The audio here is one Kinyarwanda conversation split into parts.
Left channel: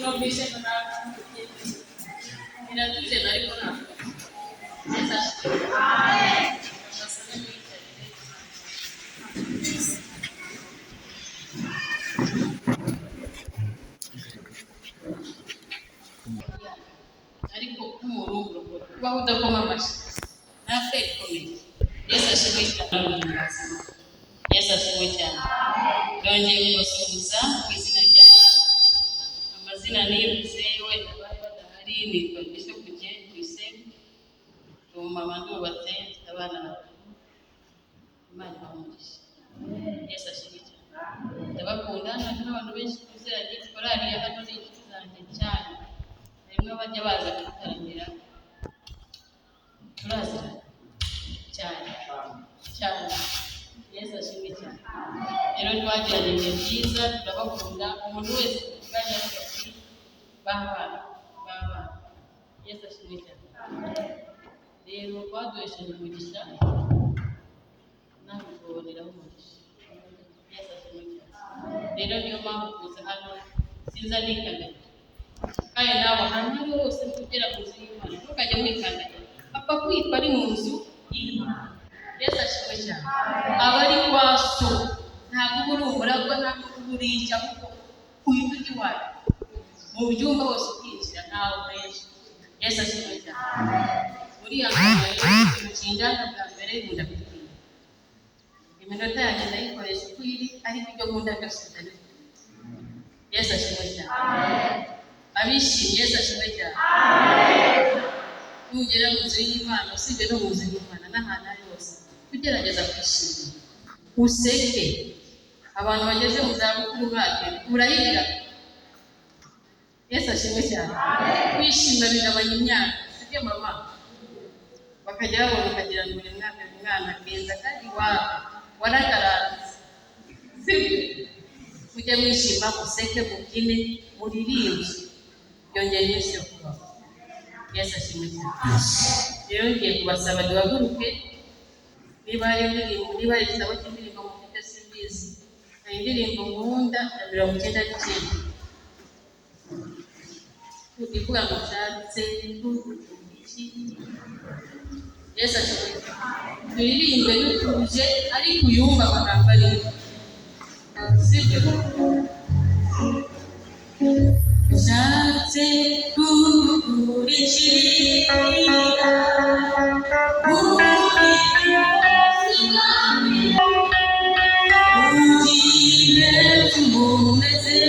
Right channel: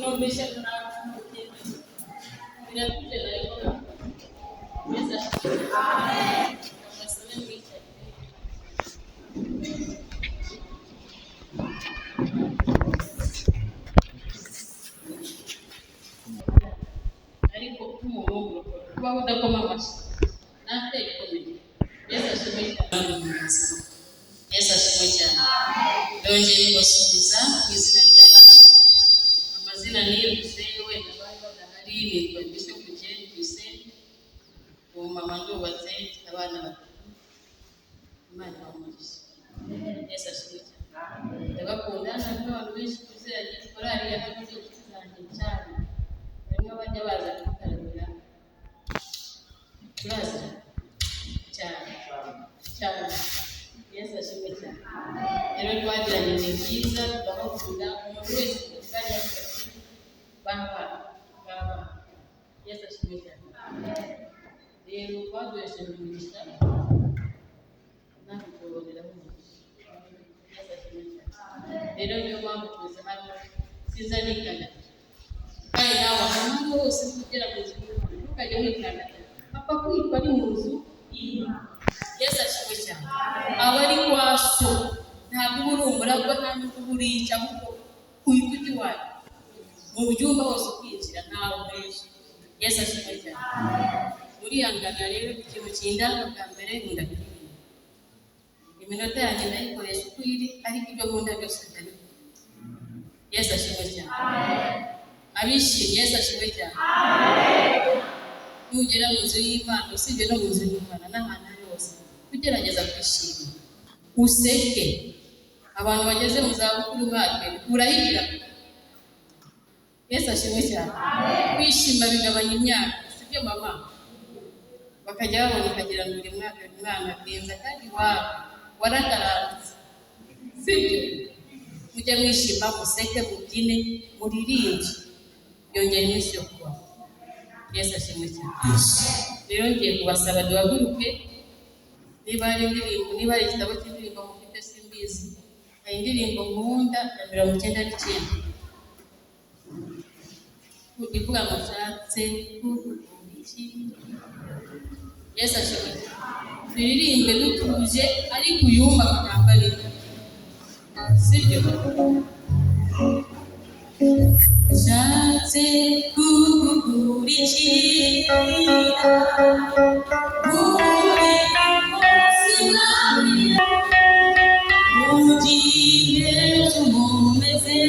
no mission na inatuje na iko na sasa. Amen. Ariko kumurongo kuba udakoma amashi nafe ikomeye. Yesu ashimwe cyane. Yesu ashimwe cyane. Ndongeye kubasuhuza mu izina rya amazina nibuze wenda bari badahari nitwa Bishop Kugeni kwise umumama ndubatse abana batatu. Imana ibamugisha. Yesu ashimwe cyane. Ndabakunda n'abantu benshi tuziranye korari ya hano ni inshuti zanjye cyane. Rimwe bajya baza kutaramira turazira cyane cyane. Yesu ashimwe cyane. Rero twagiranye ibihe byiza turabakunda umuntu wese tuvuganye ati baba. Yesu ashimwe cyane. Rero baduhesheje umugisha nawe kuboneraho umugisha. Yesu ashimwe cyane. Rero niyo mpamvu kuza hano sinza nikandagira kandi nawe ahantu hose tugera mu nzu y'Imana ntukajya wikandagira apfa kwitwa ari mu nzu y'Imana. Yesu ashimwe cyane. Aba ari kwa so ntabwo uba uri umuragwa nta n'uko uba uri icyo ahubwo uhita ujya iwawe mu byumba hose ukinjira ntawe uheje. Yesu ashimwe cyane. Urihangana rero ikintu kindanga bwa mbere nkunda kuririmba. Iminota yanjye ndayikoresha uko iri ariko ibyo nkunda byose ndabikora. Yesu ashimwe cyane. Abishimye Yesu ashimwe cyane. Nugera mu nzu y'Imana usibye no mu nzu y'Imana n'ahantu ari hose ugerageza kwishima useke. Abantu bageze mu zabukuru mwake urahirira. Yesu ashimwe cyane. Kwishima bigabanya imyaka sibyo mama bakajya babona ukagira ngo buri mwaka umwana agenza kandi warataranze sibyo. Mujye mwishima museke mubyine muririmbe yongera iminsi yo kubaho. Yesu ashimwe cyane. Rero ngiye kubasaba duhaguruke niba ari indirimbo niba ari igitabo cy'indirimbo mufite simbizi hari indirimbo nkunda ya 99 ivuga ngo nshatse iki. Yesu ashimwe cyane. Turirimbe dutuje ariko uyumva amagambo arimo sibyo. Nshatse kugukurikira muri munsi mwami ugire umumeze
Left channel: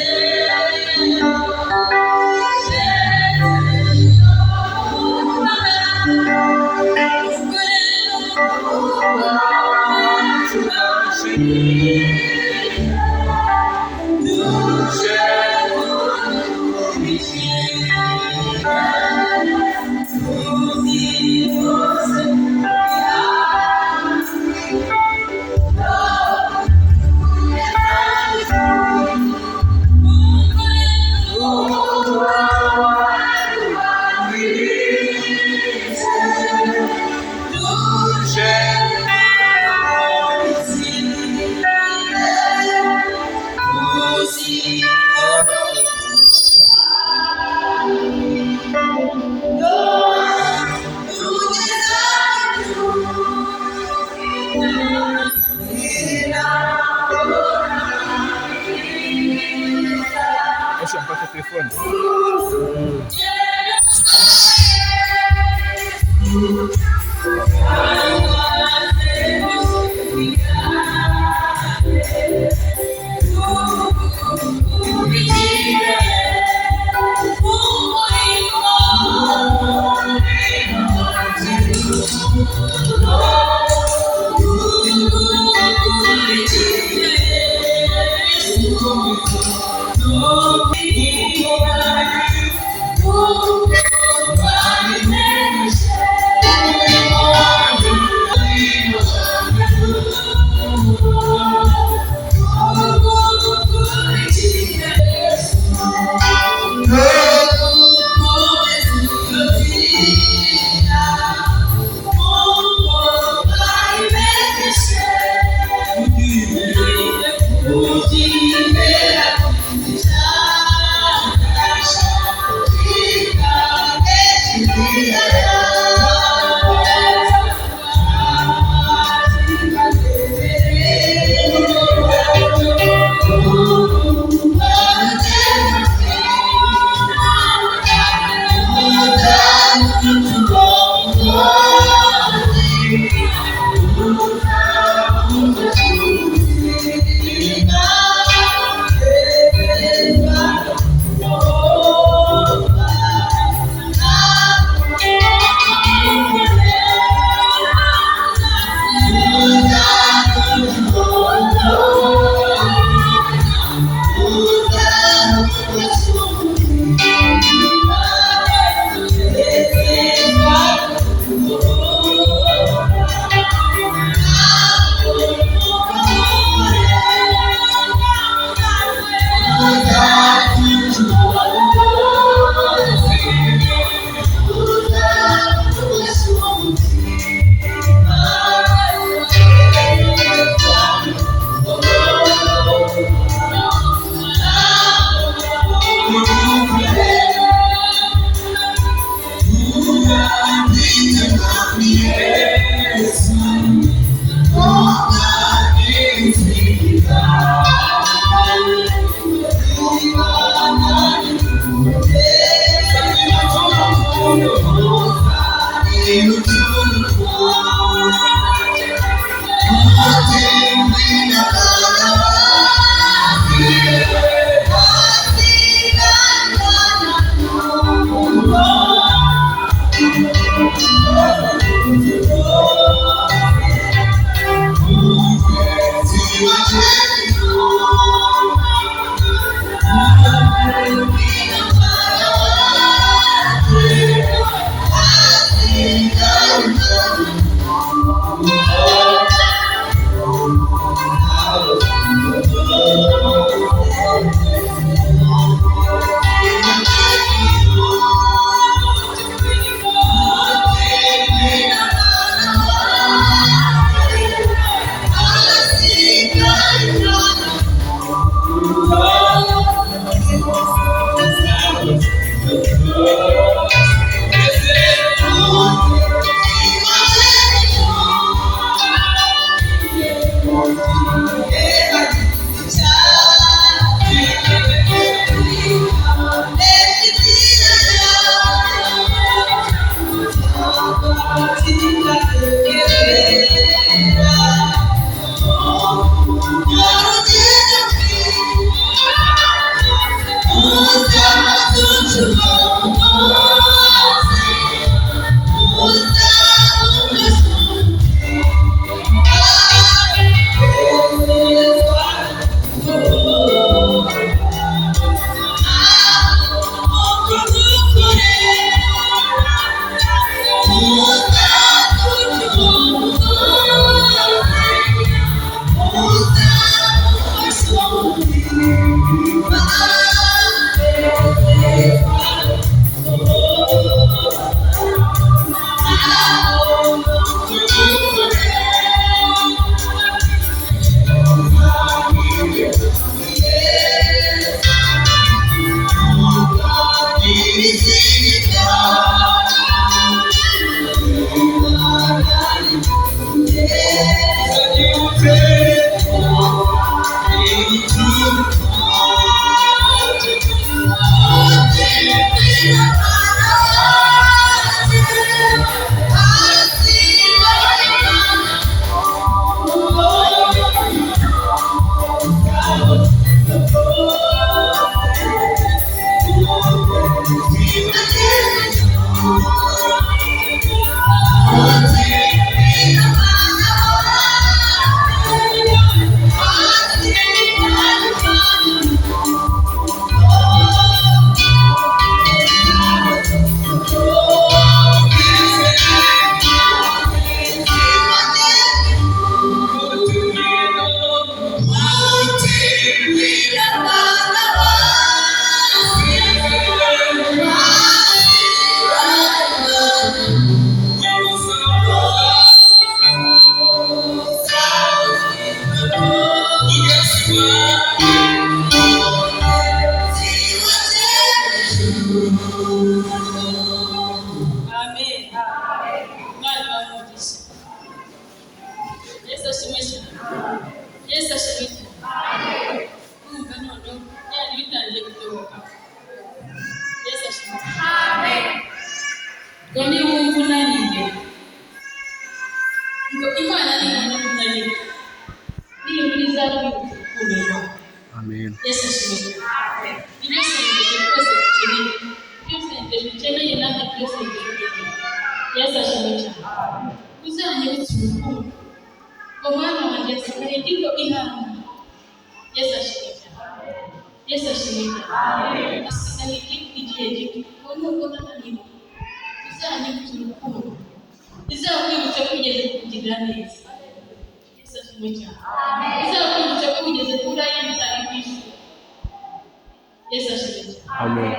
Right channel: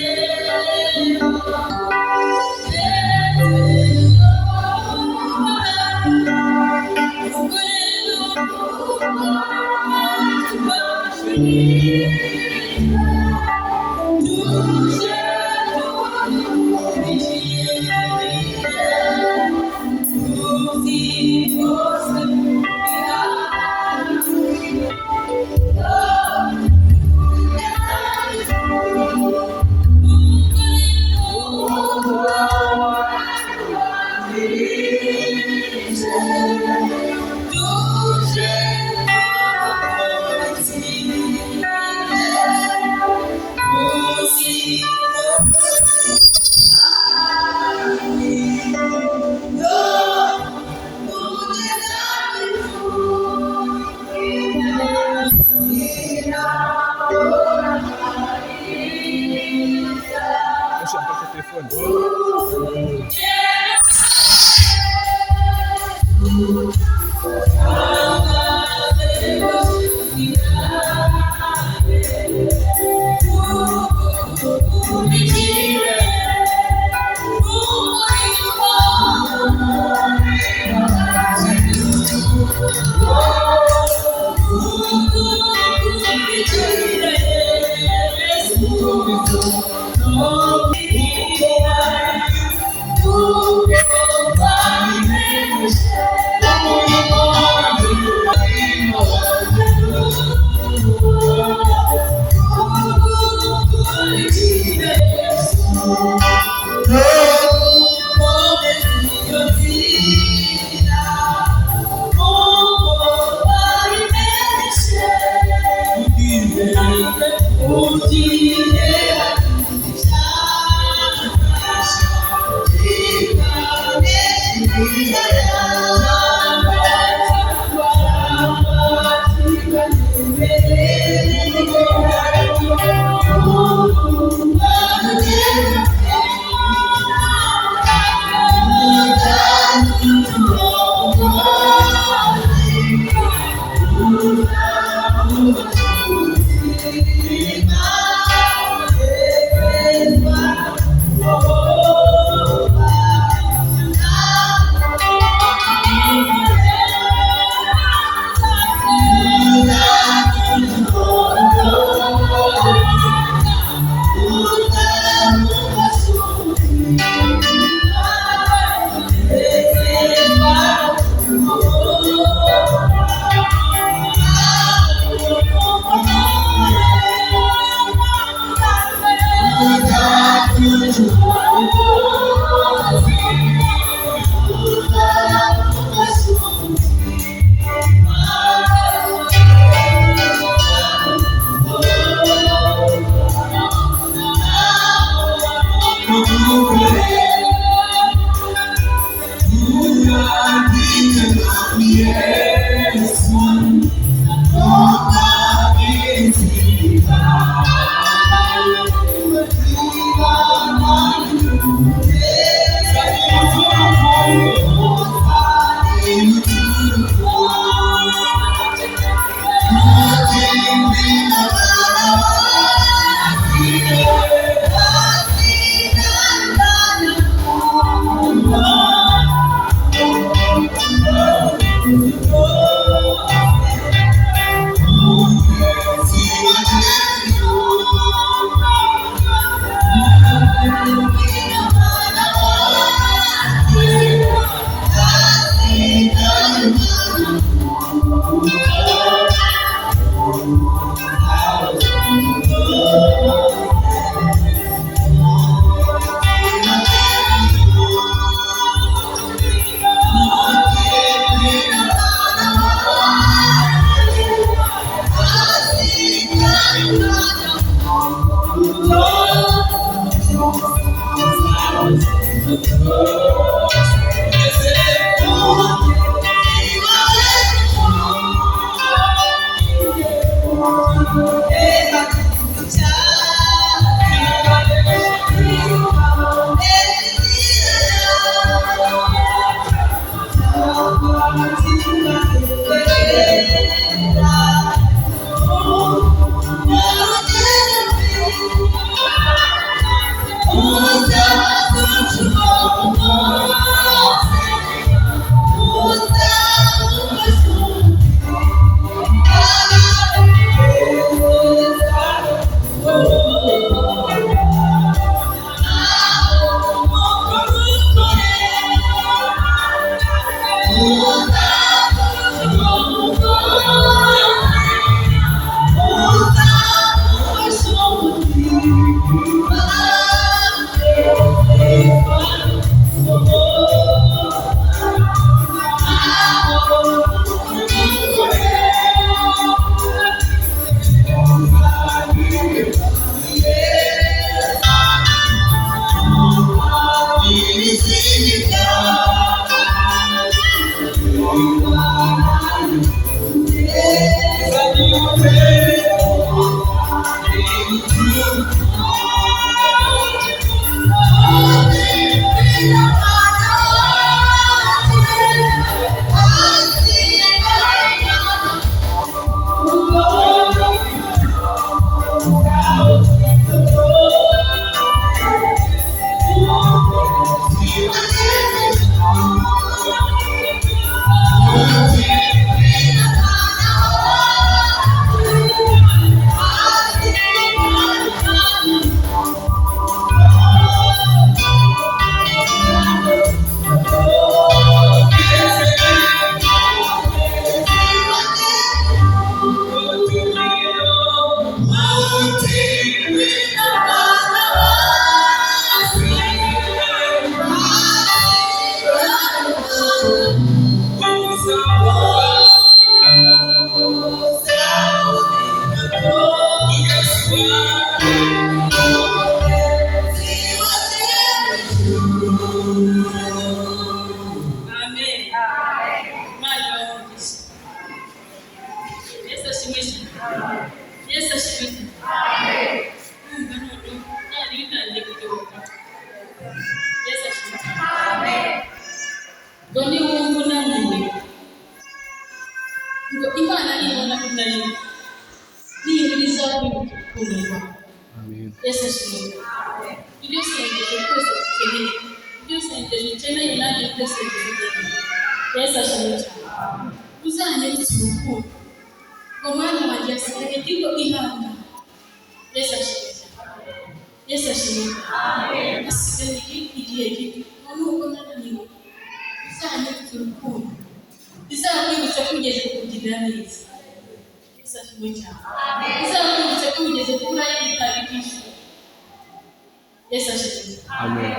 Yesu ashimwe. Amen.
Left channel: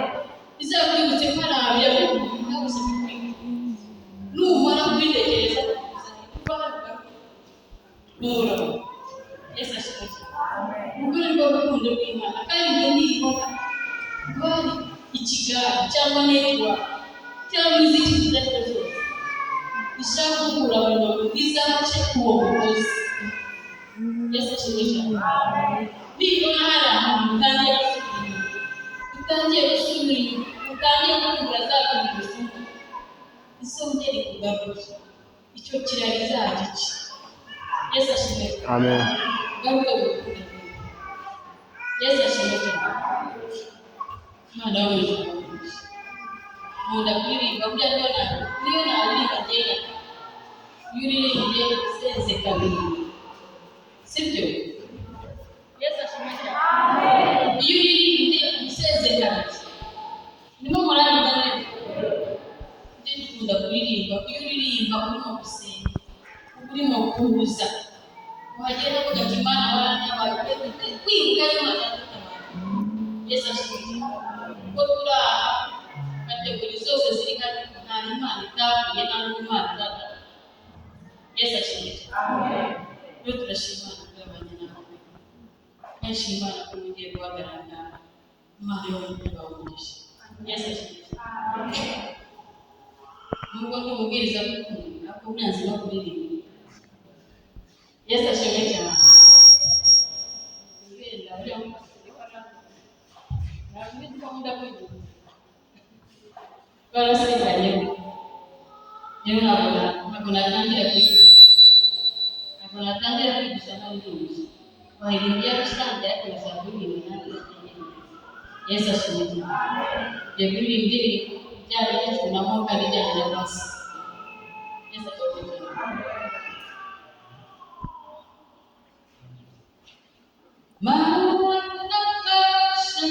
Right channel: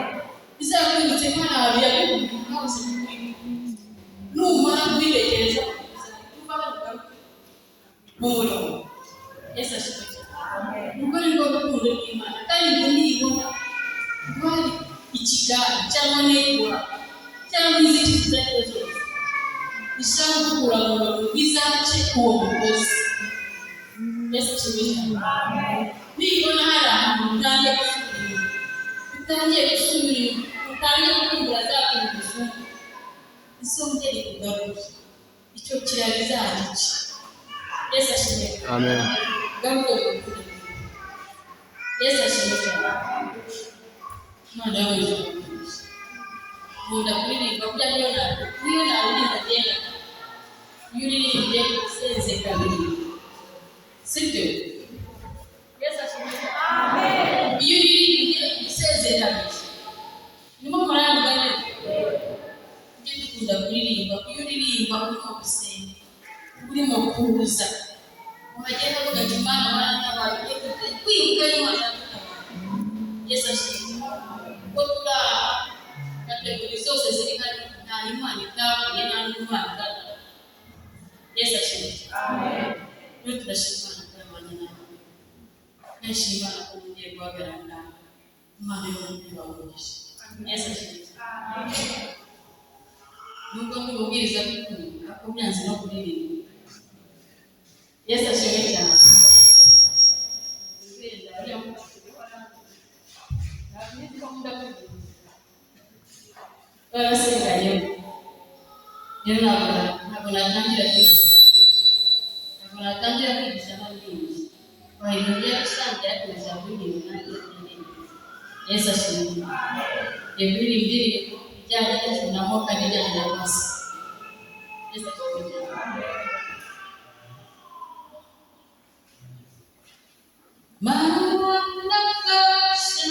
Izakwibutse ko hari abiri abikubwira hose numara kubiregereza kuba mu murongo. Yesu ashimwe. Ubwo ni bwo rukundo rw'Imana kandi ngo niyibona bari ikigara cyangwa negwa cyangwa izindi zizajya zose ishaka gukura mu bantu bizace uwo mugozi. Yesu ashimwe. Nibona hari ahantu utangiye gusubira utangiye kumbura zakumbura ubusungu isonge rikugaruye icyo kirari zagice. Yesu ashimwe. Amen. Garuke gukunda. Yesu ashimwe. Imana y'umugisha. Nkunda kuririmba burya niyo naririmba agenda iyo uririmbye usenze kabiri sibyo? Yesu ashimwe. Iyo uririmbye usenze kabiri nimo murayumva neza. Ujye dukunda kuririmba iyo uririmba urimo gusenga urimo kubuza uhagenda ugati Imana warantabaye kwibuka Imana yadutabara. Yesu ashimwe. Ko turaha kategori zose ziri hano nta Imana itavuye nta n'Imana idata. Yesu ashimwe. Iyo turashima Imana kurabanya nawe kenshi Imana kongera guhagarara Imana yo mutima w'umugisha. Yesu ashimwe. Nubwo tumubwiriza gukunda ariko byanze no kuririmba. Yesu ashimwe cyane. Barasigaye rero ntabwo natangira kwigisha n'abandi bahirimbye gusangira kugeza kuririmba nanjye. Yesu ashimwe. Ngiye kuririmba indirimbo ijyanye n'icyunamo kandi ijyanye na pasi. Yesu ashimwe. Manafasha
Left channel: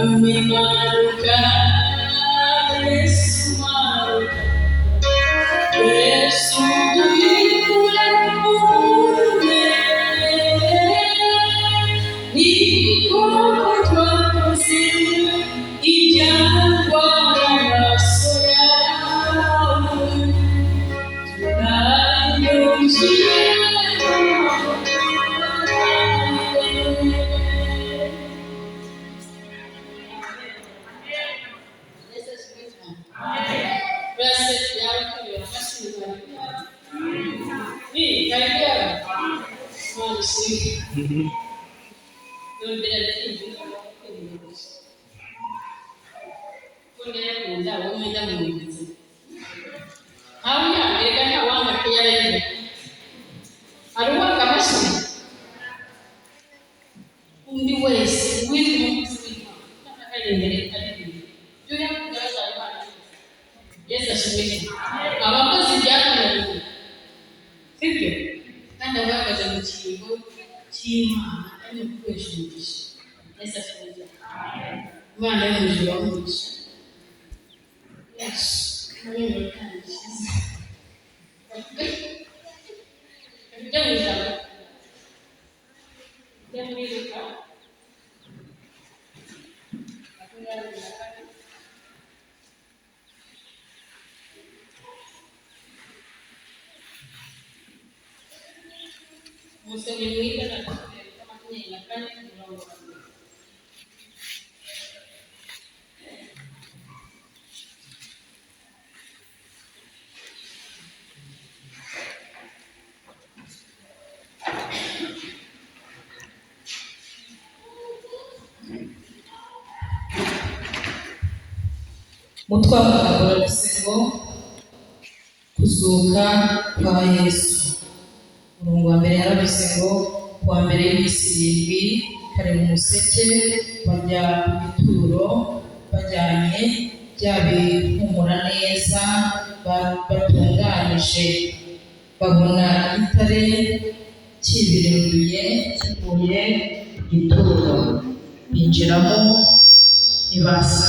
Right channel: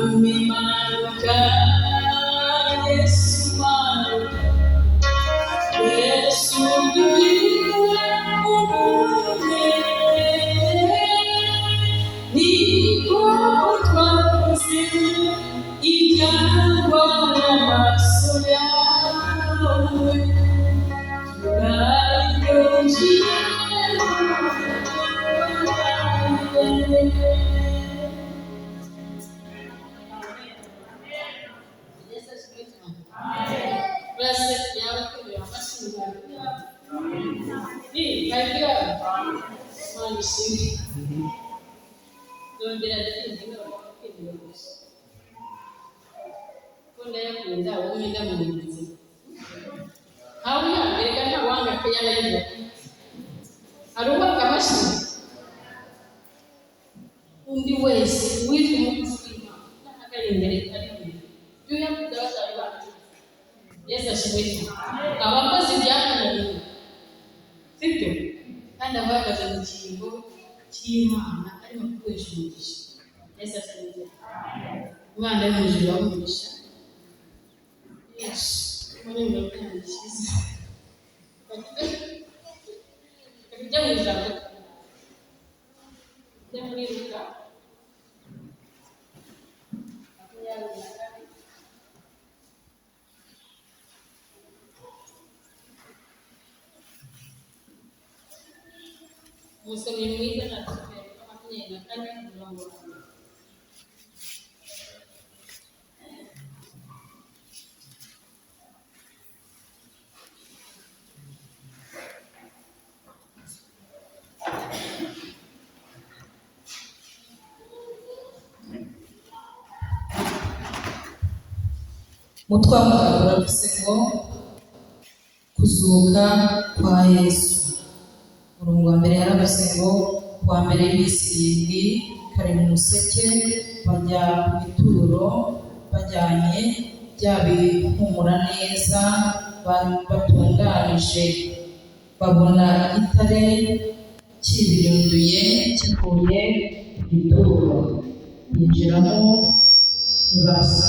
Umimanuka Yesu manuka Yesu duhindure umwe niko twakoze ibyangwa n'amaso yawe turayuzuye abakozi byakunaniye sibyo kandi agaragaza mu kintu cy'Imana arimo gukoresha umugisha. Yesu ashimwe. Imana yo mu ijuru yamugisha. Yesu muri mu kandi cyiza. Ibyo mu ijuru nyamuriruka musomyi mwiza natubwira makumyabiri na kane mirongo itanu. Umutwe w'amagambo uravuze ngo kuzuka kwa Yesu. Umurongo wa mbere yaravuze ngo kuwa mbere w'iminsi irindwi kare mu museke bajya mu gituro bajyanye bya bihumura neza batunganije, babona igitare kibirinduye kivuye ku gituro, binjiramo ntibasa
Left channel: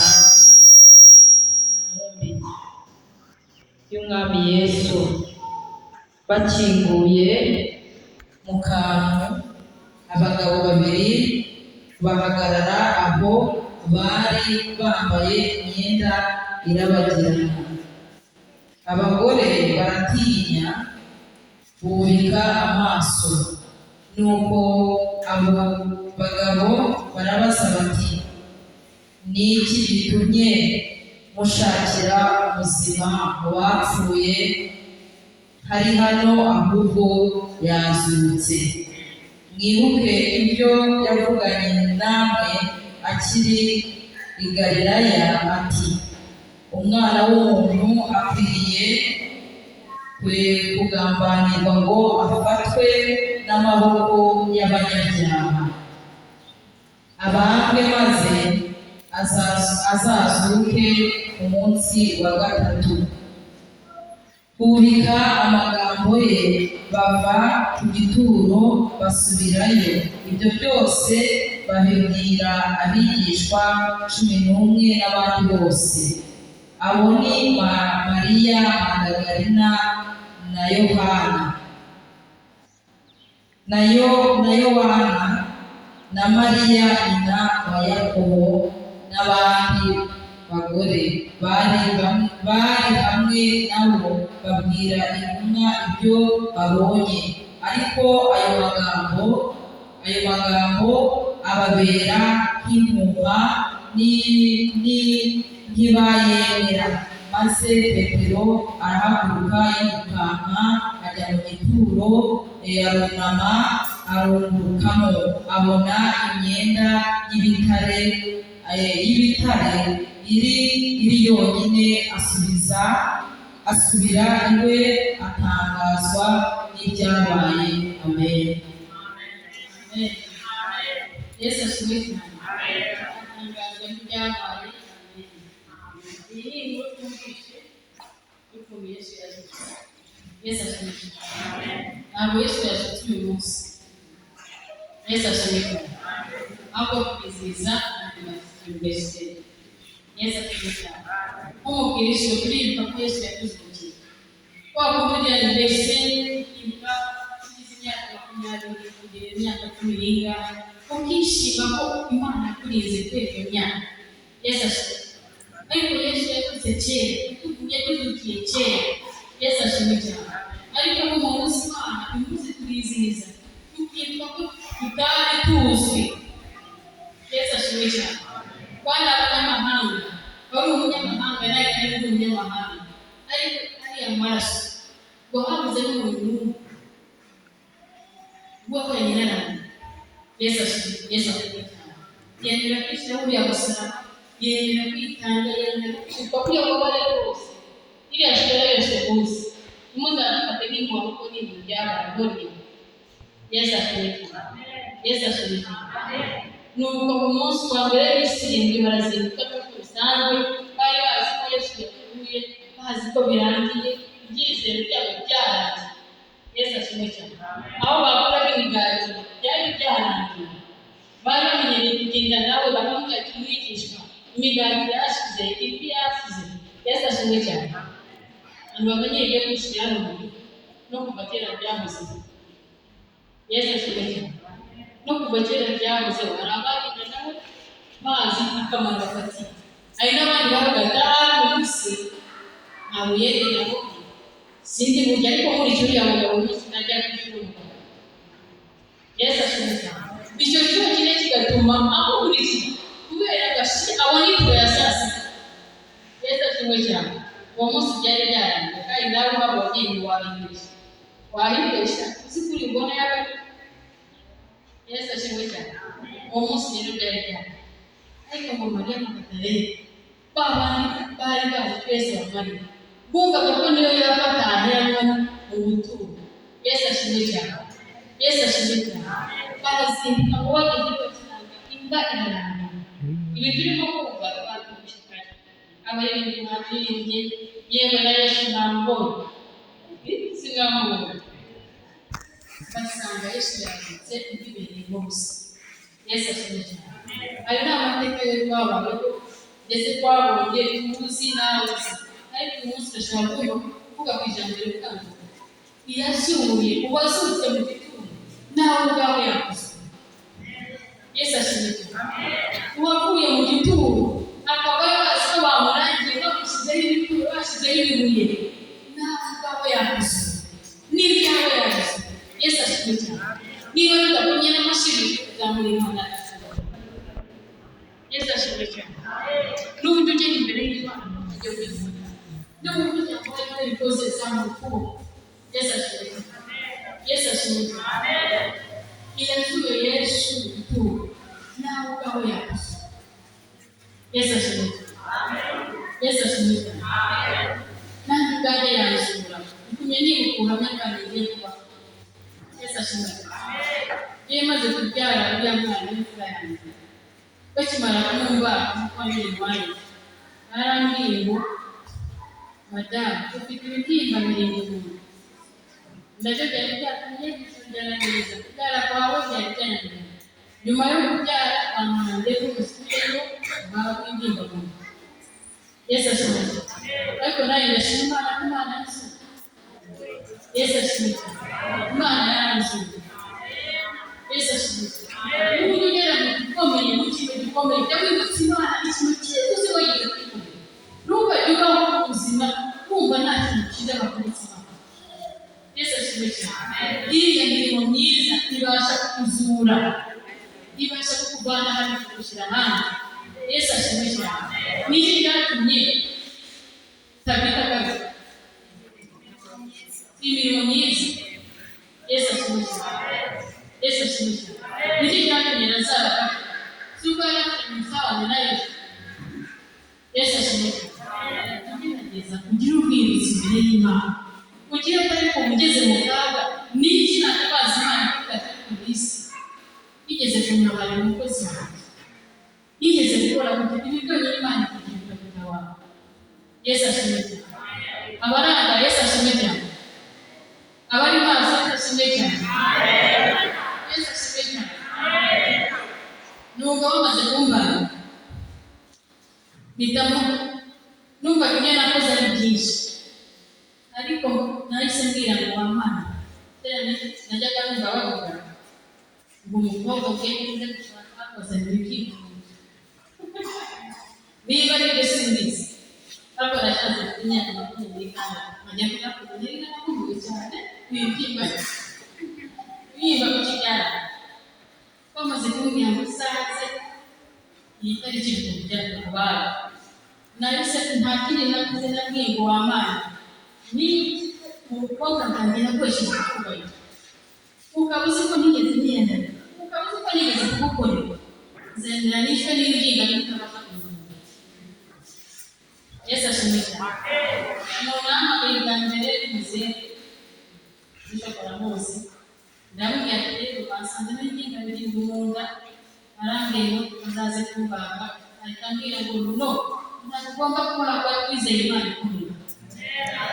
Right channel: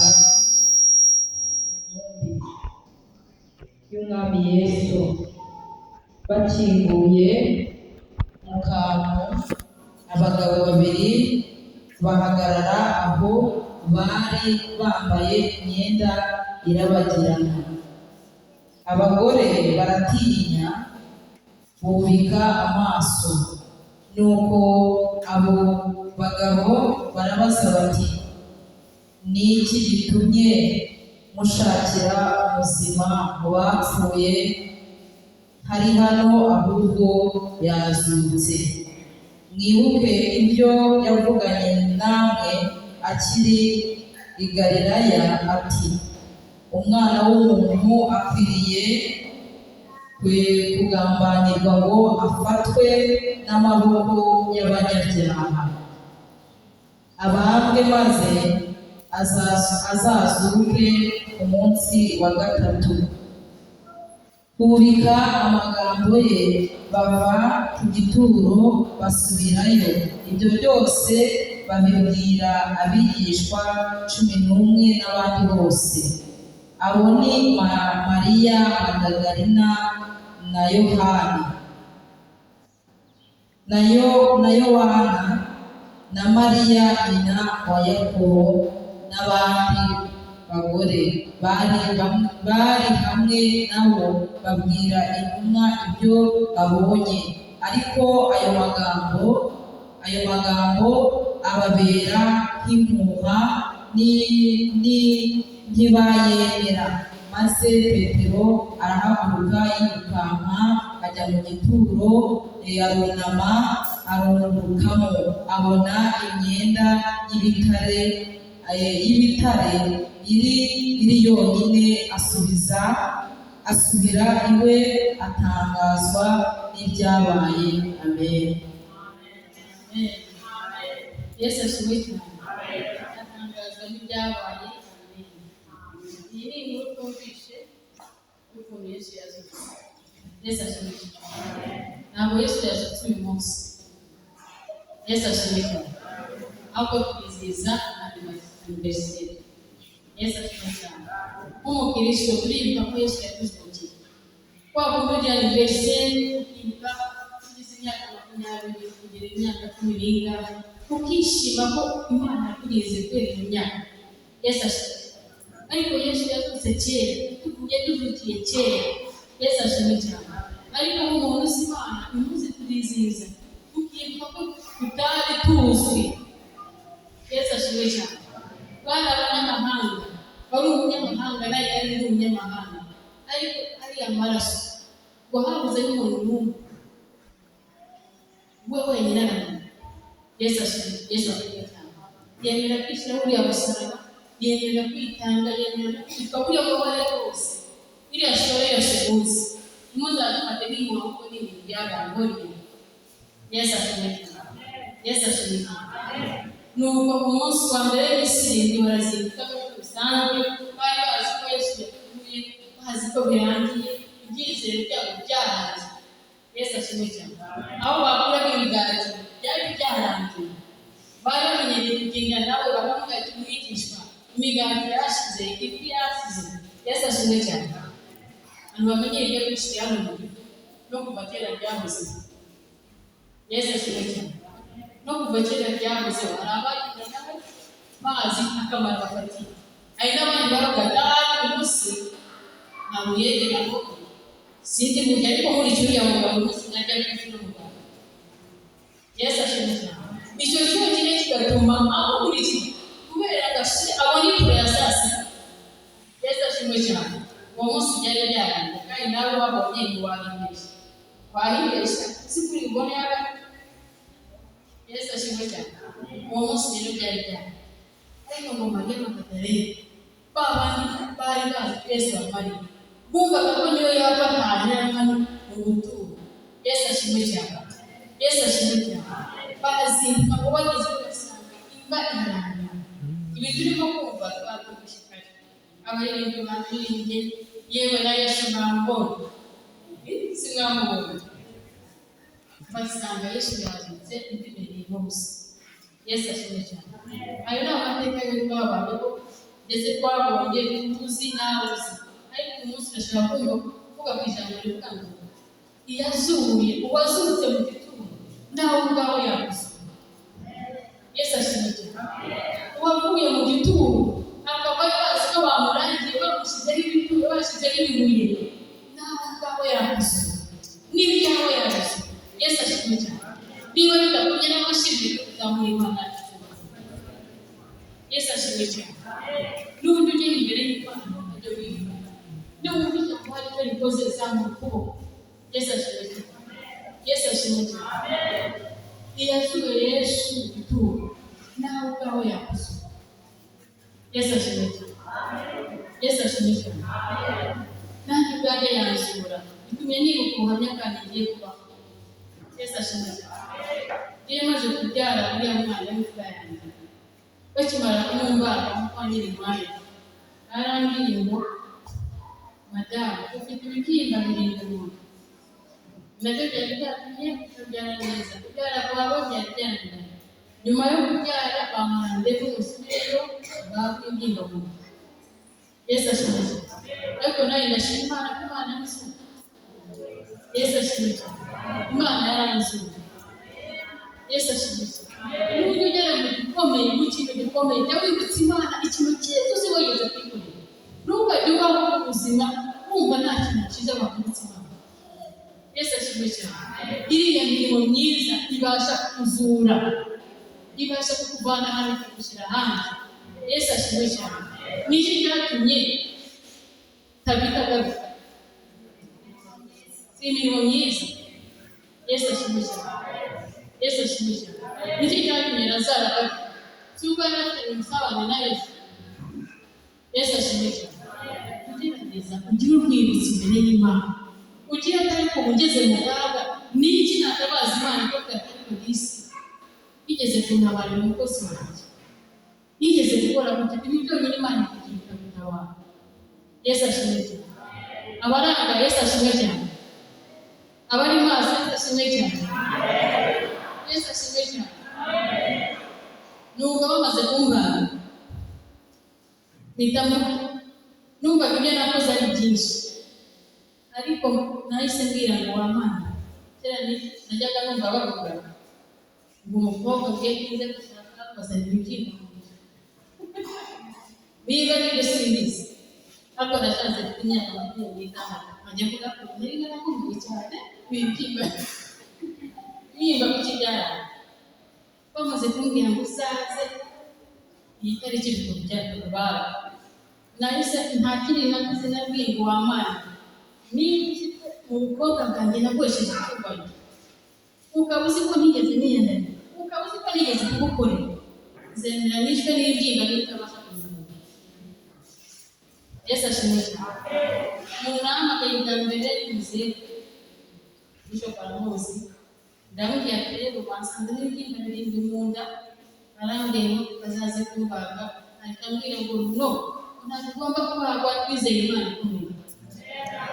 y'umwami Yesu. Bakinguye mu kantu, abagabo babiri bahagarara aho bari bambaye imyenda irabagirana. Abagore baratinya bubika amaso, nuko abo bagabo barabaza bati, ni iki gitumye mushakira umuzima mu bapfuye? Hari hano ahubwo yazutse. Mwibuke ibyo yavuganye namwe akiri i Galilaya ati, umwana w'umuntu akwiriye kugambanirwa ngo afatwe n'amaboko y'abanyabyaha, abambwe maze azazuke ku munsi wa gatatu. Bubika amagambo ye, bava ku gituro basubirayo. Ibyo byose babibwira abigishwa 11 n'abandi bose. Abo ni Mariya Magdalena na Yohana na Yohana na Mariya nyina wa Yakobo n'abandi bagore bari hamwe nabo, babwira intumwa ibyo babonye. Ariko ayo magambo ababera nk'impuha ntibayemera. Maze Petero arahaguruka yirukanka ajya mu gituro, arunama arungurukamo, abona imyenda y'ibitare iri yonyine, asubira iwe atangazwa n'ibyabaye. Amen. Yesu ashimwe cyane. Atangazwa n'ibyabaye. Iyi ni inkuru twumvise y'ukuntu Yesu yazutse. Yesu ashimwe cyane. Ntabwo Yesu yazutse uyu munsi. Yesu ashimwe cyane. ahubwo kwizihiza anniversary. Yesu ashimwe cyane. Nk'umukristo turibuka ko Yesu yaduzukiye. Kwa kundi anniversary turibuka tugize imyaka 20 kugera imyaka 10 ukishima ko Imana yakurize kwera iyo myaka. Yesu ashimwe. Ariko Yesu yazutse kera, yaduzukiye kera. Yesu ashimwe cyane. Ariko nk'umuntu uzi Imana imuzi kurizihiza tukibuka ko tutari tuzi. Yesu ashimwe cyane. Bana abanyamahanga wari umunyamahanga nawe ari umunyamahanga, ariko ari amaraso ngo habuze n'umuntu uwo wenyine arana. Yesu ashimwe cyane. Yemera kwishyira uriya musaraba, yemera kwitanga, yemera kwitwa kuri abo bari bose. Iriya shura yose uzi imuzafate nk'inkuba kuko ni ibintu byarabonye. Yesu ashimwe cyane. Yesu ashimwe cyane. Nuko mu munsi wa mbere w'isirindwi barazinduka nk'uko bisanzwe, bari bazi ko Yesu yapfuye, bazi ko birangiye, ibyizere byabo byarangiye. Yesu ashimwe cyane. Aho bakoraga imigati byari byarangiye, bari bamenyereye kugenda nabo bakamubwira ati mwigishwa, imigati yashize, ifi yasize. Yesu ashimwe cyane. Abantu bamenyereye kwishyira hano mu gihugu no kuva kera byahoze. Yesu ashimwe cyane. No kuva kera byahoze hari abagenda nabo bazi akamaro bafatiye. Hari n'abandi bavuga umunsi ntabwo yege nabo sindi burya ariko nkurikije uriya mugabo najya kwishyura umugabo. Yesu ashimwe cyane. Icyo cyonyine kigatuma aho nkurikije kubera abona ifu ya saa sita. Yesu ashimwe cyane. Uwo munsi byari byarangiye kandi nawe wabonye ntiwahimbesha uzi kuri mbona yawe. Yesu ashimwe cyane. Uwo munsi rero byari byarangiye, ariko ngo Mariya Magadalena bari bazi twese bamari bumvaga ko niyo yaba ataheranwa mu buturo. Yesu ashimwe cyane. Yesu ashimwe cyane. Barazinduka ngo bageze basanga imva irarangira. Ibi turimo kumva twabyumvishije abaririmbyi baririmbye, yewe na Yesu bambonye sinamubonye, basanga Yesu yazutse imbibereye hose. Yesu ashimwe cyane. Ayo ni amateka yo twabayeho ndetse twabonye tuzi n'abuzi, ariko uyu munsi urashaka kuvuga ku ijambo rivuga ngo iyazuye uwazutse mu gituro nawe ubwawe yakuze. Yesu ashimwe cyane. Uwavuye mu gituro akaba yazi ko bamurangiye bamushyizeho ibituro, bashyizeho ibibuye, nawe ubwawe yakuze n'ibyawe yakuze. Yesu ashimwe cyane. Niba bidakomye n'amashimwe kuzamura Imana. Yesu ashimwe cyane. N'uburyo ugenda imbere y'Imana ujye wifata n'uburyo cyangwa ibyo bikoze zamuka ukuboko. Yesu ashimwe cyane. Yesu ashimwe cyane. Iyazuye Yesu ituro nawe ubwawe yakuze. Yesu ashimwe cyane. Yesu ashimwe cyane. Nanjye ubwanjye yanzura itumye nibuka ubuhamya bwanjye ngiye kubaho. Yesu ashimwe cyane. Iyo maze kubyara uriya mwana w'imfura yanjye, bakimara kumumbaga nk'uko n'inyumaye barambwiye ngo madamu ufite ibibyimba birindwi mu nda. Nabyo byari byatumye kubyara neza, kubyara kwawe byari byananiranye. Nyuma yo kubyara bamuhanze umusubireyo bahabwa ibyimba mu nda. Yesu ashimwe cyane. Ariko nawe ndashima Imana ko Imana yasuye. Yesu ashimwe cyane. Imana yaranzuye. Yesu ashimwe cyane. N'uburyo ugera mu gikomeye, mu kintu gikomeye, jya wibutsa Imana ikintu cyiza uzi wigeze kwikorera. Ntukajye ubaho mu buzima wumva nta kintu cyiza bakubitse Imana. Yesu ashimwe cyane. Iriya mirimo myiza ibasha kukuzura, ibasha kukuvana hano kugushyira ahandi. Yesu ashimwe cyane. N'iki byatumye Tabita garuka. Si imirimo myiza. Yesu ashimwe cyane. Yesu ashimwe cyane. N'iki cyatumye Lazaro garuka. Si uko yari afite umusabane na Yesu. Yesu ashimwe cyane. Ugerageza ugire ubwibutsi imbere y'Imana. Ugire atari ko ugeze mu kaga n'iki natabaza Imana ko katari ku isi. Yigeze kuntabara umukozi wanjye. Yigeze gukora kugira ibi byonyine Imana kugira ukabita wawe. Yesu ashimwe cyane. Abaranga Yesu ashimwe cyane. Abari maso Yesu ashimwe cyane. Yesu ashimwe cyane. Nubwo bamaze kumbana nitamo numva ibyo nakoze ari byinshi, ariko nahise mbwira ngo wamana najyaga numva bavuga ngo umukobwa ugiye kuze gushaka bazanira ibyinshi niba ari byo simbizi, ariko nashatse ku myaka 20 nkajya kuvuga ko nari nakumbuye cyane kwibyimba ku kibyara. Bamaze kumbwira ngo uzaze iyi tariki tujya kubara, nahise nta kindi nakoze nabwiye ngo wamana niba umukobwa ntange nakoresheje kubayo ukaba uzi ko nigeze niyandana, ukaba uzi ko nigeze kugukorera, zendera nishwe n'ibyinga bitabasha kuzunguka. Yesu ashimwe cyane. Umuntu ahamagaye bwa mbere muze bishobora mose ndamubwira ati rero basanze n'ibyinga biri mu nda, arambwira ngo bazaze kumbaga, ahita ambwira ngo no, ntabwo ugomba kubagwa wizeye Imana ikomeye.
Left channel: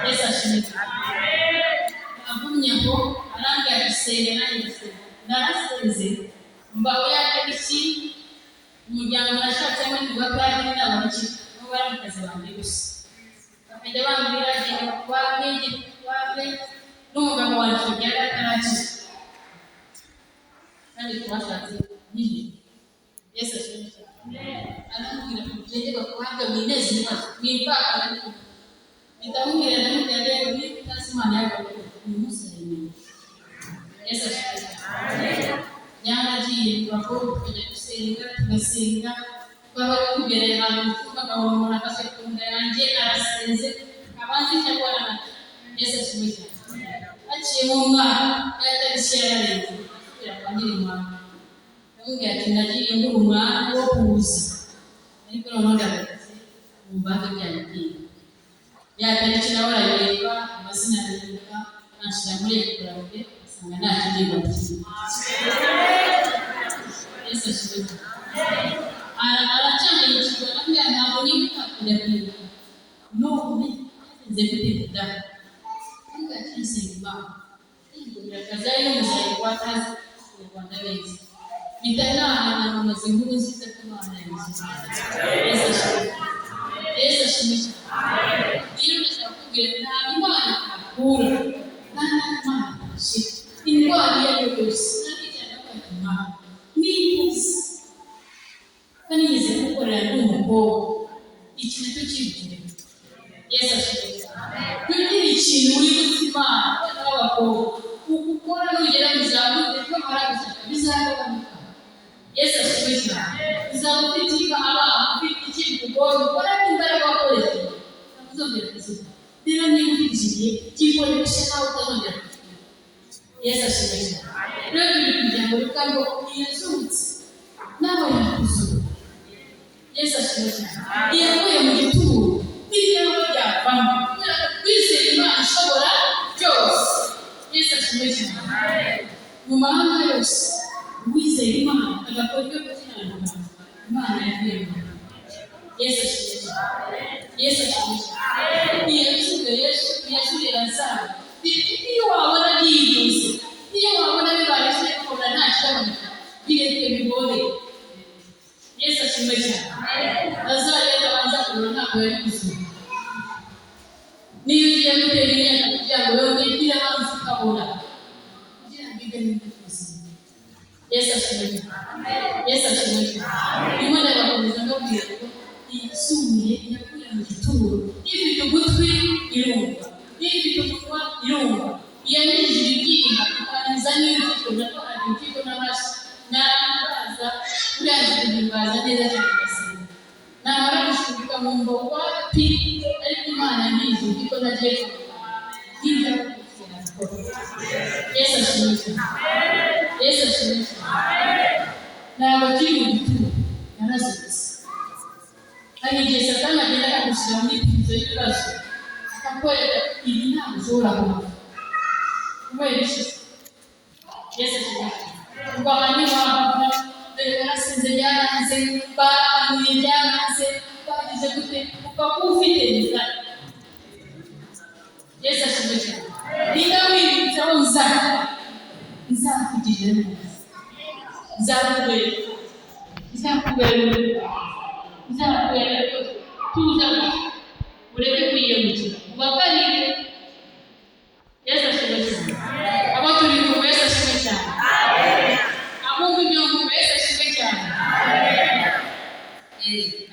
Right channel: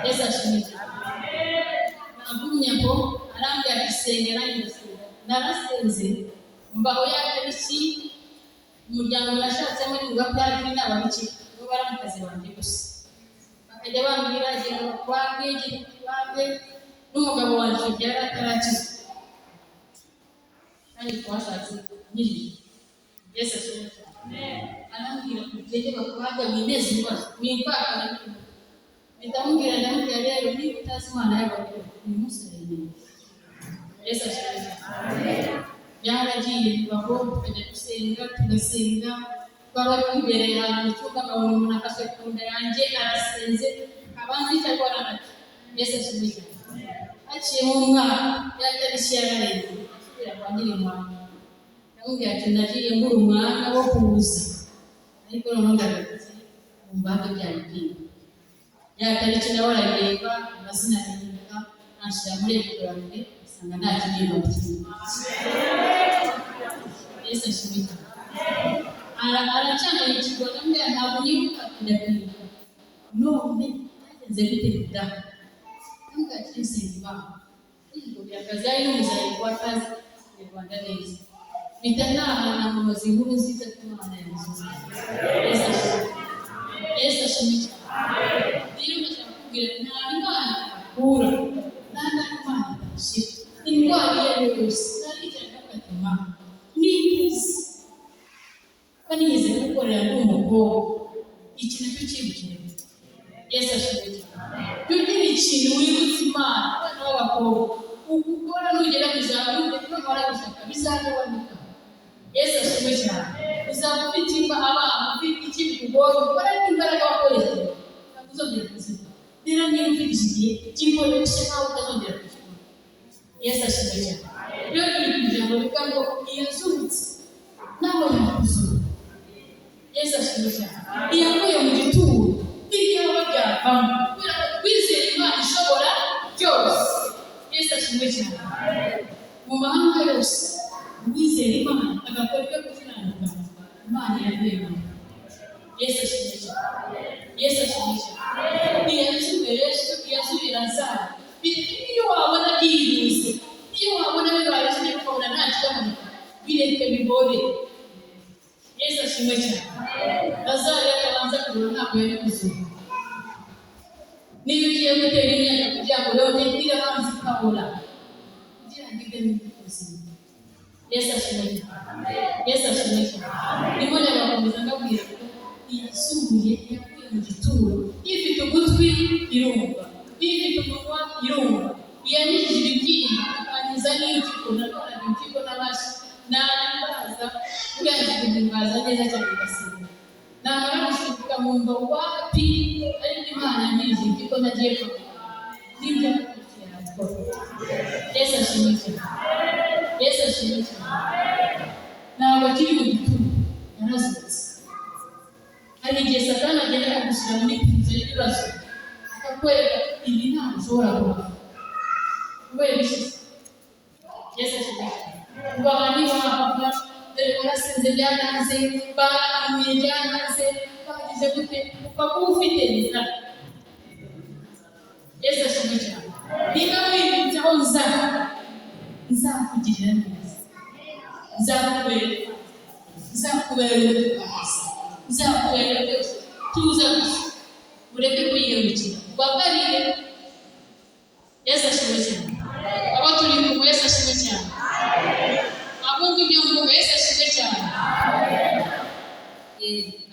Yesu ashimwe cyane. Agumye ngo arambwira ati senga nanjye ndasenga, narasenze mbaho yatariki umuryango nashatsemo niba kandi n'ababiki bo bari mu kazi banjye gusa, bakajya bambwira agenda wabwe n'umugabo wanjye byari atarakiza kandi twashatse n'ijoro. Yesu ashimwe cyane. Arambwira ngo tujye bakubaga mwineze ibibazo mwimvaga ariko ndamubwira rero niba utazi Imana yawe ni umusirimu. Yesu ashimwe cyane. Byaragiye bibaho tukajya gusenga tugasenga, twaba twibereye ahantu mu cyumba nkabona umuntu afashe ku nda yanjye arasenze abanza icyo akora amata. Yesu ashimwe cyane. Haciye umwana yatariki yararenze asubira kwa Nyirimana, ndamubwira ati nagiye ngura umwana wo kubuza, ariko noneho ndagaze mu mbaga byayo bwinshi yatariki nawe arareba amazina aribuka anshyira muri ekorange asanga nta kintu kimwe. Yesu ashimwe cyane. Aracangayikirwa ndamubwira ntabwo nibuka kujya kwibuka none nze gute kudaha ntabwo akinsenga ngo birakaze ari n'umuzayi kwa tazi mu Rwanda beza bitanahana mu mazinkuru nziza y'Imana y'ubuzima. Yesu ashimwe cyane. Rero ndashaka kubwira nta Imana akura nta Imana ashira indwara iyo ari yo yose ntabijyana n'agatuma n'ibuze banigeze gukorera n'umukobwa iki nacyo kibukire. Yesu ashimwe cyane. Tugira ikintu wibutse Imana abana b'abakobwa ukukora nugera mu zabukuru ko baragusaka bizagabanuka. Yesu ashimwe cyane. Uzaba ufite abana ufite ikintu kugoye ukora n'imbaraga wakoresheje ntuzongera kuziba. Rero niba ufite igihe gikoreshe nawe utazongera kuziba. Yesu ashimwe cyane. Rero ni kugira ngo bivuga ngo yazutse nawe yakuzura. Yesu ashimwe cyane. Iyakuye mu gituro n'iyo byavamo kubera kwizera Imana ishobora byose. Yesu ashimwe cyane. Mu mahanga yose uwizera Imana agakora ibyo gukiranuka Imana yakwemera. Yesu ashimwe cyane. Yesu ashimwe cyane. Yazuye Lazaro iyo wabona yiyuze, iyo wabona bibaye kimwe ukabona nta kiboneka bireke bigore. Yesu ashimwe cyane. Lazaro yatabanza kubona ntabwo yari kuzura. Niyo ugiye gutera imyaka kugira ngo wewe ugire hanze ukabona kugira ngo ibe n'ubuzima. Yesu ashimwe cyane. Yesu ashimwe cyane. Ndimo ndagakomeza ngabwira ko yasuye yakuye mu gituro ifite ugutwi irumva, ifite umunwa irumva, yanyujije ibibyimba akanyuza n'impyiko nakoraga impyiko n'amashyi n'ambaza urangiza guhimbaza neza cyane gasenga namara gushuka nkumva wapi ariko Imana ntizi impyiko ntagiye n'ibyo yakora. Yesu ashimwe cyane. Yesu ashimwe cyane. Ntabwo kiri mu gituro narazutse. Hari igihe Satani agenda akagushyira muri pirizo y'ibibazo akakwereka ibi ntabwo ushobora kubaho kubera ishize. Yesu ashimwe cyane. Ngo abandi bahava dore barasinze byaranze barahanuye byaranze bagize gute ukaba ufite neza. Yesu ashimwe cyane. Niba wibutse aho nzakugirira neza, nzakubera, nzakubera n'umutima nzakubera byose tuza gusa ureke kwiyemukira ubabarire. Yesu ashimwe cyane. Abo turi kumwe Yesu ashimwe cyane. Abumva ibyo mvuga Yesu ashimwe cyane.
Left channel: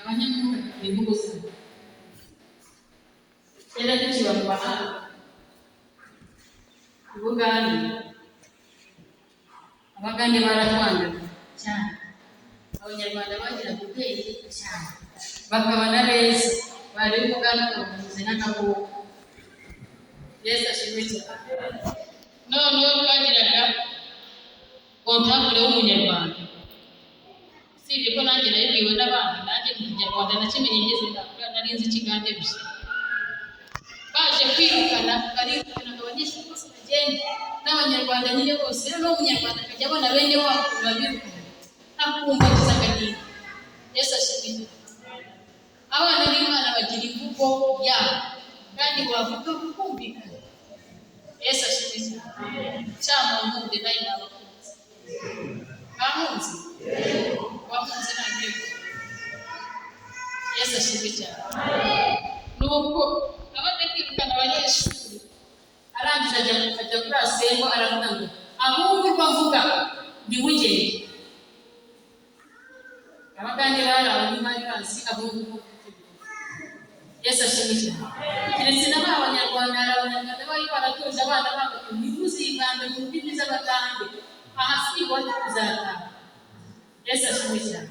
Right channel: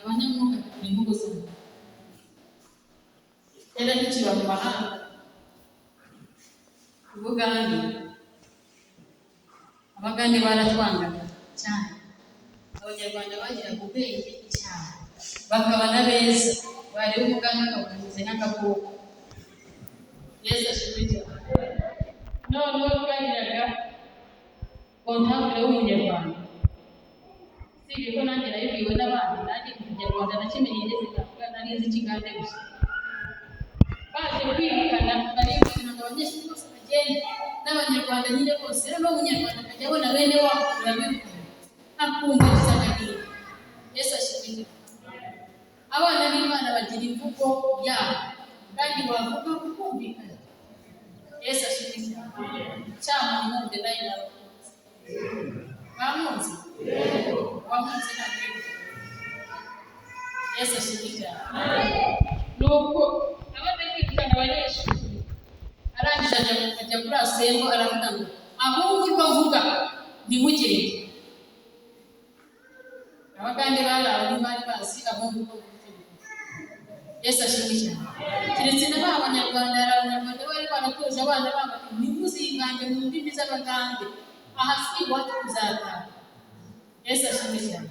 Abanyamwuka ni imvugo zabo. Kera tukiba mu mahanga i Bugande, Abagande baratwangaga cyane. Abanyarwanda bagiraga ubwenge cyane bakaba na beza, bari Umugande bakavuze n'akaboko. Yesu ashimwe cyane. Noneho bagiraga kontakure w'umunyarwanda, usibye ko nanjye nayibwiwe n'abandi, nanjye mu kinyarwanda nakimenye ngeze ndakura, nari nzi Ikigande gusa. Baje kwirukana barikanaga abanyeshuri bose bagenda n'abanyarwanda nyine bose. Rero umunyarwanda akajya abona bene wabo babirukana akumva gusa agahinda. Yesu ashimwe cyane. Abana b'Imana bagira imvugo yabo kandi wavuga ukumvikana. Yesu ashimwe cyane. Cyamunkunde nayo nabakunze. Bamunze? Wamunze ntabwo. Yesu ashimwe cyane. Nuko amaze kwirukana abanyeshuri arangije ajya kuri asembo aravuga ngo abumva urwo mvuga ntimugende. Abagande bari abantu bari bazi abumva urwo mvuga. Yesu ashimwe cyane. Keretse na ba Banyarwanda, hari Abanyarwanda bari baratoje abana babo ntimuzigande mu ndimi z'Abagande, aha si iwacu tuzataha. Yesu ashimwe cyane.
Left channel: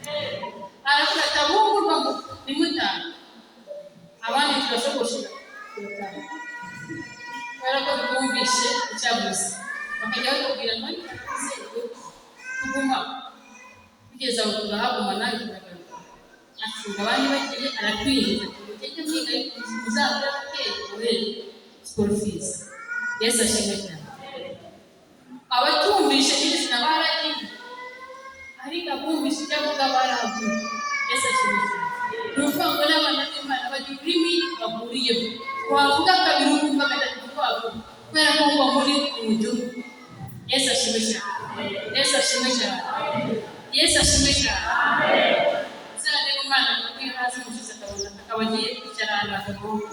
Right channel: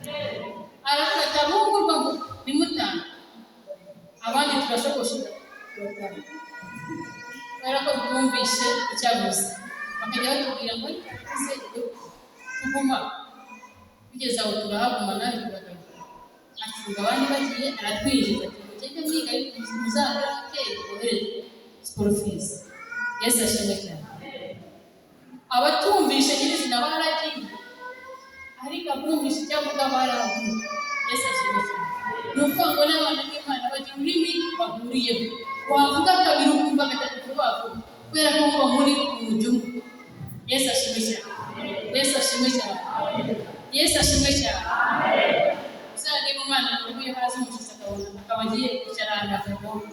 Aravuga ati abumva urwo mvuga ntimutahe, abandi turashoboshera gutaha. Kubera ko twumvishe icyavuze bakajya batubwira ngo ntize tuguma kugeza aho turahaguma nawe turagaruka. Afunga abandi bagiye aratwinjiza ati mugende mwiga ariko muzabura ateye mubohereze school fees. Yesu ashimwe cyane. Abatumvishe nyirizina baragiye ariko abumvishe icyo avuga baragiye. Yesu ashimwe cyane. Ni ukuvuga ngo n'abana b'Imana bagira ururimi bahuriyeho, wavuga kabiri ukumva gatatu rwavuga kubera ko mba muri umugihugu. Yesu ashimwe cyane. Yesu ashimwe cyane. Yesu ashimwe cyane. Uzarebe umwana urwiye hasi umushyitsi akabona akaba agiye kwicara ahantu hatagoye,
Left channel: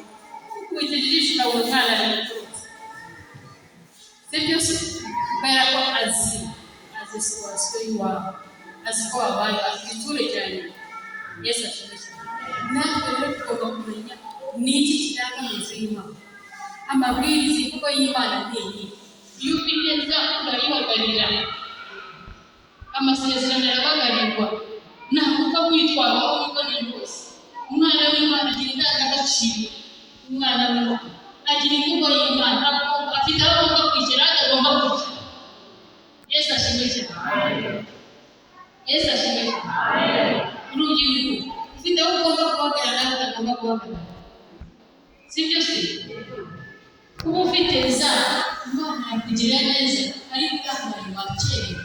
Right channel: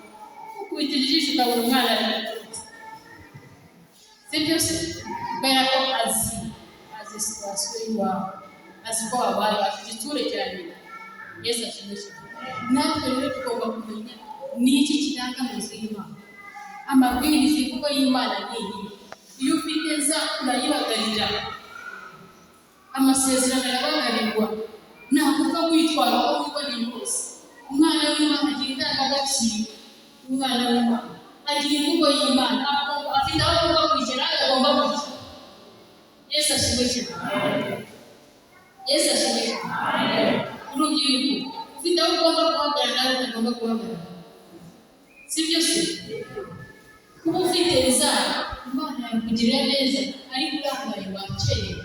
ukubita ijisho ukabona umwana araturutse. Si byo se? Kubera ko azi situwasiyo y'iwabo, azi ko wabaye, azi igiture cyane. Yesu ashimwe cyane. Natwe rero tugomba kumenya ni iki kiranga mu nzu y'Imana. Amabwiriza imvugo y'Imana ni iyi. Iyo ufite nza urayibagarira, amasezerano arabagarirwa, ntabwo upfa kwitwara aho wiboneye rwose. Umwana w'Imana agira indangagaciro. Umwana w'Imana agira imvugo y'Imana, afite aho agomba kwicara, agomba kwicara. Yesu ashimwe cyane. Yesu ashimwe cyane. Urubyiruko ufite aho ugomba guhagarara nawe utagomba guhagarara. Si byo se? Kuba ufite inzara Imana yakugirira neza ariko urambaye wakerewe.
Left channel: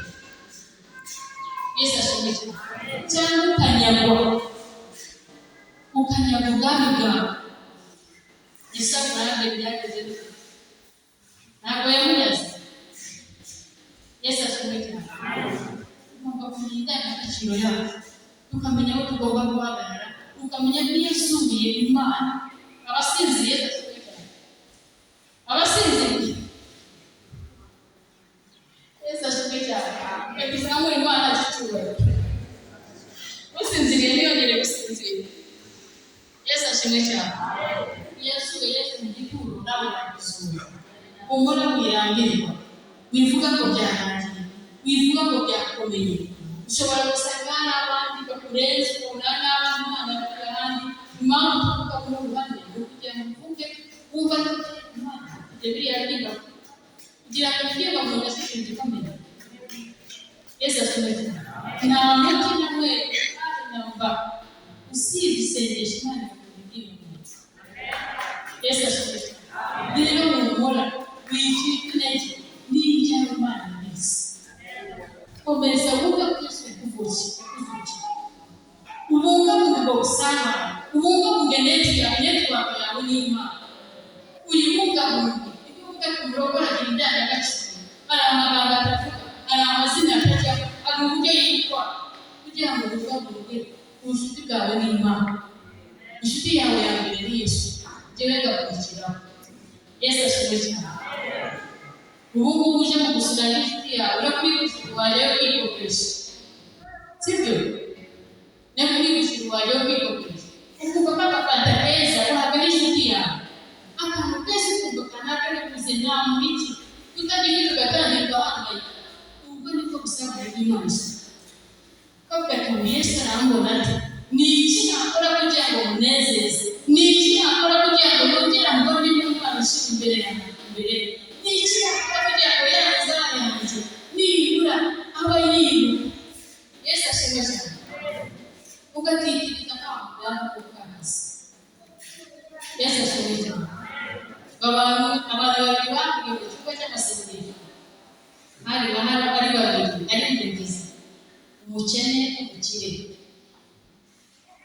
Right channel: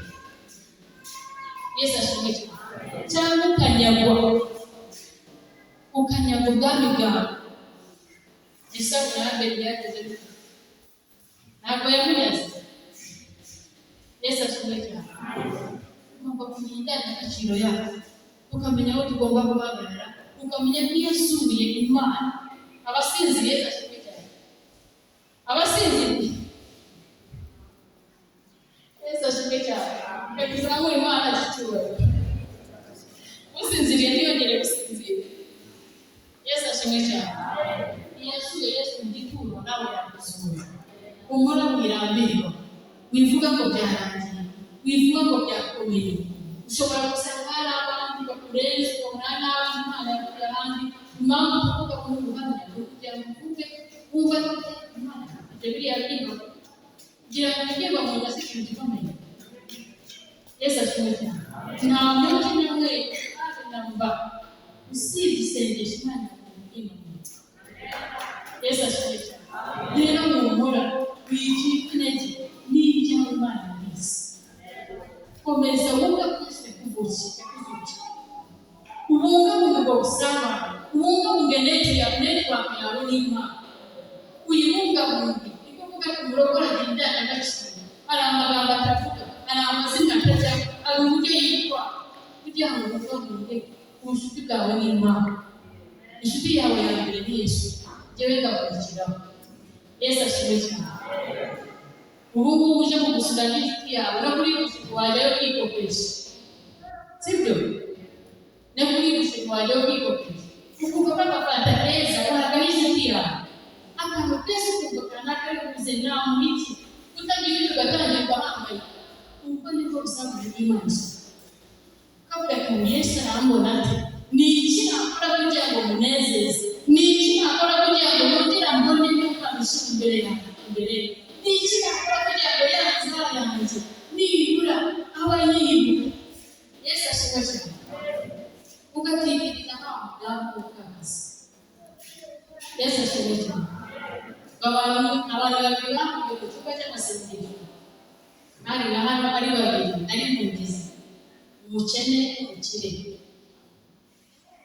Yesu ashimwe cyane. Cyangwa ukanyagwa ubwami bwawe. Yesu amurambe byageze bite? Ntabwo yamunyaze. Yesu ashimwe cyane. Tugomba kumenya indangagaciro yacu, tukamenya aho tugomba guhagarara, tukamenya ko yasubiye Imana. Abasinziriye Yesu ashimwe cyane. Abasinziriye Yesu ashimwe cyane. Yakuzamo Imana zicyubahiro. Usinziriye ntiyongere gusinzira. Yesu ashimwe cyane. Yasuye Yesu mu gituro nawe yagusuye. Umura mwirambirwa, wivuga ko byarangiye, wivuga ko byakomeye. Ushobora gusanga hari abandi bakurenze ukabona nawe Imana yakuye ahandi. Impamvu tuvuga muri ubuhamya ni ukugira ngo uvuge wumva ko Imana ibyo biriya byimba kugira ngo ibyimba mu nda zishinja ikomeye. Yesu ashimwe cyane. Nta muntu n'umwe haje nyamba usibye isengesho Imana ikakubwira ibyimba. Yesu ashimwe cyane. Rero muhora wicika intege n'ibyawe Imana ibizi. Komeza wumve ko Yesu yakuvukiye. Ubungabunge ubwo busabane, ubungabunge network yawe n'Imana. Uyibungabunge. Ibyo uvuga ku murongo aragira indangagaciro. Hari amagambo atavuga, hari amazina atajya, hari uburyo yitwa kugira ngo ubungabunge ubucuti bwawe n'Imana. Inshuti yawe ya mbere ni Yesu, jyewe ngakurikiraho. Yesu ashimwe cyane. Ubu ngubu uje mu gusura n'inshuti yawe no kuri gusura wajyayo kwikopesha, sibyo? No kuri gusura wajyayo kwikopesha ukumva kakafanta keza uhaga n'inshuti yawe, akantu keza ukumva kanaka yakuze nta mubiki utagira icyo ugatangira ugahangayika. Ubwo nibwo busabane bw'Imana. Kavuga ati Yesu arambona ati ni iki nakora kugira ngo munezeze, ni iki nakora kugira ngo nongere mbone n'Imana ishimwe imbere yanjye, ni iki nakora kugira ngo yanzara yanjye nibura aba yibuka. Yesu ashimwe cyane. Ugatitiriza nkaho byakukaza. Yesu ashimwe cyane. Abantu babiri bahuye mu cyumba cy'amasengesho, hari ari babiri ari impunzi, umukene n'umukire.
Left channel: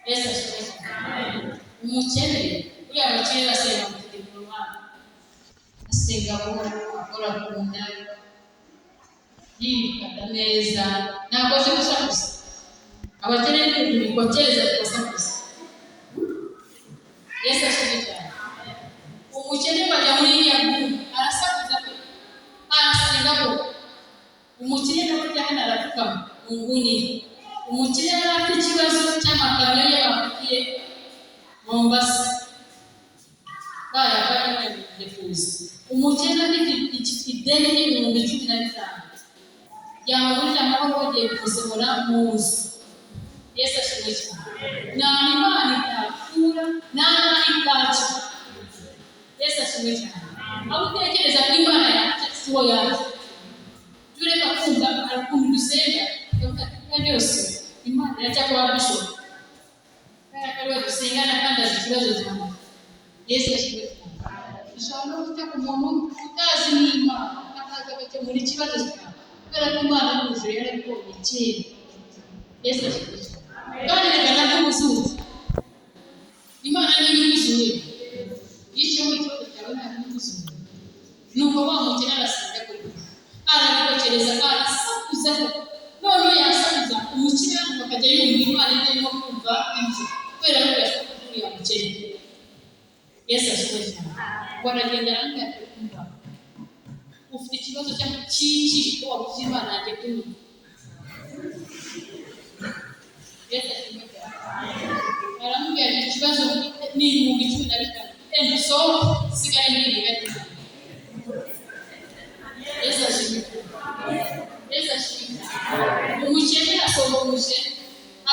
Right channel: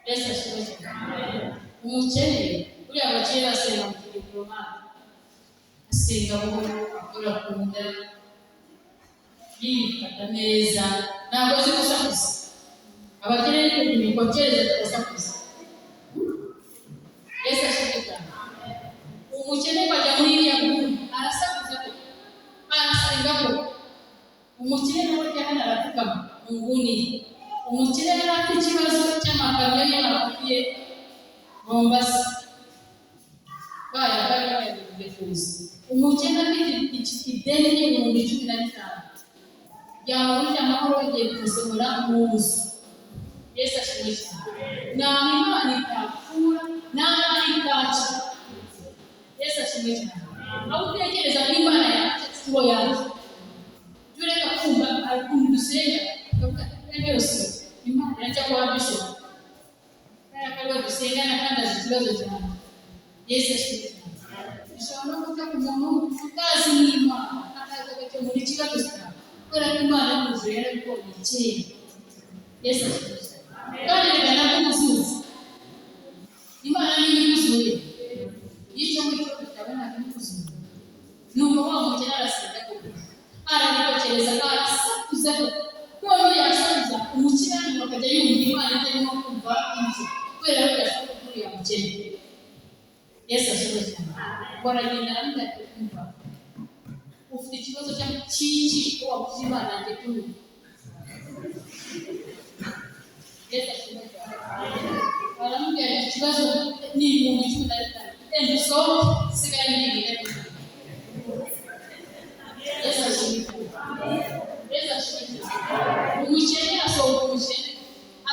Yesu ashimwe cyane. Umukene uriya abakire basenga mu kigero, asenga buhoro, akora ku nda, yifata neza, ntabwo azi gusakuza. Abakene ntibikokereza kubasakuza. Yesu ashimwe cyane. Umukene bajya muri iriya nguni arasakuza, arasenga ko umukire nawe cyane arapfukama mu nguni. Umukire yari afite ikibazo cy'amakamyo y'abafitiye Mombasa, bayagiye kuza. Umukene afite ideni y'ibihumbi 15 yamugurira amahoro bagiye kumusomora mu nzu. Yesu ashimwe cyane. Nta Imana itakura, nta itaca. Yesu ashimwe cyane. Aho utekereza ko Imana yacu siwo yacu, jureka kumva arakumva dusenga akavuga ati byose Imana irajya kuba bishop kandi dusengana kandi azi ikibazo cyawe. Yesu ashimwe cyane. Ishobora no kujya ku muntu utazi n'Imana akagakemura ikibazo cyawe kubera ko Imana n'ijuru yarabikora kera. Yesu ashimwe cyane. Kandi reka n'ubuzutse Imana niyo ikuzuriye. Icyo muri cyo cyawe nta n'ikuzuriye. Nuko wa mukene arasenga ko arabikokereza arasakuza, none yasakuza umukire bakajya yumva Imana itarimo kumva inzu kubera ko yasakuza uriya mukene. Yesu ashimwe cyane. Baragenda aramubwira kumva ufite ikibazo cy'iki wabuze Imana yanjye kumva. Yesu ashimwe cyane. Aramubwira ikibazo ni ibihumbi 15 enda usohoke sigara ngiye. Yesu ashimwe cyane. Yesu ashimwe cyane. Umukene asohoka, umukene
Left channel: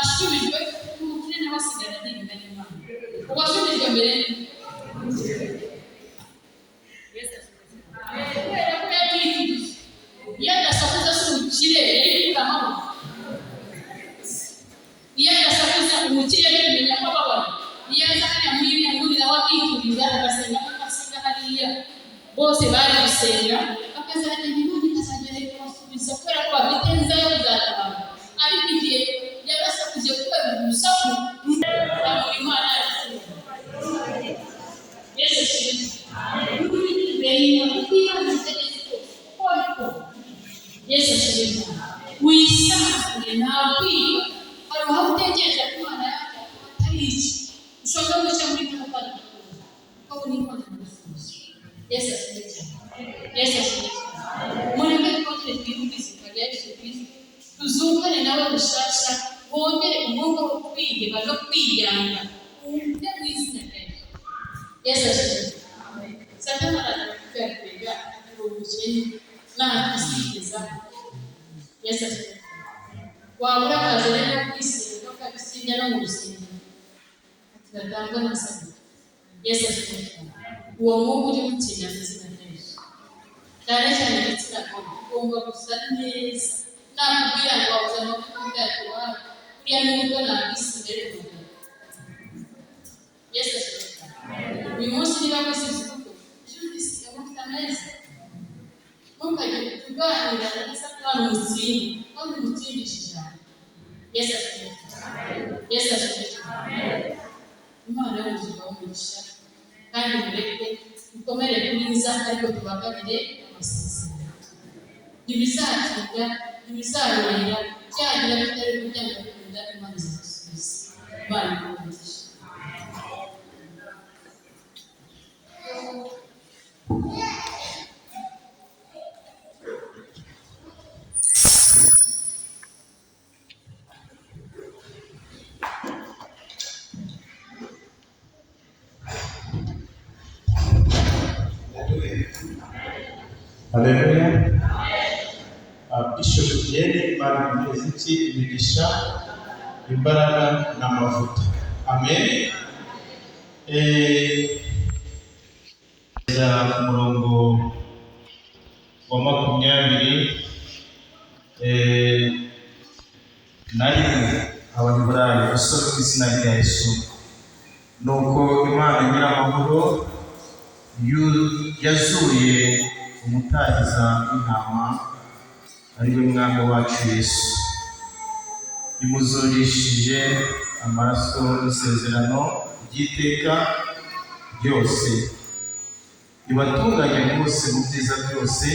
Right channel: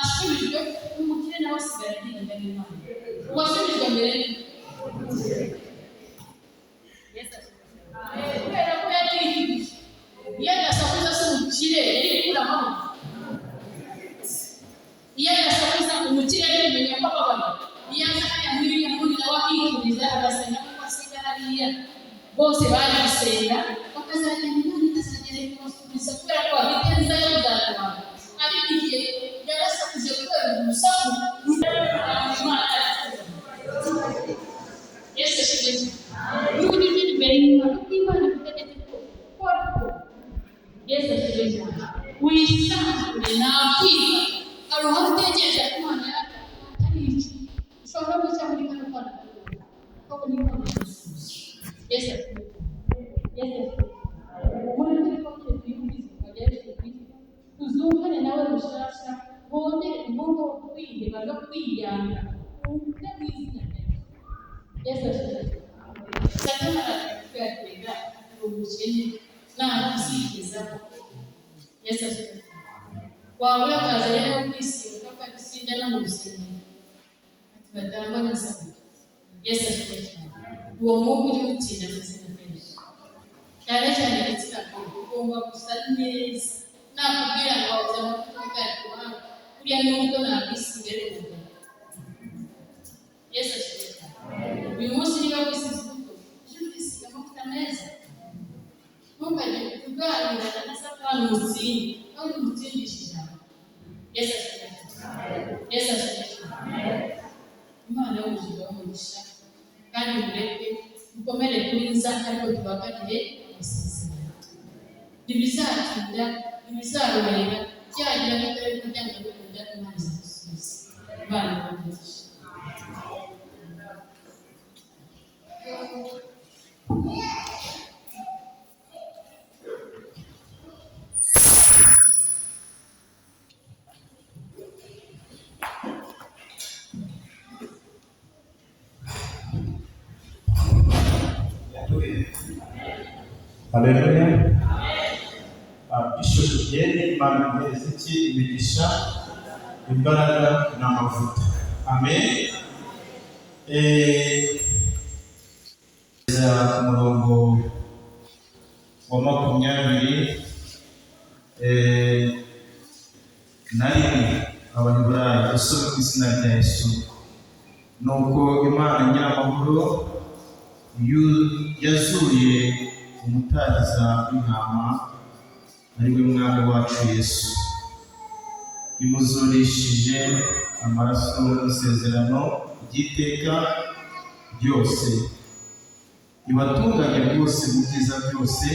asubijwe, umukene nawe asigara arinda n'Imana. Uwasubijwe mbere Yesu ashimwe cyane. Kubera ko yabyikirije iyo adasakuza se umukire yari kuramaho. Iyo adasakuza umukire yari kumenya ko ababaye. Iyo azakanya muri iriya nguni nawe akikuriza agasenga ko asiga hariya, bose bari gusenga bakazagenda Imana ikazagera ikabasubiza kubera ko bafite nza yo kuzatabara. Ariko igihe yarasakuze kubera urusaku rutamuri Imana yacu. Yesu ashimwe cyane. N'uburyo imbere y'Imana Imana itegetse ko Yesu ashimwe cyane. Wisanzure ntabwira hari aho utekereza ko Imana yacu atari iki. Ushobora no guca muri kano kana kuko ni Imana igusubiza. Yesu ashimwe cyane. Yesu ashimwe cyane. Mureke twongere twibukize kwa Yesu Kristo, tuzungane nawe gushasha, wongere umwuka wo kwiheba no kwiyanga ujye mu izina rya Yesu. Yesu ashimwe cyane. Satani aratwega umukene n'akisikiza. Yesu ashimwe cyane. Wabura akazi rero kwisiga no kwisiga no mu rusengero tugatangwa na Satani. Yesu ashimwe cyane. Uwo mwuka ujye gutsinda mu izina rya Yesu. Cyane cyane igitsina gore ugomba gusa neza. Nakubwira ngo wabuze amavuta bwacu wawe uriya n'ubwo nabisiga rero umugabo. Yesu ashimwe cyane. Uyu munsi niba wisize urugo ejo uzisiga amavuta meza. Ntukajye kuganira na Satani umutsinde kandi umutsindishe ijambo. Yesu ashimwe cyane. Yesu ashimwe cyane. Imana y'ubuzima umugisha kandi mureke dukomere kuri nza ariko tubagarire amasezerano. Ntibizatinda, ntibizarorera, byagira bitari kugira ngo bikunda Imana izadusubize. Imana ibahe. Haleluya. Bishop Yeni Imana Muziki imigisha imbaraga n'amavuta. Amen. Ku murongo wa 20 na rimwe abanyaburayi usome ku izina rya Yesu. Nuko Imana Nyiramahoro yazuye umutahiza w'intama ari we mwami wacu Yesu, imuzurishije amaraso y'isezerano ry'iteka ryose, ibatunganye rwose mu byiza byose,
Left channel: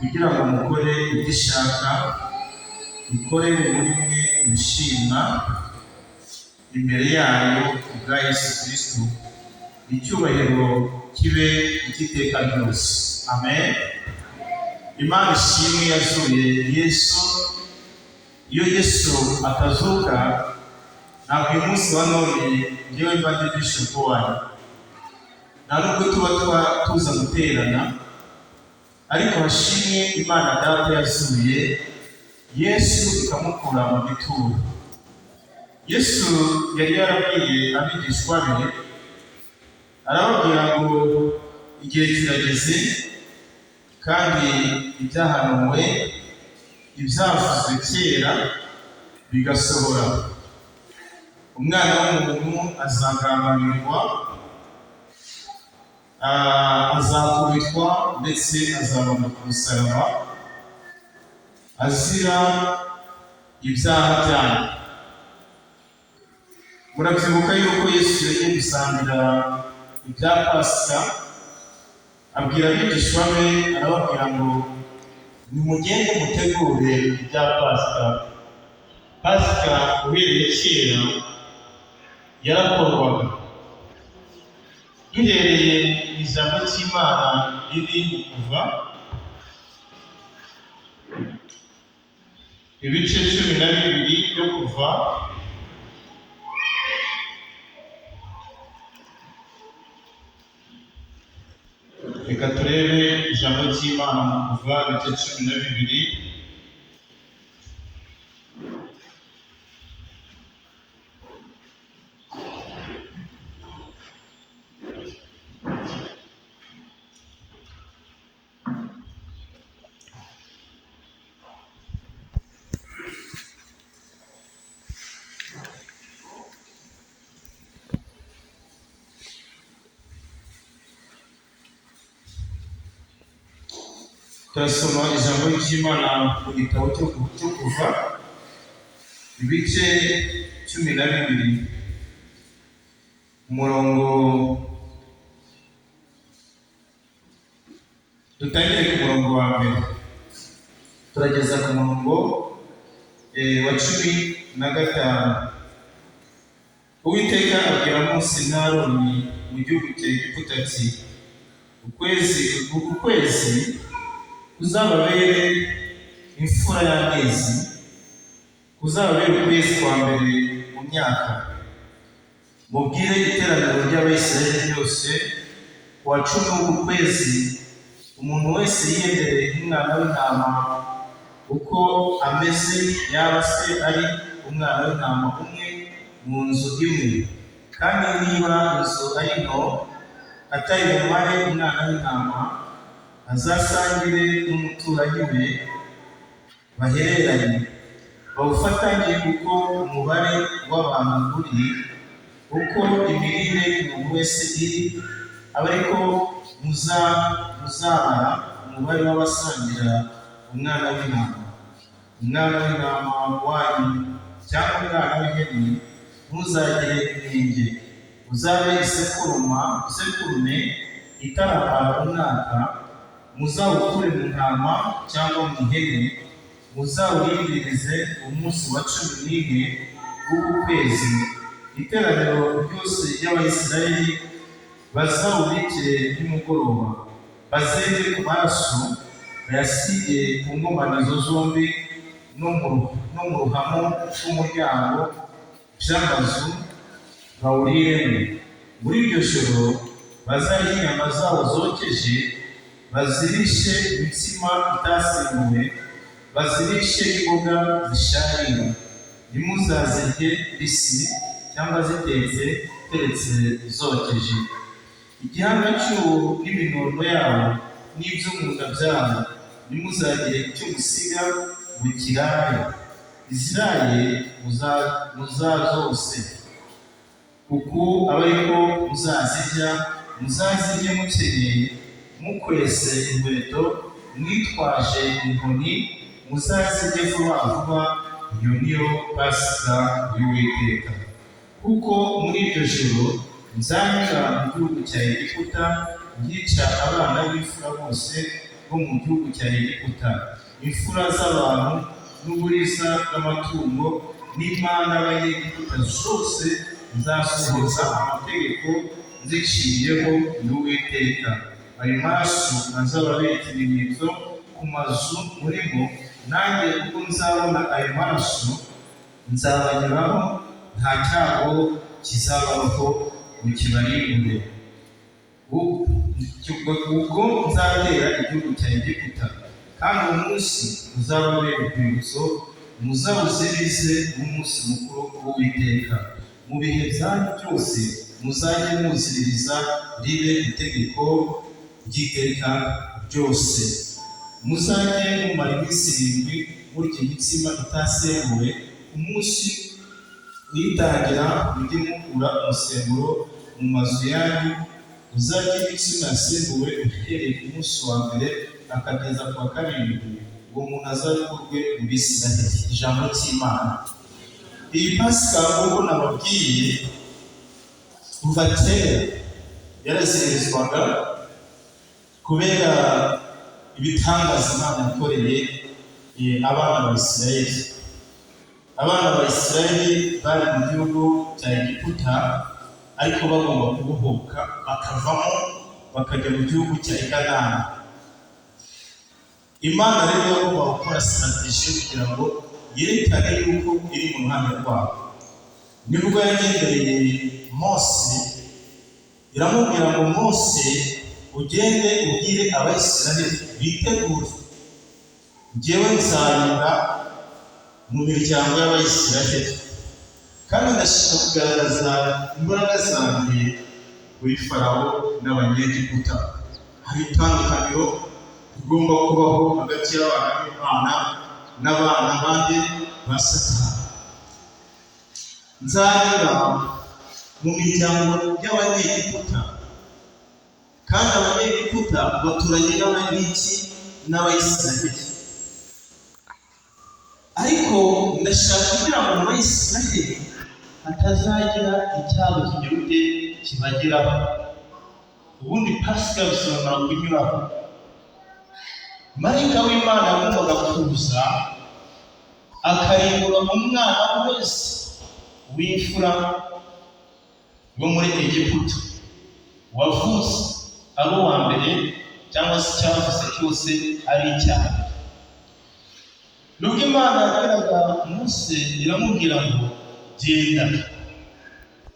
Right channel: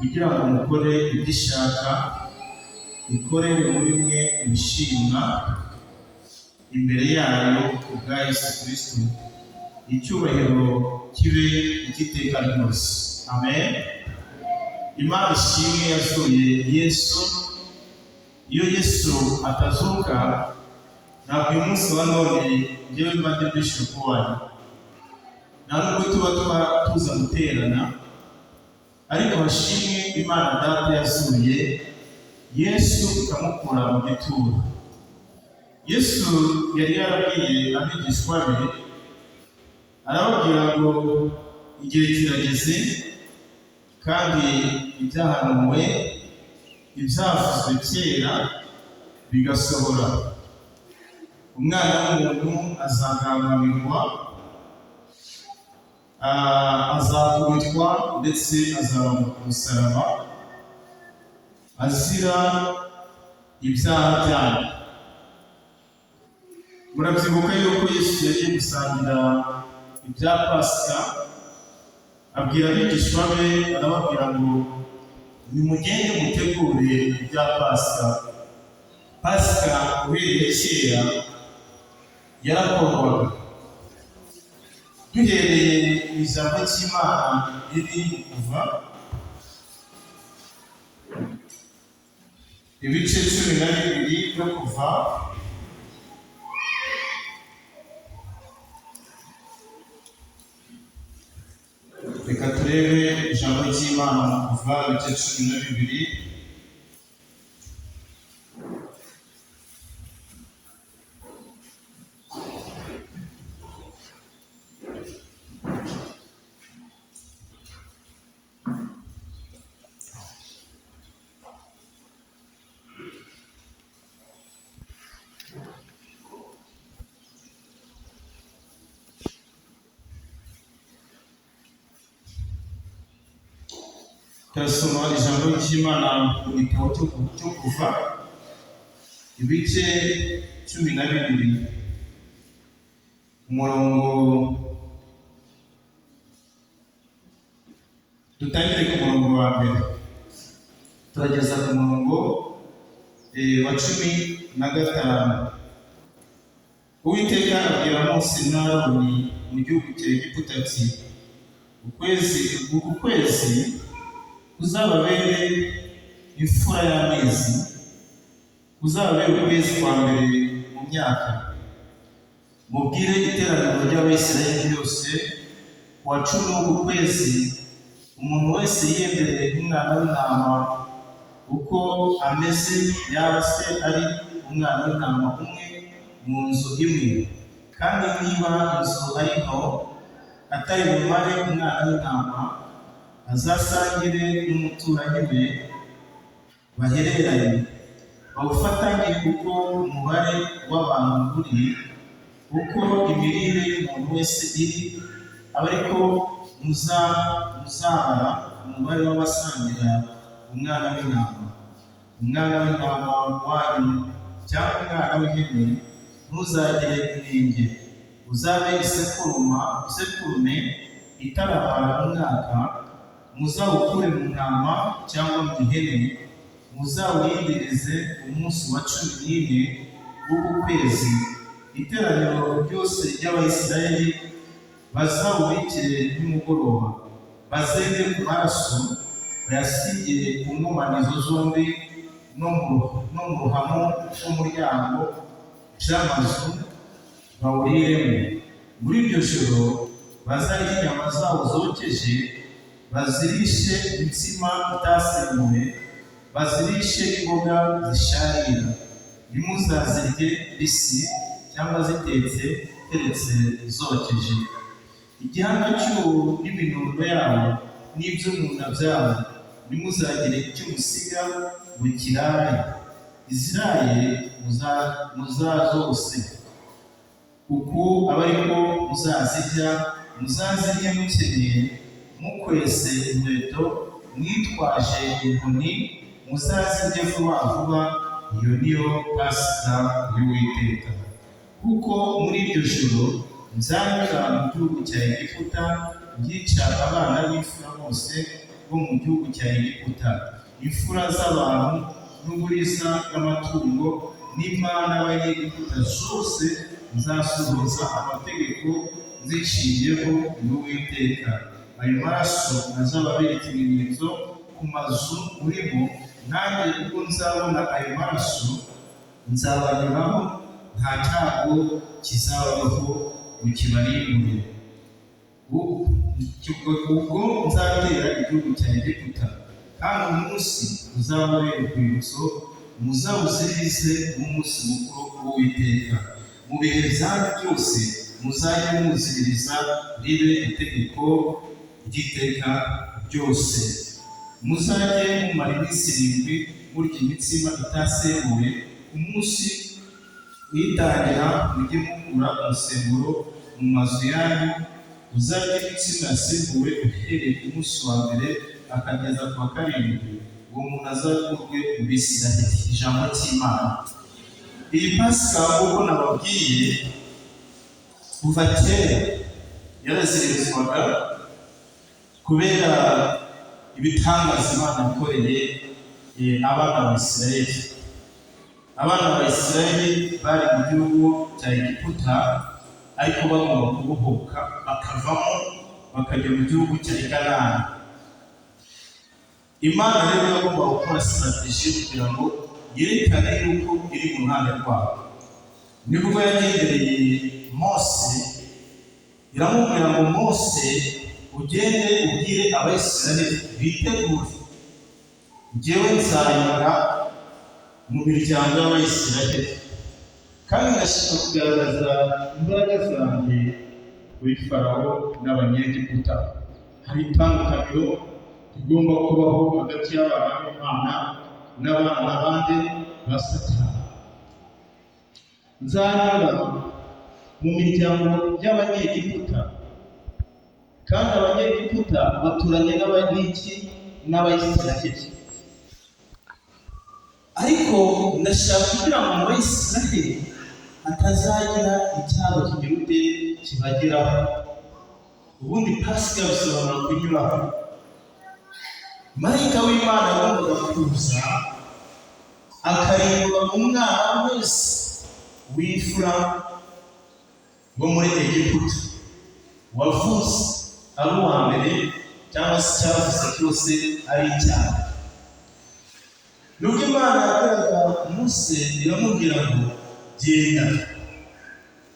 kugira ngo mukore ibyo ishaka, ikorere muri mwe ibishimwa imbere yayo kubwa Yesu Kristo, icyubahiro kibe icy'iteka ryose. Amen. Imana ishimwe yazuye Yesu. Iyo Yesu atazuka, ntabwo uyu munsi wa none njyewe mba ndi bishop wanyu, nta nubwo tuba tuza guterana, ariko hashimwe Imana Data yazuye Yesu ikamukura mu gituro. Yesu yari yarabwiye abigishwa be, arababwira ngo igihe kirageze kandi ibyahanuwe ibyavuzwe kera bigasohora. Umwana w'umuntu azagambanirwa, azakubitwa ndetse azabona ku musaraba azira ibyaha byanyu. Murabyibuka yuko Yesu yagiye gusangira ibya Pasika, abwira abigishwa be, arababwira ngo nimugende mutegure ibya Pasika. Pasika uhereye kera yarakorwaga. Duhereye mu ijambo ry'Imana riri Kuva ibice 12 byo Kuva, reka turebe ijambo ry'Imana mu Kuva ibice 12. Turasoma ijambo ry'Imana mu gitabo cyo Kuva ibice 12, umurongo dutangire ku murongo wa mbere turageza ku murongo wa 15. Uwiteka abwira Mose na Aroni mu gihugu cya Egiputa ati, uku kwezi kuzababere imfura y'amezi, kuzababere ukwezi kwa mbere mu myaka. Mubwire iteraniro ry'Abisirayeli ryose, ku wa 10 w'uku kwezi umuntu wese yiyendereye nk'umwana w'intama uko ameze, yaba se ari umwana w'intama umwe mu nzu imwe, kandi niba inzu ari nto atari bumare umwana w'intama, azasangire n'umuturanyi we bahereranye, bawufatanye uko umubare w'abantu uri, uko imirire umuntu wese iri, aba ariko muzabara umubare w'abasangira umwana w'intama. Umwana w'intama wanyu cyangwa umwana w'ihene ntuzagire inenge, uzabe isekurume itarabara umwaka, muzawukure mu ntama cyangwa mu ihene, muzawuyiririze umunsi wa 11 bw'ukwezi iteraniro ryose ry'Abayisiraheli bazawubikire nimugoroba, bazenge ku maraso bayasige ku nkomanizo zombi no mu ruhamo rw'umuryango by'amazu bawuriremo. Muri iryo joro bazarya inyama zawo zokeje, bazirishe imitsima itasembuwe, bazirishe imboga zisharira. Ntimuzazirye mbisi cyangwa zitetse keretse zokeje. Igihanga cy'ubu n'iminono yawo n'ibyo mu nda byawo ntimuzagire icyo musiga ngo kirare. Iziraye muzazose, kuko aba ariko muzazirya, muzazirye mukenyeye, mukwese inkweto, mwitwaje inkoni, muzazirye vuba vuba. Iyo niyo Pasika y'Uwiteka. Kuko muri iryo joro nzanyura mu gihugu cya Egiputa, ngica abana b'imfura bose bo mu gihugu cya Egiputa, imfura z'abantu n'uburiza bw'amatungo, n'imana n'abanyegiputa zose nzasohoza amategeko nziciyeho y'Uwiteka. Ayo maraso azababera ikimenyetso ku mazu murimo, nanjye ubwo nzabona ayo maraso nzabanyuraho, nta cyago kizabaho ngo kibarimbure. Ubwo nzatera igihugu cya Egiputa, kandi uwo munsi uzababera urwibutso, muzawuzirize umunsi mukuru w'Uwiteka. Mu bihe byanyu byose muzajye muziririza, ribe itegeko ry'iteka ryose. Muzajye mumara iminsi 7 murya imitsima itasembuwe. Ku munsi witangira mujye mukura umusemburo mu mazu yanyu. Uzarya imitsima yasembuwe uhereye ku munsi wa mbere akageza ku wa 7, uwo muntu azakurwe mu Bisiraheli. Ijambo cy'Imana. Iyi Pasika nk'uko nababwiye kuva kera yaraziririzwaga kubera ibitangaza Imana yakoreye abana b'Isiraheli. Abana b'Isiraheli bari mu gihugu cya Egiputa, ariko bagomba kubohoka bakavamo bakajya mu gihugu cya Kanani. Imana rero yagomba gukora strategy kugira ngo yerekane yuko iri mu ruhande rwabo. Nibwo yagendereye Mose, iramubwira ngo Mose, ugende ubwire Abayisiraheli bitegure, njyewe nzanyura mu miryango y'Abayisiraheli, kandi ndashaka kugaragaza imbaraga zanjye kuri Farawo n'Abanyegiputa. Hari itandukaniro rigomba kubaho hagati y'abana b'Imana n'abana bandi ba Satani. Nzanyura mu miryango y'Abanyegiputa, kandi Abanyegiputa baturanye n'Abayisiraheli. Ariko ndashaka kugira ngo mu Bayisiraheli hatazagira icyago kigiruke kibageraho. Ubundi Pasika bisobanura kunyuraho. Marayika w'Imana agombaga kuza akarimbura umwana wese w'imfura wo muri Egiputa wavutse ari uwa mbere cyangwa se icyavuze cyose ari icyaha. Nubwo Imana yabwiraga Mose, iramubwira ngo genda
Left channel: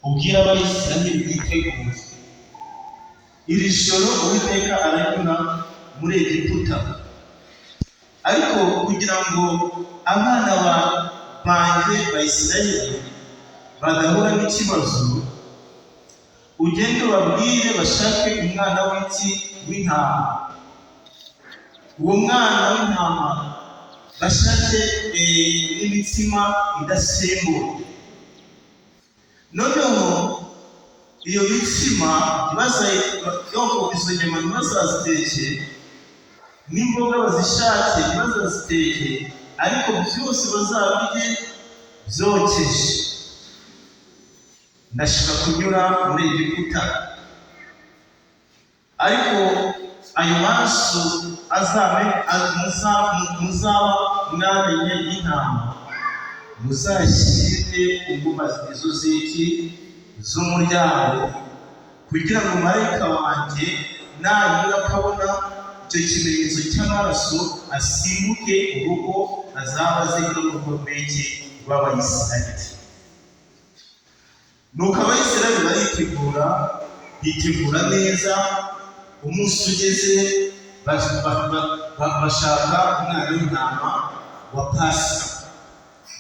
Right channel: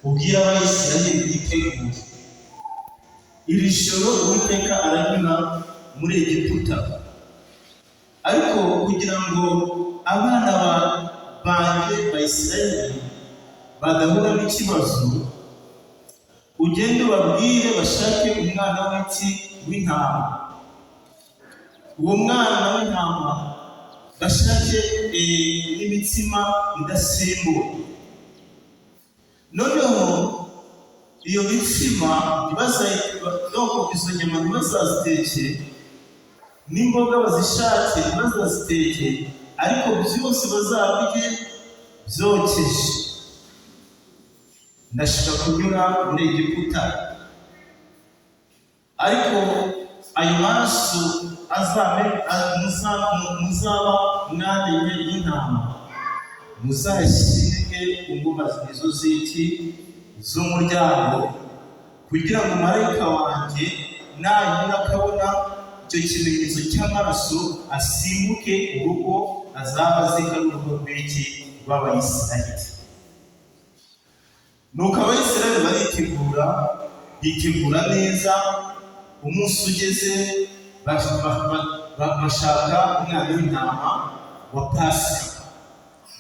ubwire Abayisiraheli bitegure. Iri joro Uwiteka aranyura muri Egiputa, ariko kugira ngo abana banjye Bayisiraheli badahura n'ikibazo, ugende ubabwire bashake umwana w'intama. Uwo mwana w'intama bashake n'imitsima idasembuwe. Noneho iyo mitsima izo nyama ntibazaziteke, n'imboga bazishake ntibazaziteke, ariko byose bazabirye byokeje. Ndashaka kunyura muri Egiputa, ariko ayo maraso muzaba mwamenye y'intama muzashyire ute inguma izo z'iki z'umuryango, kugira ngo marayika wanjye nanyura akabona icyo kimenyetso cy'amaraso asimbuke urugo azaba azinga n'urugo rw'iki rw'Abayisiraheli. Nuko Abayisiraheli bitegura neza. Umunsi ugeze bashaka umwana w'intama wa Pasika.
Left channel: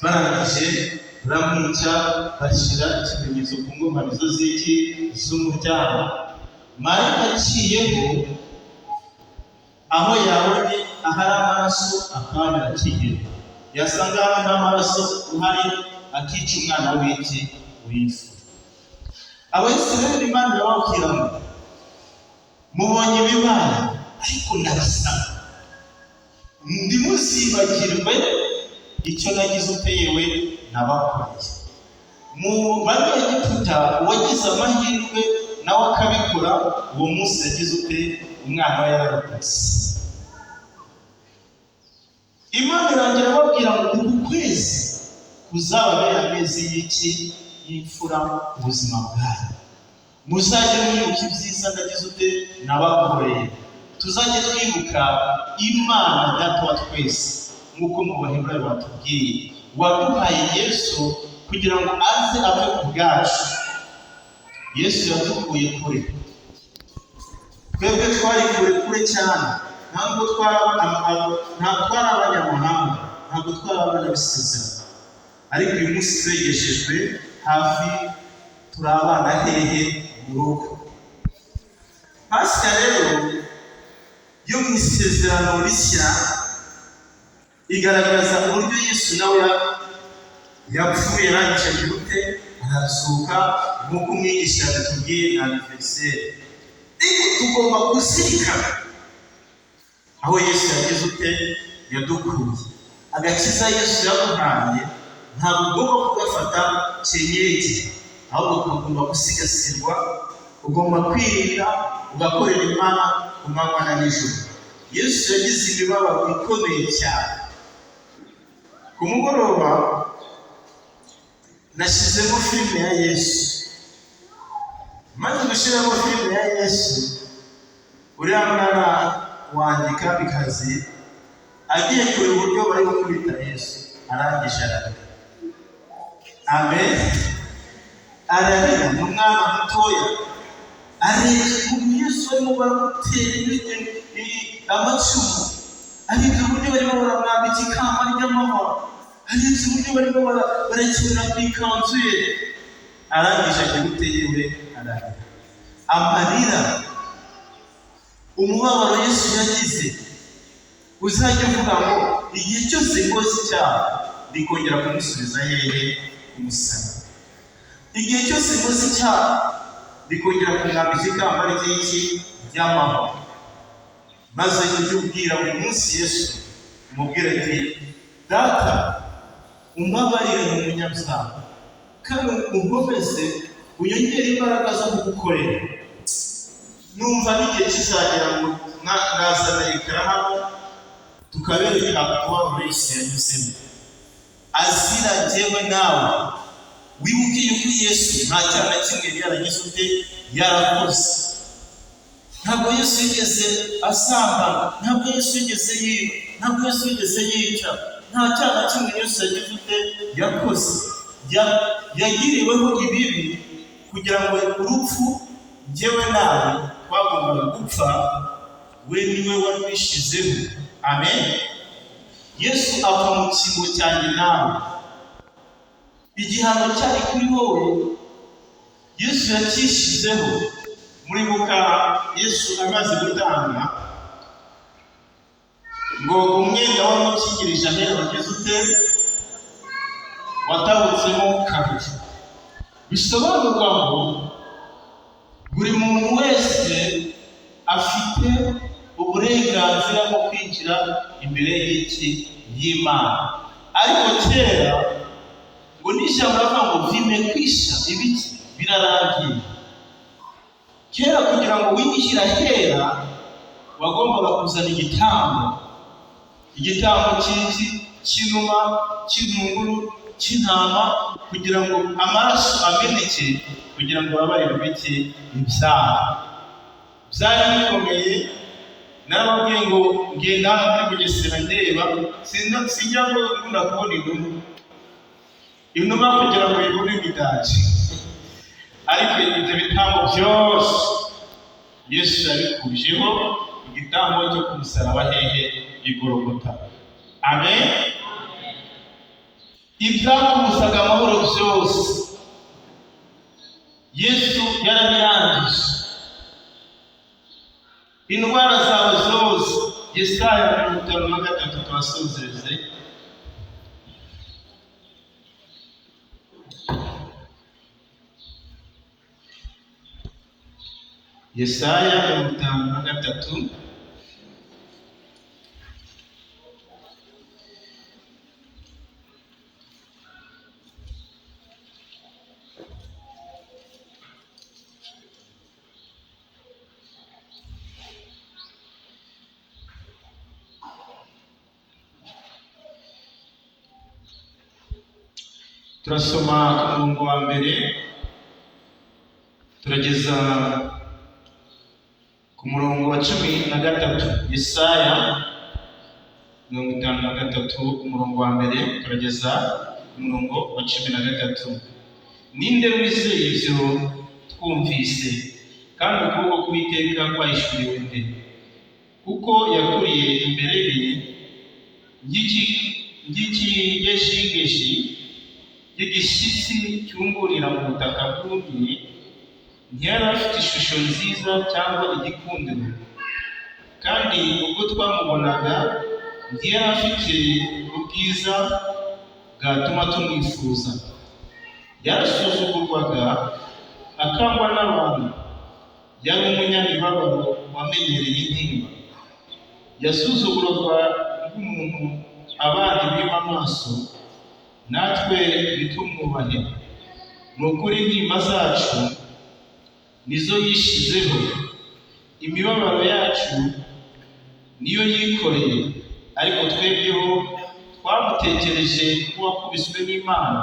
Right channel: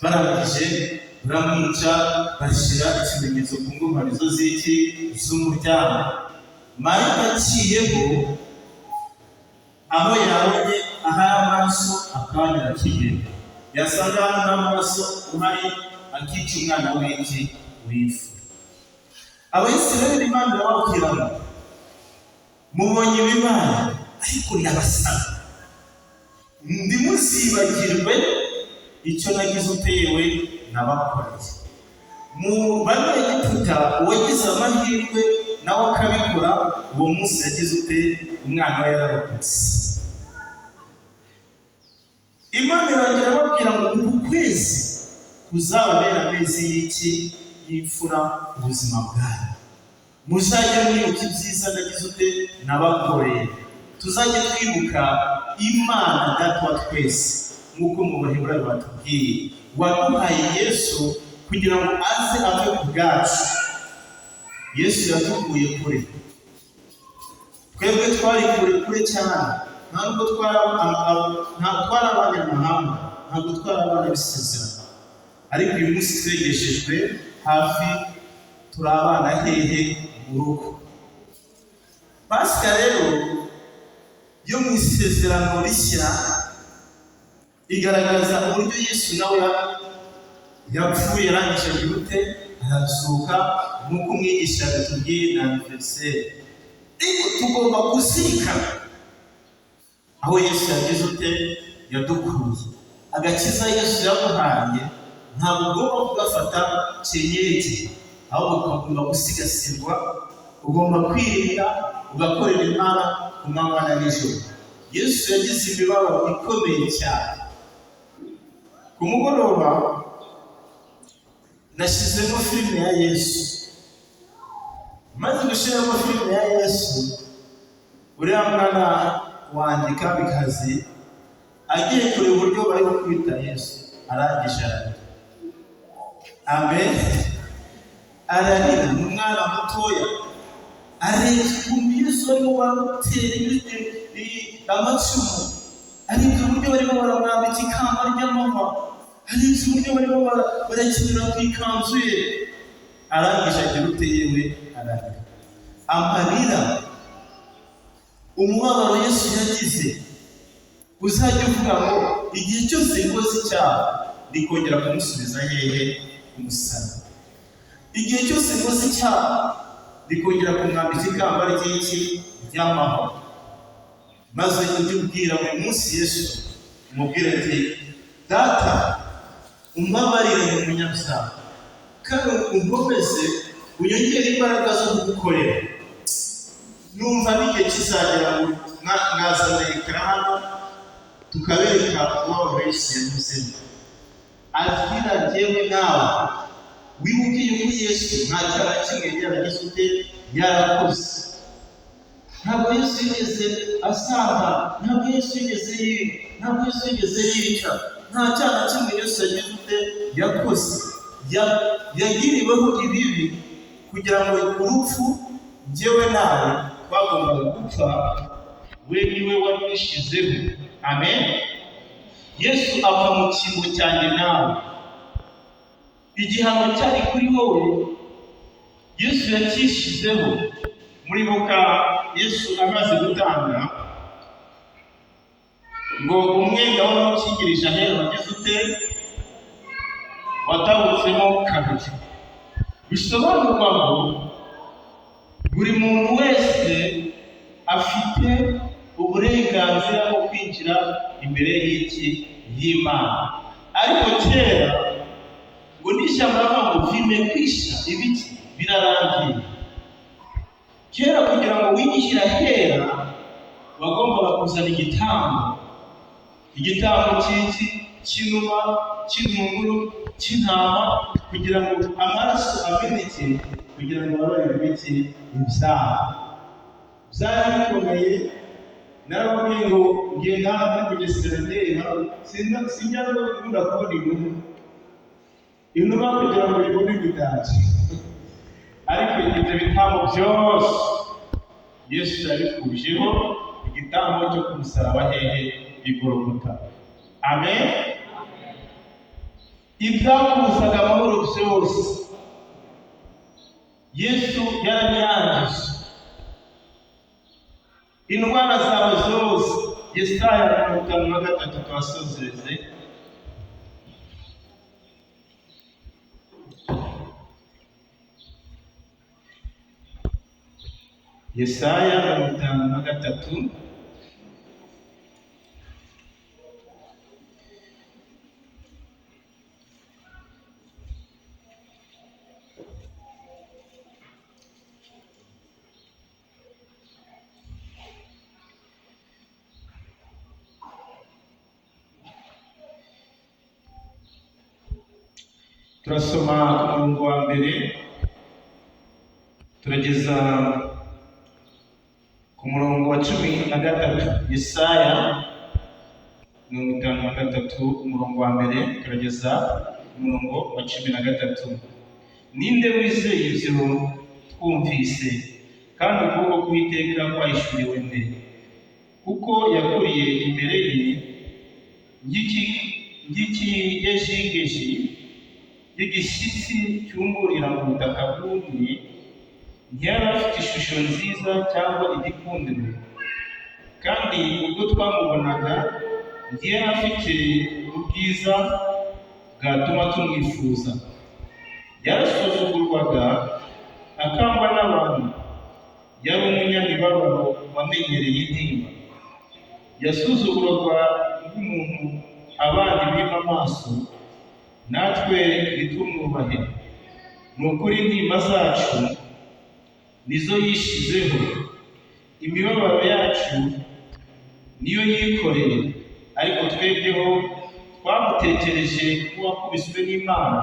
Barangije baramwica, bashyira ikimenyetso ku ngomanizo z'iki z'umuryango. Marayika aciyeho aho yabonye ahari amaraso akanya akigenda, yasanga hari n'amaraso uhari akica umwana w'iki w'imfura. Abayisiraheli Imana irababwira ngo mubonye ibibaye, ariko ndabasaba ntimuzibagirwe icyo nagize uteyewe nabakoreye. Mu Banyegiputa uwagize amahirwe nawe akabikora, uwo munsi yagize ute umwana we yararokotse. Imana irangira ababwira ngo uku kwezi kuzababera amezi y'iki y'imfura mu buzima bwayo. Muzajye mwibuka ibyiza nagize ute nabakoreye. Tuzajye twibuka Imana Data wa twese, nk'uko mu Baheburayo batubwiye, waduhaye Yesu kugira ngo aze ave ku bwacu. Yesu yadukuye kure, twebwe twari kure cyane, ntabwo twari abanyamahanga, ntabwo twari abanyabisezerano, ariko uyu munsi twegeshejwe hafi, turi abana hehe mu rugo. Pasika rero yo mu isezerano rishya igaragaza uburyo Yesu nawe yapfuye, arangije agira ute arazuka, nk'uko umwigisha yatubwiye na aniveriseri. Ariko tugomba kuzirikana aho Yesu yagize ute yadukuye. Agakiza Yesu yamuhaye ntabwo ugomba kugafata cyenyege, ahubwo ukagomba gusigasirwa. Ugomba kwirinda ugakorera Imana ku manywa na nijoro. Yesu yagize imibabaro ikomeye cyane. Ku mugoroba nashyizemo filime ya Yesu, maze gushyiramo filime ya Yesu, uriya mwana wanjye Kamikazi agiye kureba uburyo bari gukubita Yesu, arangije ararira. Amen. Ararira, ni umwana mutoya, areba ukuntu Yesu barimo baramutera amacumu, areba uburyo barimo baramwambika ikamba ry'amahwa, areba uburyo barimo barakinira ku ikanzu ye. Arangije agira ute yewe ararira. Amarira, umubabaro Yesu yagize, uzajya uvuga ngo igihe cyose ngoze icyaha ndikongera kumusubiza hehe ku musaraba. Igihe cyose ngoze icyaha ndikongera kumwambika ikamba ry'iki ry'amahwa. Maze ujye ubwira buri munsi Yesu, umubwire ati Data umbabarire mu munyabyaha, kandi unkomeze unyongere imbaraga zo kugukorera. Numva n'igihe kizagera ngo mwazana ekara hano tukabereka umubabaro Yesu yanyuzemo, azira jyewe nawe. Wibuke yuko Yesu nta cyaha na kimwe yaragize ute yarakoze. Ntabwo Yesu yigeze asambana, ntabwo Yesu yigeze yiba, ntabwo Yesu yigeze yica, nta cyaha na kimwe Yesu yagize ute yakoze. Yagiriweho ibibi kugira ngo urupfu jyewe nawe twagombaga gupfa, we niwe warwishizeho. Amen. Yesu apfa mu cyimbo cyanjye nawe. Igihano cyari kuri wowe Yesu yakishizeho. Muribuka Yesu amaze gutanga ngo umwenda wari ukingirije ahera bageze ute watabutsemo kabiri. Bisobanurwa ngo buri muntu wese afite uburenganzira bwo kwinjira imbere y'Imana. Ariko kera ngo n'ishyamba ngo vimekwisha ibiki birarangiye. Kera kugira ngo winjire ahera wagombaga kuzana igitambo cy'inuma, cy'intunguru, cy'intama kugira ngo amaraso ameneke, kugira ngo babarirwe ibyaha. Byari bikomeye. Narababwiye ngo ngenda hano muri Bugesera ndeba, sinjya ngo nkunda kubona inuma kugira ngo ibone imidari, ariko ibyo bitambo byose Yesu yabikujeho igitambo cyo ku musaraba hehe i Golgotha. Amen. Ibyakubuzaga amahoro byose Yesu yarabirangije. Indwara zawe zose, Yesaya 53 twasozereze. Yesaya 53 turasoma ku murongo wa mbere turageza ku murongo wa 13. Yesaya 53 umurongo wa mbere turageza ku murongo wa 13. Ninde wizeye ibyo twumvise, kandi ukuboko k'Uwiteka kwahishuriwe nde? Kuko yakuriye imbere ye ng'ikigejigeji y'igishyitsi cyumburira mu butaka bwumye. Ntiyari afite ishusho nziza cyangwa igikundiro, kandi ubwo twamubonaga ntiyari afite ubwiza bwatuma tumwifuza. Yarasuzugurwaga akangwa n'abantu, yari umunyamibabaro wamenyereye intimba. Yasuzugurwaga nk'umuntu abandi bima amaso, natwe ntitumwubahe. Ni ukuri intimba zacu nizo yishizeho, imibabaro yacu niyo yikoreye, ariko twebweho twamutekereje nk'uwakubiswe n'Imana,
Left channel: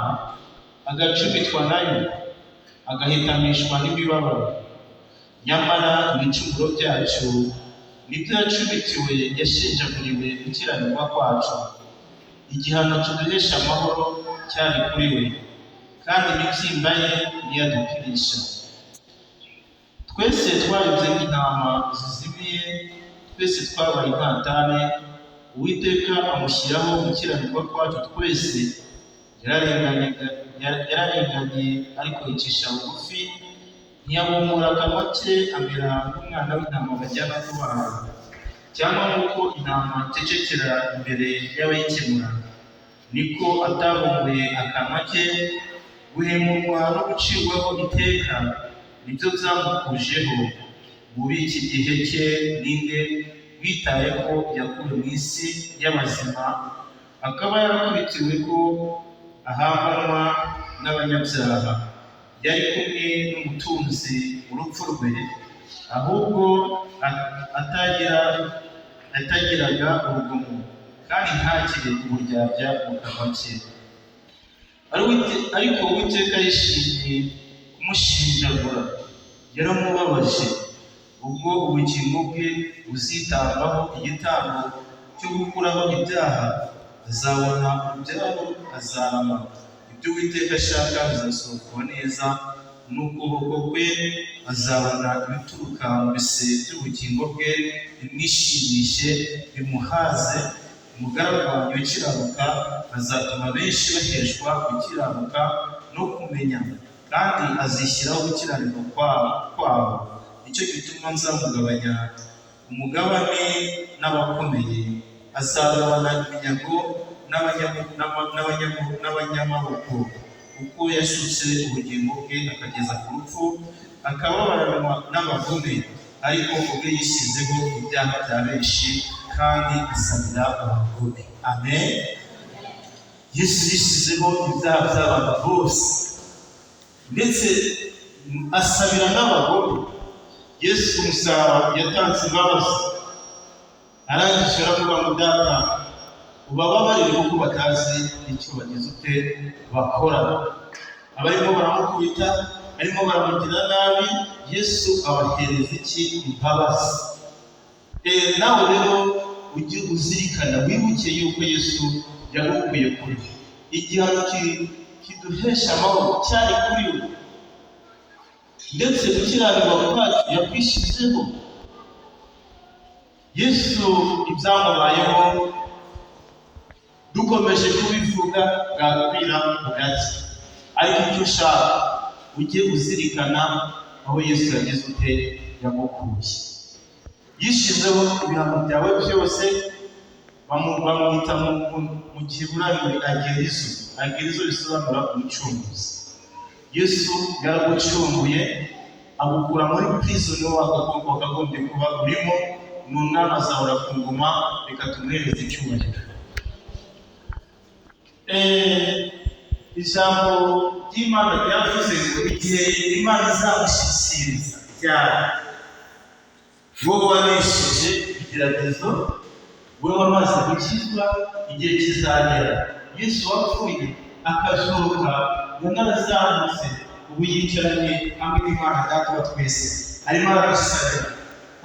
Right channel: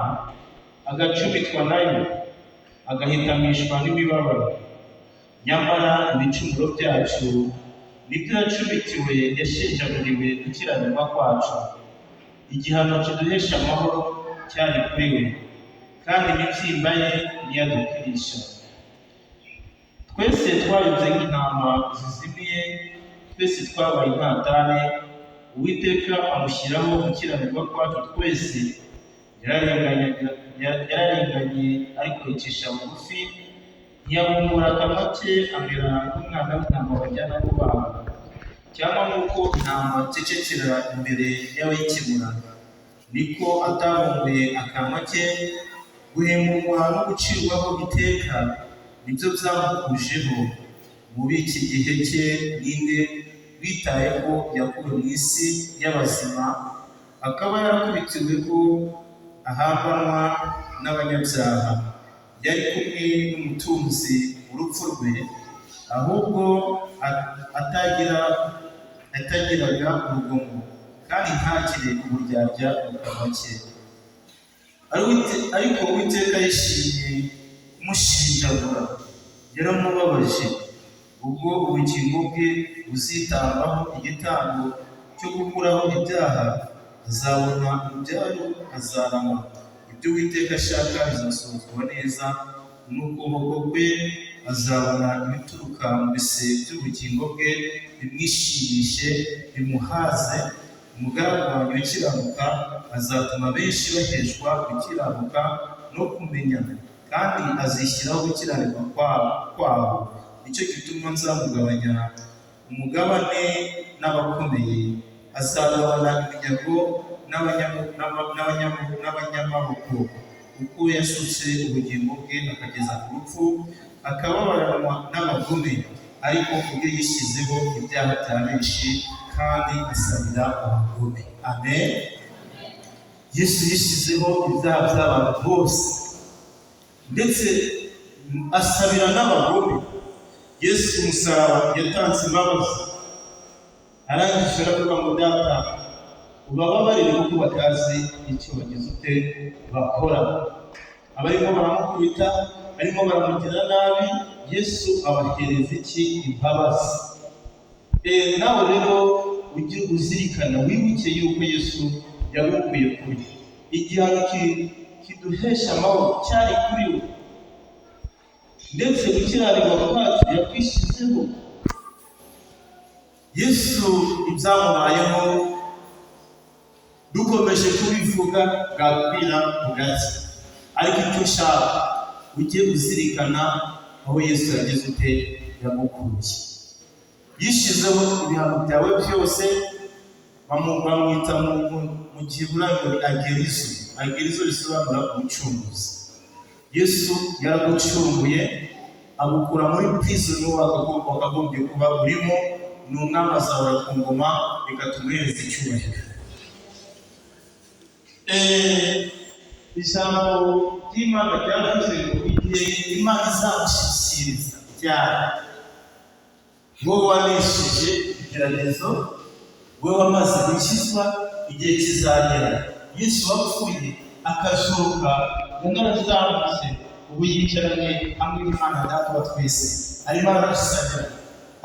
agacumitwa nayo, agahitamishwa n'imibabaro. Nyamara ibicumuro byacu nibyo yacumitiwe, yashenjaguriwe gukiranirwa kwacu. Igihano kiduhesha amahoro cyari kuri we, kandi imibyimba ye ntiyadukirisha. Twese twayobye nk'intama zizimiye, twese twabaye intatane. Uwiteka amushyiraho gukiranirwa kwacu twese. Yararenganye ariko yicisha bugufi, ntiyabumura akanwa ke, amera nk'umwana w'intama bajyana kubaga, cyangwa nk'uko intama icecekera imbere y'abayikemura, niko atabumbuye akanwa ke. Guhemurwa no gucirwaho iteka nibyo byamukujeho. Muri iki gihe cye ninde witaye ko yakuwe mu isi y'abazima, akaba yarakubitiwe ko ahambanwa n'abanyabyaha? Yari kumwe n'umutunzi mu rupfu rwe, ahubwo atagiraga urugomo, kandi ntakire uburyarya mu kanwa ke. Ariko Uwiteka yishimiye kumushinjagura, yaramubabaje. Ubwo ubugingo bwe buzitambaho igitambo cyo gukuraho ibyaha, azabona urubyaro, azarama. Ibyo Uwiteka ashaka bizasohozwa neza, n'ukuboko kwe azabona ibituruka mu bise by'ubugingo bwe, bimwishimishe bimuhaze. Umugaragu wanjye ukiranuka azatuma benshi baheshwa gukiranuka no kumenya, kandi azishyiraho gukiranirwa kwabo. Nicyo gituma nzamugabanya umugabane n'abakomeye, azagabana iminyago n'abanyamaboko. Kuko yasutse ubugingo bwe akageza ku rupfu, akababaranwa n'abagome, ariko ubwe yishyizeho ibyaha bya benshi, kandi asabira abagome. Amen. Yesu yishyizeho ibyaha by'abantu bose, ndetse asabira n'abagome. Yesu ku musaraba yatanze imbabazi, arangije aravuga ngo Data, ubababarire kuko batazi icyo bagize ute bakora. Abarimo baramukubita, arimo baramugira nabi, Yesu abahereza iki? Imbabazi. Nawe rero ujye uzirikana, wibuke yuko Yesu yagukuye kuri igihano kiduhesha amahoro cyari kuri we, ndetse gukiranirwa kwacu yakwishizeho. Yesu ibyamubayeho dukomeje kubivuga bwakwira bugake, ariko icyo ushaka ujye uzirikana aho Yesu yageze ute yagukuye. Yishizeho ibihano byawe byose, bamwita mu Giheburayo agerizo risobanura umucunguzi. Yesu yaragucunguye agukura muri prison wakagombye kuba urimo, ni umwami azahora ku ngoma, reka tumuhereze icyubahiro. Ijambo ry'Imana ryavuze ngo igihe Imana izamushyikiriza ryari, wowe wanesheje igeragezo, wowe wamaze gukizwa, igihe kizagera. Yesu wapfuye akazuka, yanazamutse, ubu yicaranye hamwe n'Imana Data wa twese, arimo aragusabira,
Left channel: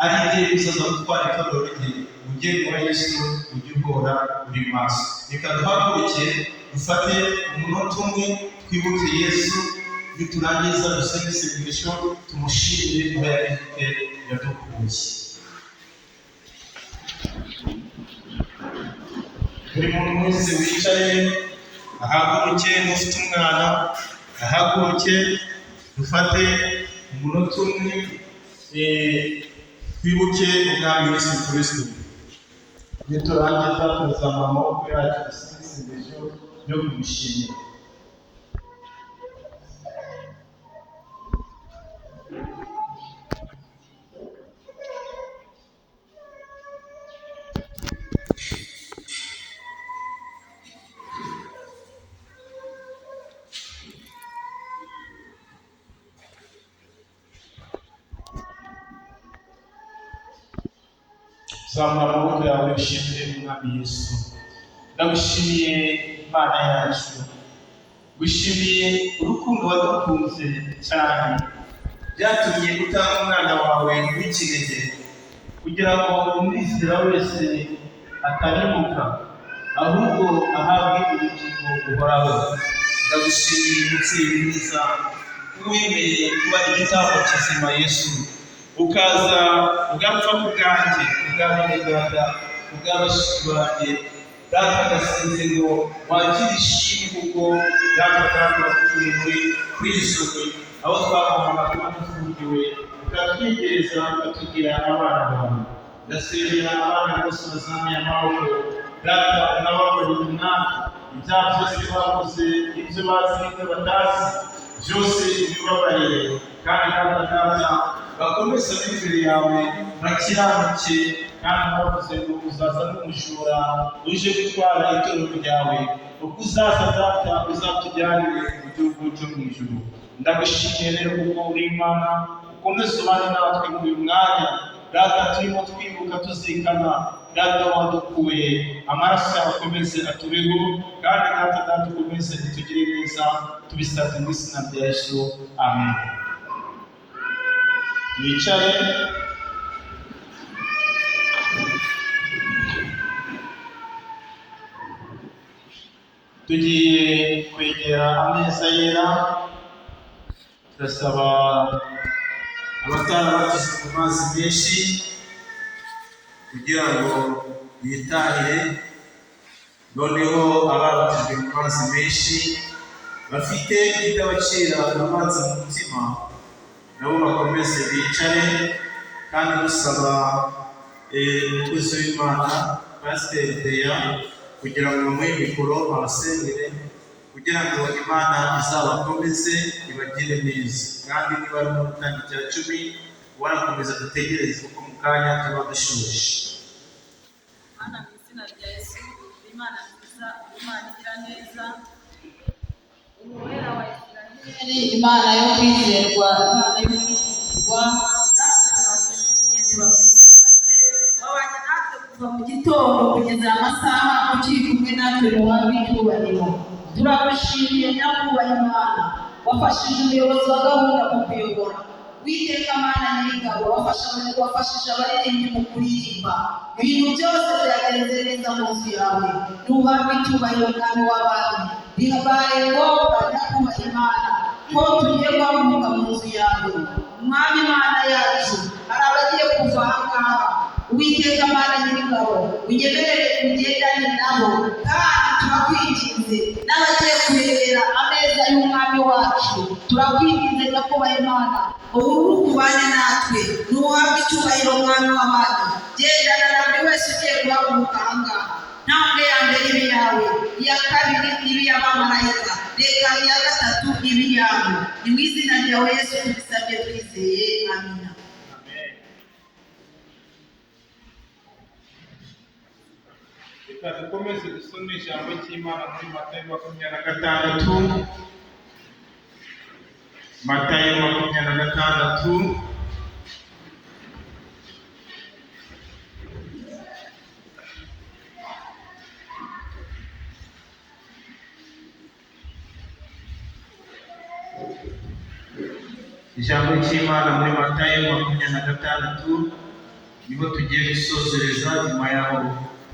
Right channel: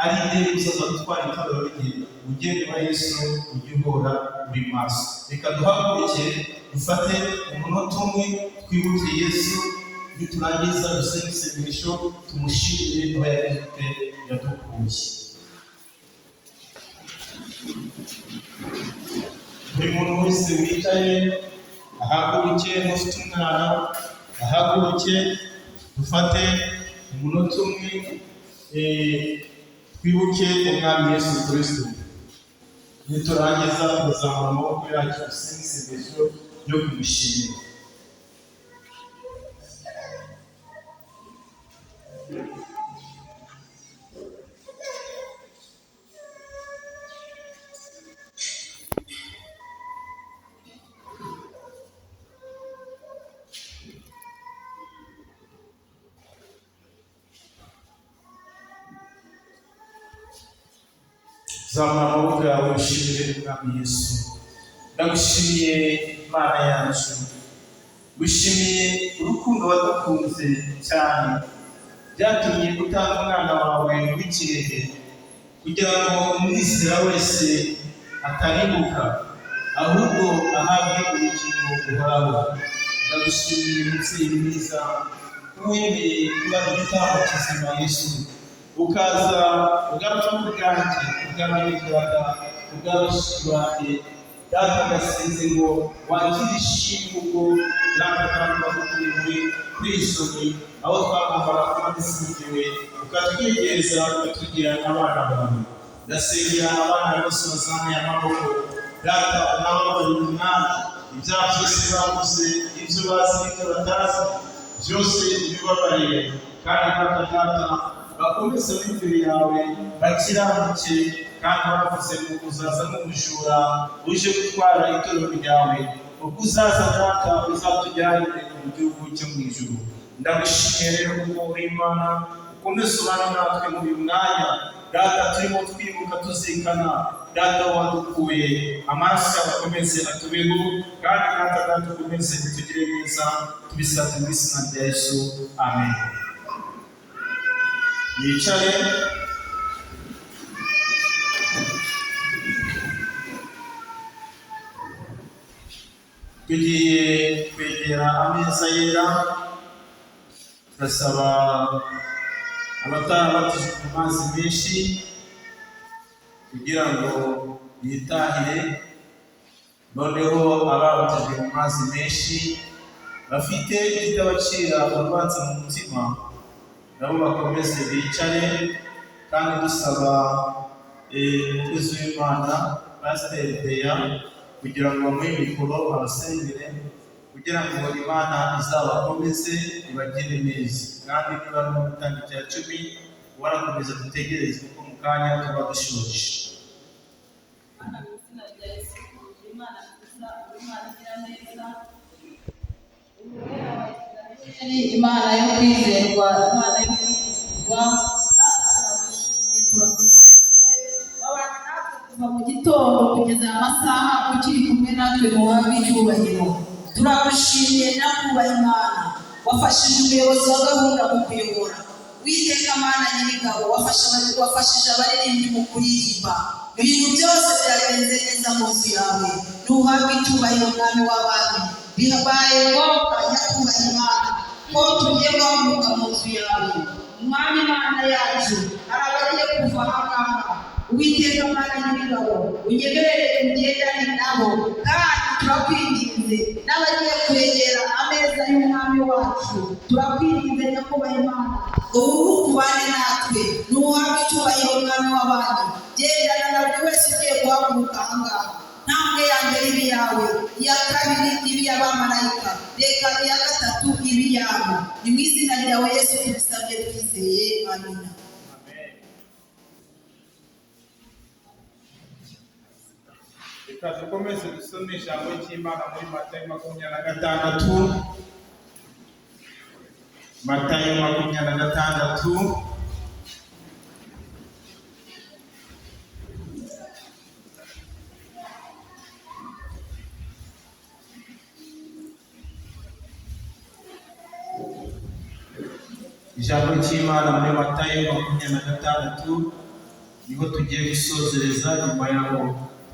ari igihe uzaza gutwara itorero rye. Umugeni wa Yesu ujye uhora uri maso. Reka duhaguruke dufate umunota umwe twibuke Yesu, niturangiza dusenge isengesho tumushimire aho yagize yadukuye. Buri muntu wese wicaye ahaguruke, n'ufite umwana ahaguruke, dufate umunota umwe twibuke umwami Yesu Kristo. Niturangiza tuzamura amaboko yacu dusenge isengesho yo kumushimira. Zamura amaboko yawe ushimire umwami Yesu. Ndagushimiye Imana yacu, gushimiye urukundo wadukunze cyane, byatumye utanga umwana wawe w'ikinege kugira ngo umwizera wese atarimbuka, ahubwo ahabwe ubugingo buhoraho. Ndagushimiye umubyeyi mwiza, wemeye kuba igitambo kizima Yesu, ukaza ugapfa ku bwanjye, ubw'abanyarwanda, ubw'abashiki banjye. Data ndasenze ngo wakire ishimwe kuko Data kandi wadukuye muri kwisoko, aho twagombaga kuba dufungiwe, ukatwegereza ukatugira abana bawe. Ndasengera abana bose bazamuye amaboko, Data unababarire umwami ibyaha byose bakoze, ibyo bazi n'ibyo batazi, byose ubibabarire. Kandi Data bakomeze imbere yawe bakiranuke, kandi bavuze ngo uzaza n'umujura uje gutwara itorero ryawe, ubwo uzaza Data uzatujyanire mu gihugu cyo mu ijuru. Ndagushimiye rero kuko uri Imana, ukomeze ubane natwe muri uyu mwanya Data, turimo twibuka tuzirikana Data wadukuye, amaraso yawe akomeze atubeho, kandi Data ukomeze kutugire neza, tubisabye mu izina rya Yesu, amen. Yicaye. Tugiye kwegera ameza yera, turasaba abatarabatijwe mu mazi menshi kugira ngo bitahire, noneho ababatijwe mu mazi menshi bafite ikitabacira urubanza mu mutima nabo bakomeze bicare, kandi dusaba umukozi w'Imana Pasiteri Deya kugira ngo bamuhe mikoro abasengere, kugira ngo Imana izabakomeze ibagire neza. Kandi niba ari mu gutanga icya 10 warakomeza dutegereze kuko mu kanya tuba dushoje. Mana mu izina rya Yesu, Imana nziza, Imana igira neza, Umwera wa Isiraheli, Imana yo kwizerwa, Imana yo kwizerwa. Turagushimiye, wabanye natwe kuva mu gitondo kugeza amasaha ukiri natwe duhabwe icyubahiro. Turagushimiye nyakubahwa Imana, wafashije umuyobozi wa gahunda mu kuyobora. Uwiteka Mana nyir'ingabo, wafashije abaririmbyi mu kuririmba. Ibintu byose byagenze neza mu nzu yawe. Duhabwe icyubahiro mwami w'abami. Bihabaye ngombwa nyakubahwa Imana ko tugiye guhaguruka mu nzu yawe. Mwami Mana yacu, hari abagiye kuva aha ngaha. Uwiteka Mana nyir'ingabo, unyemerere ugendane nabo, kandi turakwinginze n'abagiye kwegera ameza y'umwami wacu, turakwinginze nyakubahwa Imana, ubu kubane natwe. Nuhabwe icyubahiro mwami w'abandi. Gendana na buri wese ugiye guhaguruka aha ngaha. Ntambwe ya mbere ibe iyawe, iya kabiri ibe iy'abamarayika, reka iya gatatu ibe iyawe. Ni mu izina ryawe Yesu tubisabye twizeye, amina. Reka dukomeze dusome ijambo ry'Imana muri Matayo 26. Matayo 26. Ijambo ry'Imana muri Matayo 26 niho tugiye gusozereza. Nyuma yaho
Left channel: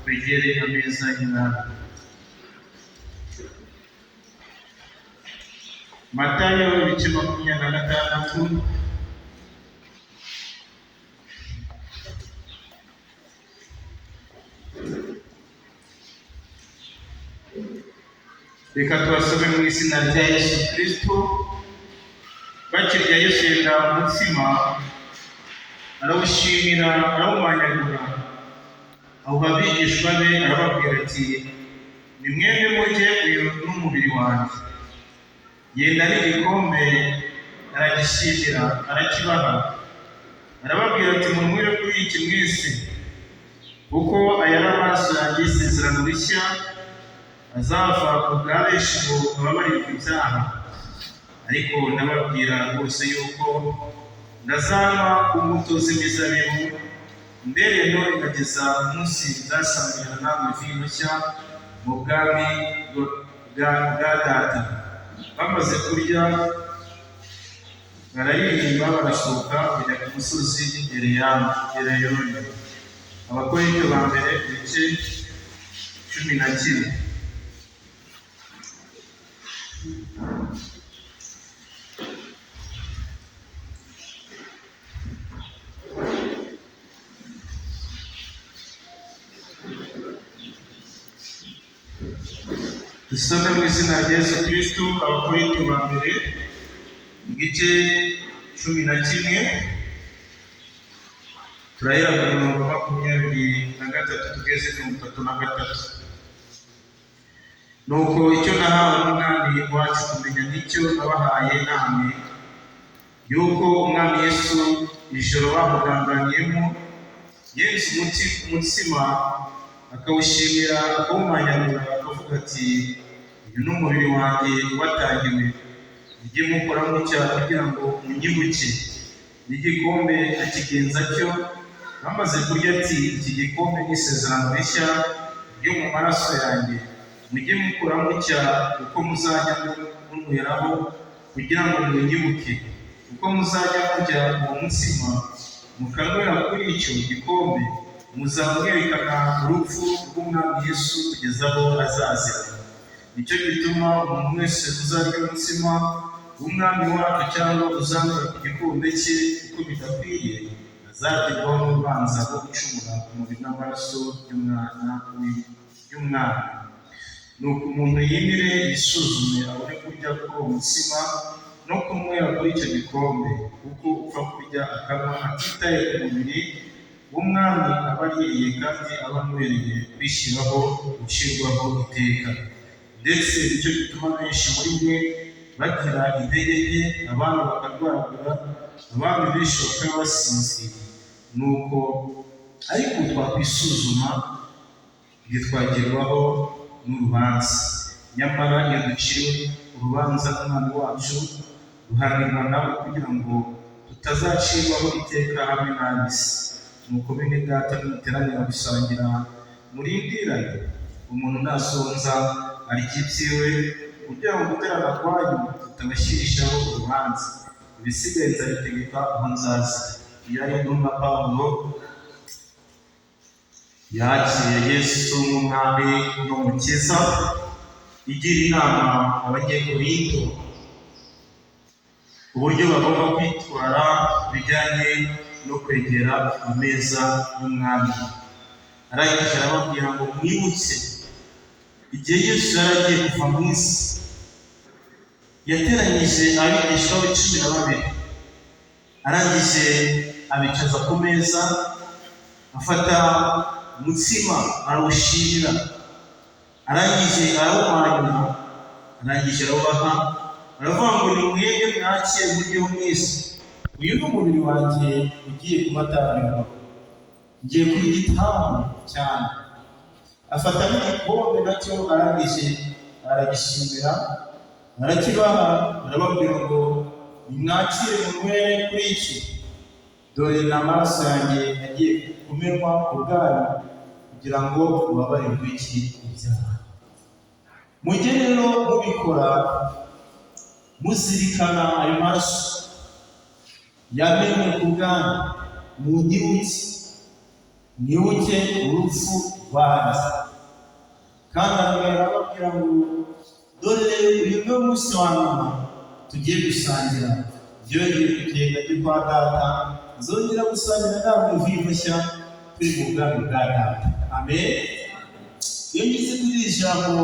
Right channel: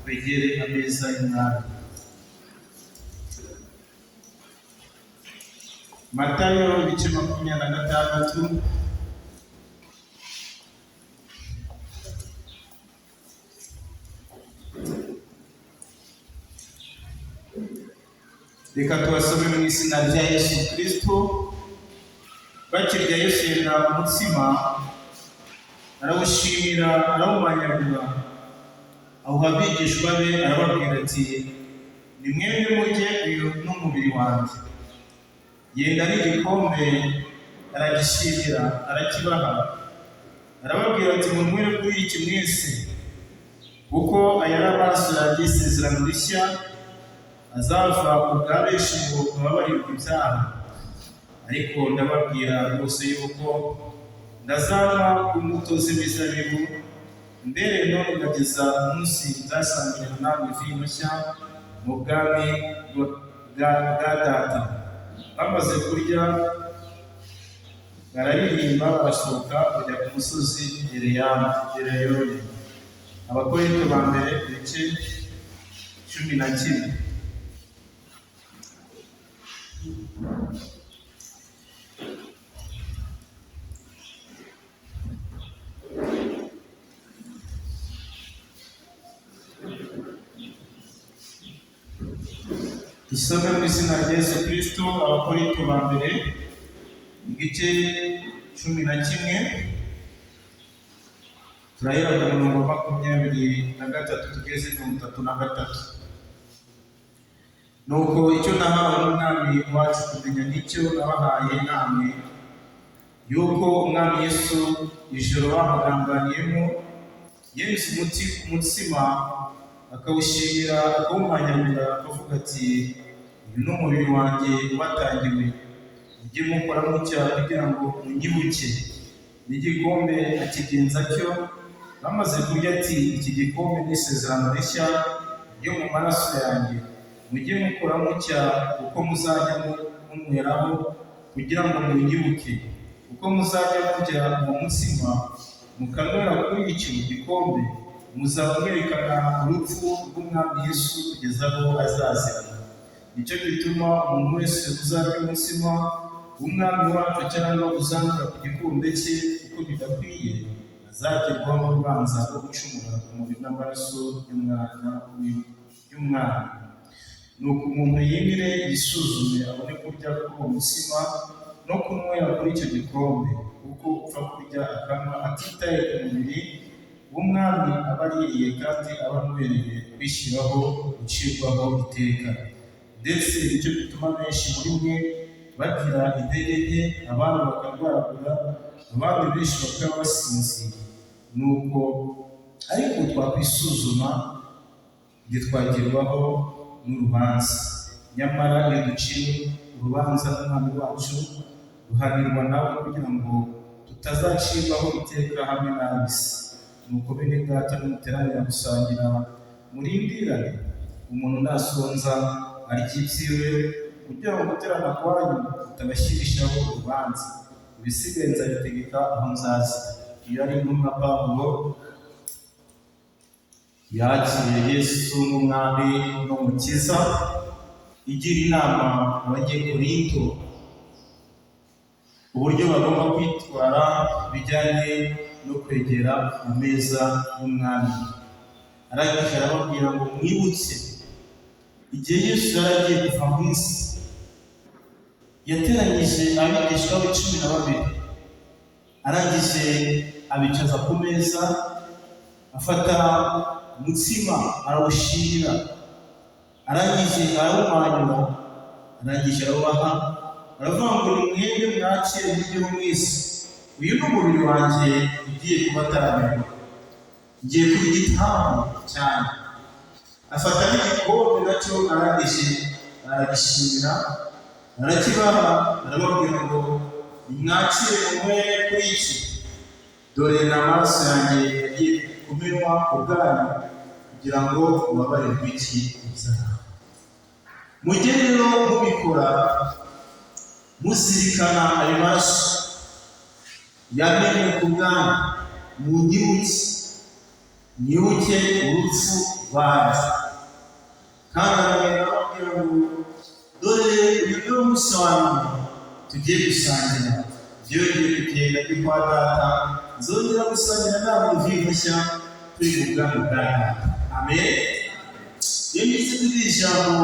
twegere ameza y'Imana. Matayo 26. Reka tubasome mu izina rya Yesu Kristo. Bakirya Yesu yenda umutsima, arawushimira, arawumanyagura, awuha abigishwa be, arababwira ati, nimwembe murye, uyu n'umubiri wanjye. Yenda n'igikombe, aragishimira, arakibaha, arababwira ati, munywere kuri iki mwese, kuko aya ari amaraso yanjye y'isezerano rishya, azava ku bwa benshi ngo bababarirwe ibyaha. Ariko ndababwira rwose yuko ndazanywa ku mbuto z'imizabibu, mbere no ingageza umunsi nzasangirana namwe vino nshya mu bwami bwa Data. Bamaze kurya bararirimba, barasohoka bajya ku musozi Elayono. Abakorinto ba mbere ibice 11. Dusome mu izina rya Yesu Kristo. Abakorinto ba mbere igice 11, turahera ku mirongo 23 tugeze ku 33. Nuko icyo nahawe n'umwami wacu kumenya nicyo nabahaye namwe, yuko umwami Yesu ijoro bamugambaniyemo yenze umutsima, akawushimira, akawumanyagura, akavuga ati, uyu ni umubiri wanjye watangiwe, mujye mukora mutya kugira ngo munyibuke. N'igikombe akigenza atyo. Bamaze kurya ati, iki gikombe ni isezerano rishya ryo mu maraso yanjye, mujye mukora mutya uko muzajya munyweraho kugira ngo munyibuke. Uko muzajya murya uwo mutsima mukanywera kuri icyo gikombe, muzaba mwerekana urupfu rw'umwami Yesu kugeza aho azazira. Nicyo gituma umuntu wese uzarya umutsima w'umwami wacu cyangwa uzanywa ku gikombe cye uko bidakwiye, azagerwaho n'urubanza rwo gucumura ku mubiri n'amaraso y'umwami. Nuko umuntu yimire, yisuzume, abone kurya kuri uwo mutsima no kunywera kuri icyo gikombe, kuko upfa kurya akanywa atitaye ku mubiri w'umwami aba aririye, kandi aba amubereye kwishyiraho gucirwaho iteka. Ndetse nicyo gituma benshi muri mwe bagira intege nke, abandi bakarwaragura, abandi benshi bakaba basinziriye. Nuko ariko twakwisuzuma ntitwagerwaho n'urubanza. Nyamara iyo duciwe urubanza n'umwami wacu, duhanirwa nawe kugira ngo tutazacirwaho iteka hamwe n'ab'isi. Nuko bene Data, nimuteranira gusangira, murindirane, umuntu nasonza arya ibyiwe, kugira ngo guterana kwanyu tutabashyirishaho urubanza. Ibisigaye nzabitegeka aho nzaza. Iyo ari intumwa Pawulo yakiriye Yesu nk'umwami n'umukiza, igira inama abanyekorinto uburyo bagomba kwitwara bijyanye no kwegera ameza y'umwami. Arangije arababwira ngo mwibutse igihe Yesu yari agiye kuva mu isi, yateranyije abigisha be 12, arangije abicaza ku meza, afata umutsima arawushimira, arangije arawumanyura, arangije arawubaha, aravuga ngo nimwebwe mwakire muryeho mwese, uyu ni umubiri wanjye ugiye kubatambirwa, ngiye kugitambo cyane. Afata n'igikombe nacyo, arangije aragishimira, arakibaha, arababwira ngo nimwakire munywe kuri iki, dore ni amaraso yanjye yagiye kumenwa ku bwanyu kugira ngo mubabarirwe iki ibyaha. Mujye rero mubikora muzirikana ayo maraso yamenwe ku bwanyu, mwibuke urupfu rwanjye. Kandi arababwira ngo dore uyu ni umunsi wa nyuma tugiye gusangira, byongeye bikenda byo kwa data, nzongera gusangira namwe mvingo nshya turi mu bwami bwa data. Amen. Iyo ngize kuri iri jambo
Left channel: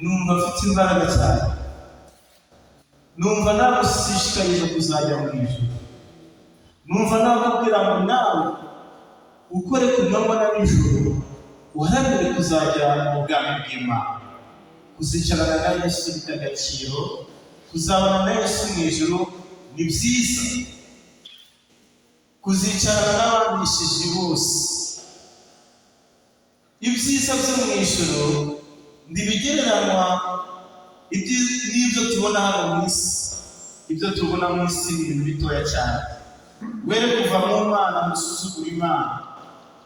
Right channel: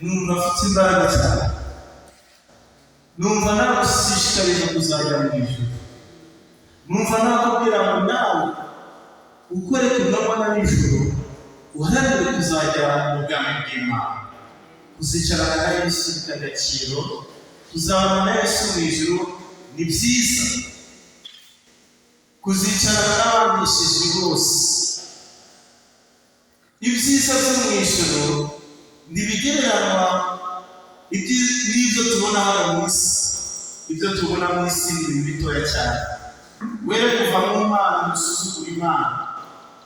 numva afite imbaraga cyane, numva nagushishikariza kuzajya mu ijuru, numva nakubwira ngo nawe ukore ku manywa na nijoro uharanire kuzajya mu bwami bw'Imana, kuzicarana na Yesu bifite agaciro, kuzabana na Yesu mu ijuru ni byiza, kuzicarana n'ababishije bose. Ibyiza byo mu ijuru ntibigereranywa n'ibyo tubona hano mu isi. Ibyo tubona mu isi ni ibintu bitoya cyane. Were kuva mu Mana musuzugura Imana,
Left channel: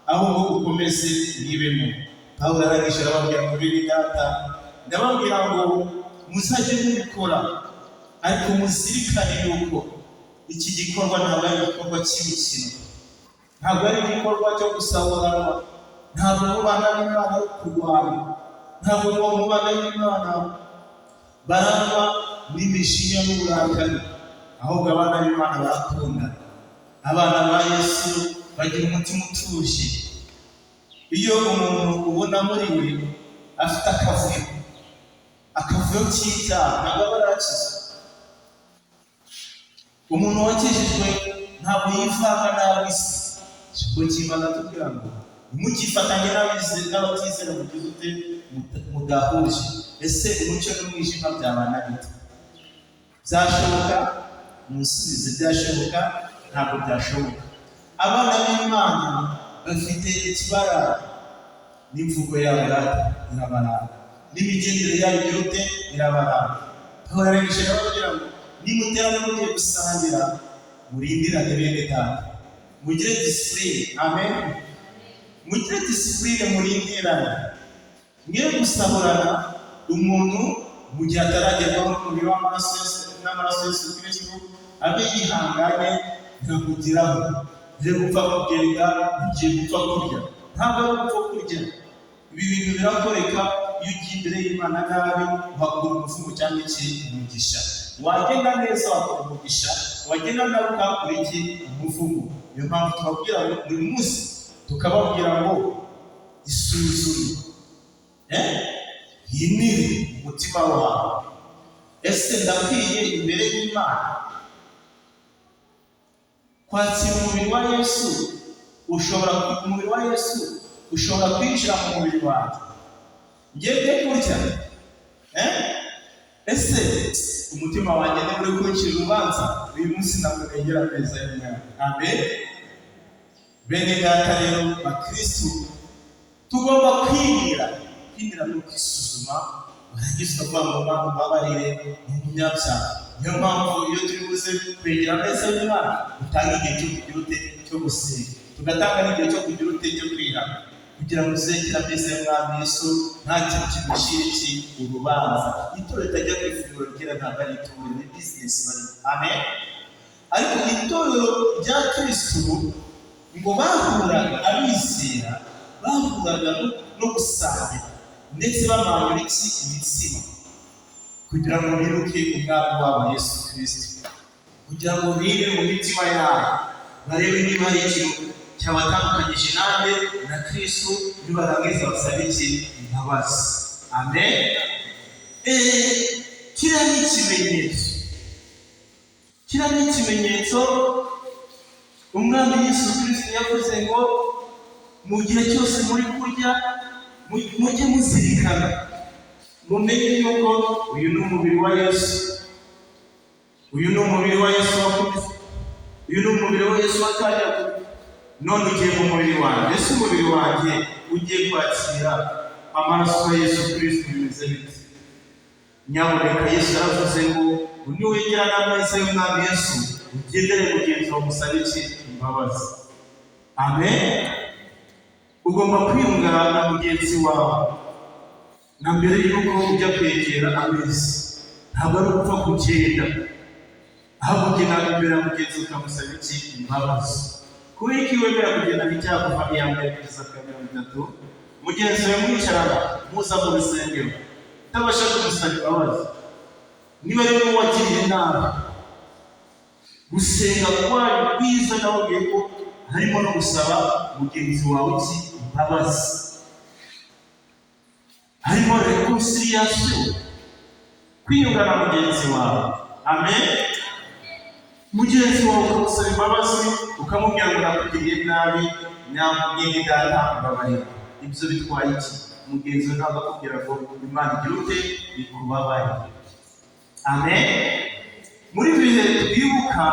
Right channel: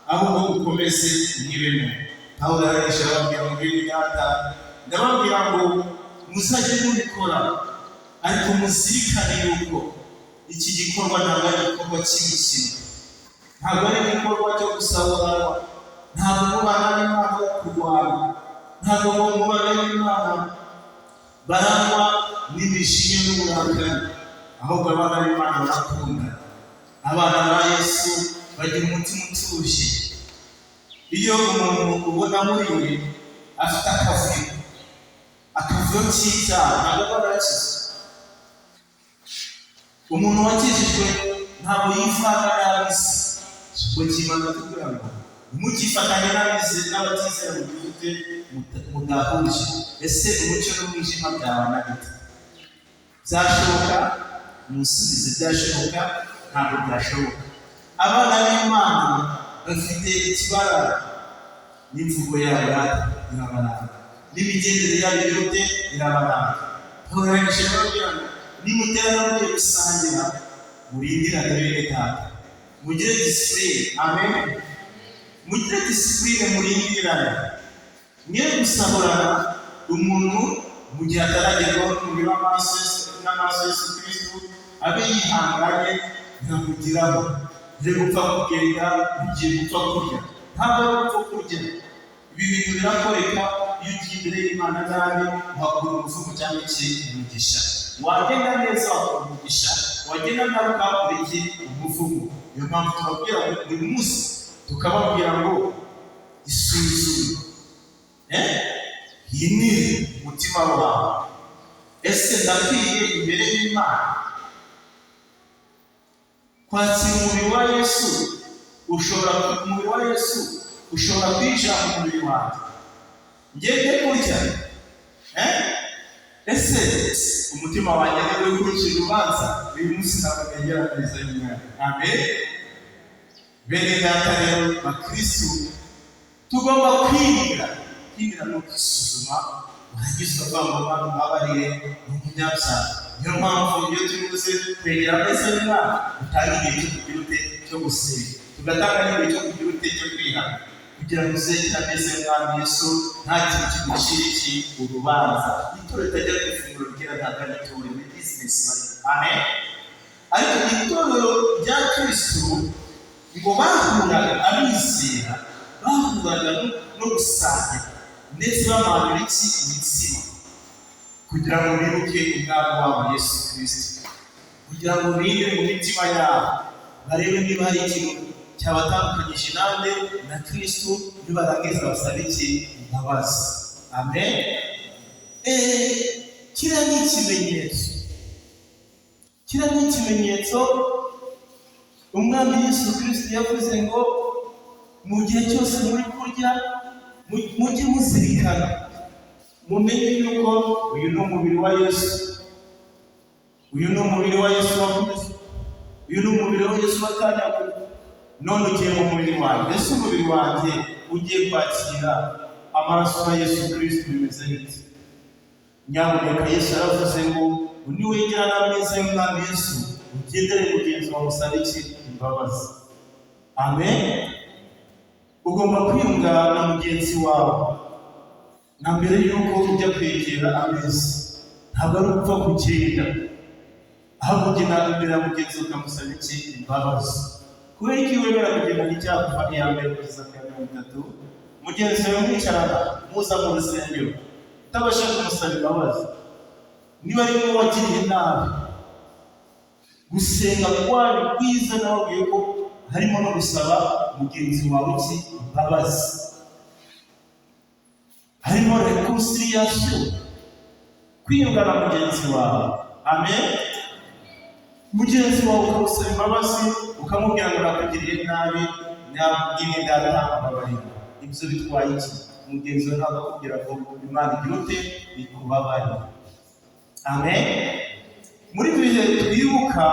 ahubwo ukomeze mwibemo. Pawulo arangije arababwira ngo bene data, ndababwira ngo muzajye mubikora, ariko muzirikane yuko iki gikorwa ntabwo ari igikorwa cy'imikino, ntabwo ari igikorwa cyo gusaburanwa, ntabwo mubana n'Imana yo kurwana, ntabwo mubana n'Imana barangwa n'imijinya n'uburakari, ahubwo abana b'Imana barakundana. Abana ba Yesu bagira umutima utuje. Iyo umuntu ubona muri we afite akavuyo k'icyaha, ntabwo aba yarakize. Umuntu wakijijwe ntabwo yivanga n'ab'isi. Ijambo ry'Imana tubwira ngo ntimukifatanye n'abatizera mu gihugu mudahuje. Ese umucyo n'umwijima byabana bite? Byashoboka? Musubize byashoboka? Ntabwo byashoboka. Abana b'Imana bafite ikibarara, n'imvugo yabo irabaranga, n'imigendere yabo irabaranga. Aho arangije arababwira ngo nimuterana mugiye gusangira, murindirane bene data, mugire disipurine. Amen. Mugire disipurine, murindirane, mwe gusaburana umuntu mu gihe ataragerwaho n'umubiri n'amaraso Yesu Kristo, abe yihanganye ntamugiraho. Ngiye gupfa kugenda, ngiye gupfa kurya, ntabwo ari gupfa kurya. Ibi bintu birakoreka iyo ugiye imbere y'Imana nabi, uhakura umuvugo cyangwa umugisha. Wagenda neza wakura umugisha, wagenda nabi ukahakura umuvugo. Niyo mpamvu tubabwira buri munsi tukababwira ngo isuzume, hinire umutima wawe. Ese ndakwiye imbere y'Imana kwakira umubiri wa Yesu? Umubiri wa Yesu ushobora kwinjira mu mubiri wanjye ngende kurya? Ese umutima wanjye niba uri kuncira urubanza, uyu munsi ntabwo negera ameza y'Imana. Amen. Bene data rero bakristu, tugomba kwinira no kwisuzuma, warangiza ukavuga ngo Mana umbabarire, ni umunyabyaha. Niyo mpamvu iyo turi buze kwegera ameza y'Imana, dutanga igihe cyo kugira ute cyo gusenga, tugatanga n'igihe cyo kugira ute cyo kwihana, kugira ngo uzegere ameza y'umwami Yesu nta kintu kigushira iki urubanza. Itorero ritajya ku ifunguro rigira ntabwo ari itorero, ni bizinesi bari. Amen. Ariko itorero rya Kristo ngo bahuraga abizera, bahuraga no gusangira ndetse bamanura iki imitsima kugira ngo bibuke umwami wabo Yesu Kristo, kugira ngo bigire mu mitima yabo barebe niba hari ikintu cyabatandukanyije nanjye na Kristo, nibarangiza basabe iki imbabazi. Amen. Kiriya ni ikimenyetso, kiriya ni ikimenyetso umwami Yesu Kristo yavuze ngo mu gihe cyose muri kurya mujye muzirikana, mumenye yuko uyu ni umubiri wa Yesu, uyu ni umubiri wa Yesu wakubise, uyu ni umubiri wa Yesu watanyaguye, none ugiye mu mubiri wanjye. Ese umubiri wanjye ugiye kwakira amaraso ya Yesu Kristo bimeze bite? Nyamuneka Yesu yaravuze ngo niwegera n'ameza y'umwami Yesu ugendere mugenzi wawe musabe iki imbabazi. Amen. Ugomba kwiyunga na mugenzi wawe na mbere y'uko ujya kwegera ameza. Ntabwo ari upfa kugenda, ahubwo ugenda imbere ya mugenzi ukamusaba iki imbabazi. Kubera iki wemera kugenda n'icyaha kuva iya mbere kugeza ku ya 30, mugenzi wawe mwicarana muza mu rusengero utabasha kumusaba imbabazi, niba ari wowe wagiriye nabi, gusenga kwayo kwiza nawe ugiye ko harimo no gusaba mugenzi wawe iki imbabazi, harimo reconciliation, kwiyunga na mugenzi wawe. Amen. Mugenzi wawe ukamusaba imbabazi, ukamubwira ngo nakugiriye nabi, nyine data mbabarira. Ibyo bitwaye iki? Mugenzi wawe ntabwo akubwira ngo Imana igira ute ikubabarire. Amen. Muri bihe twibuka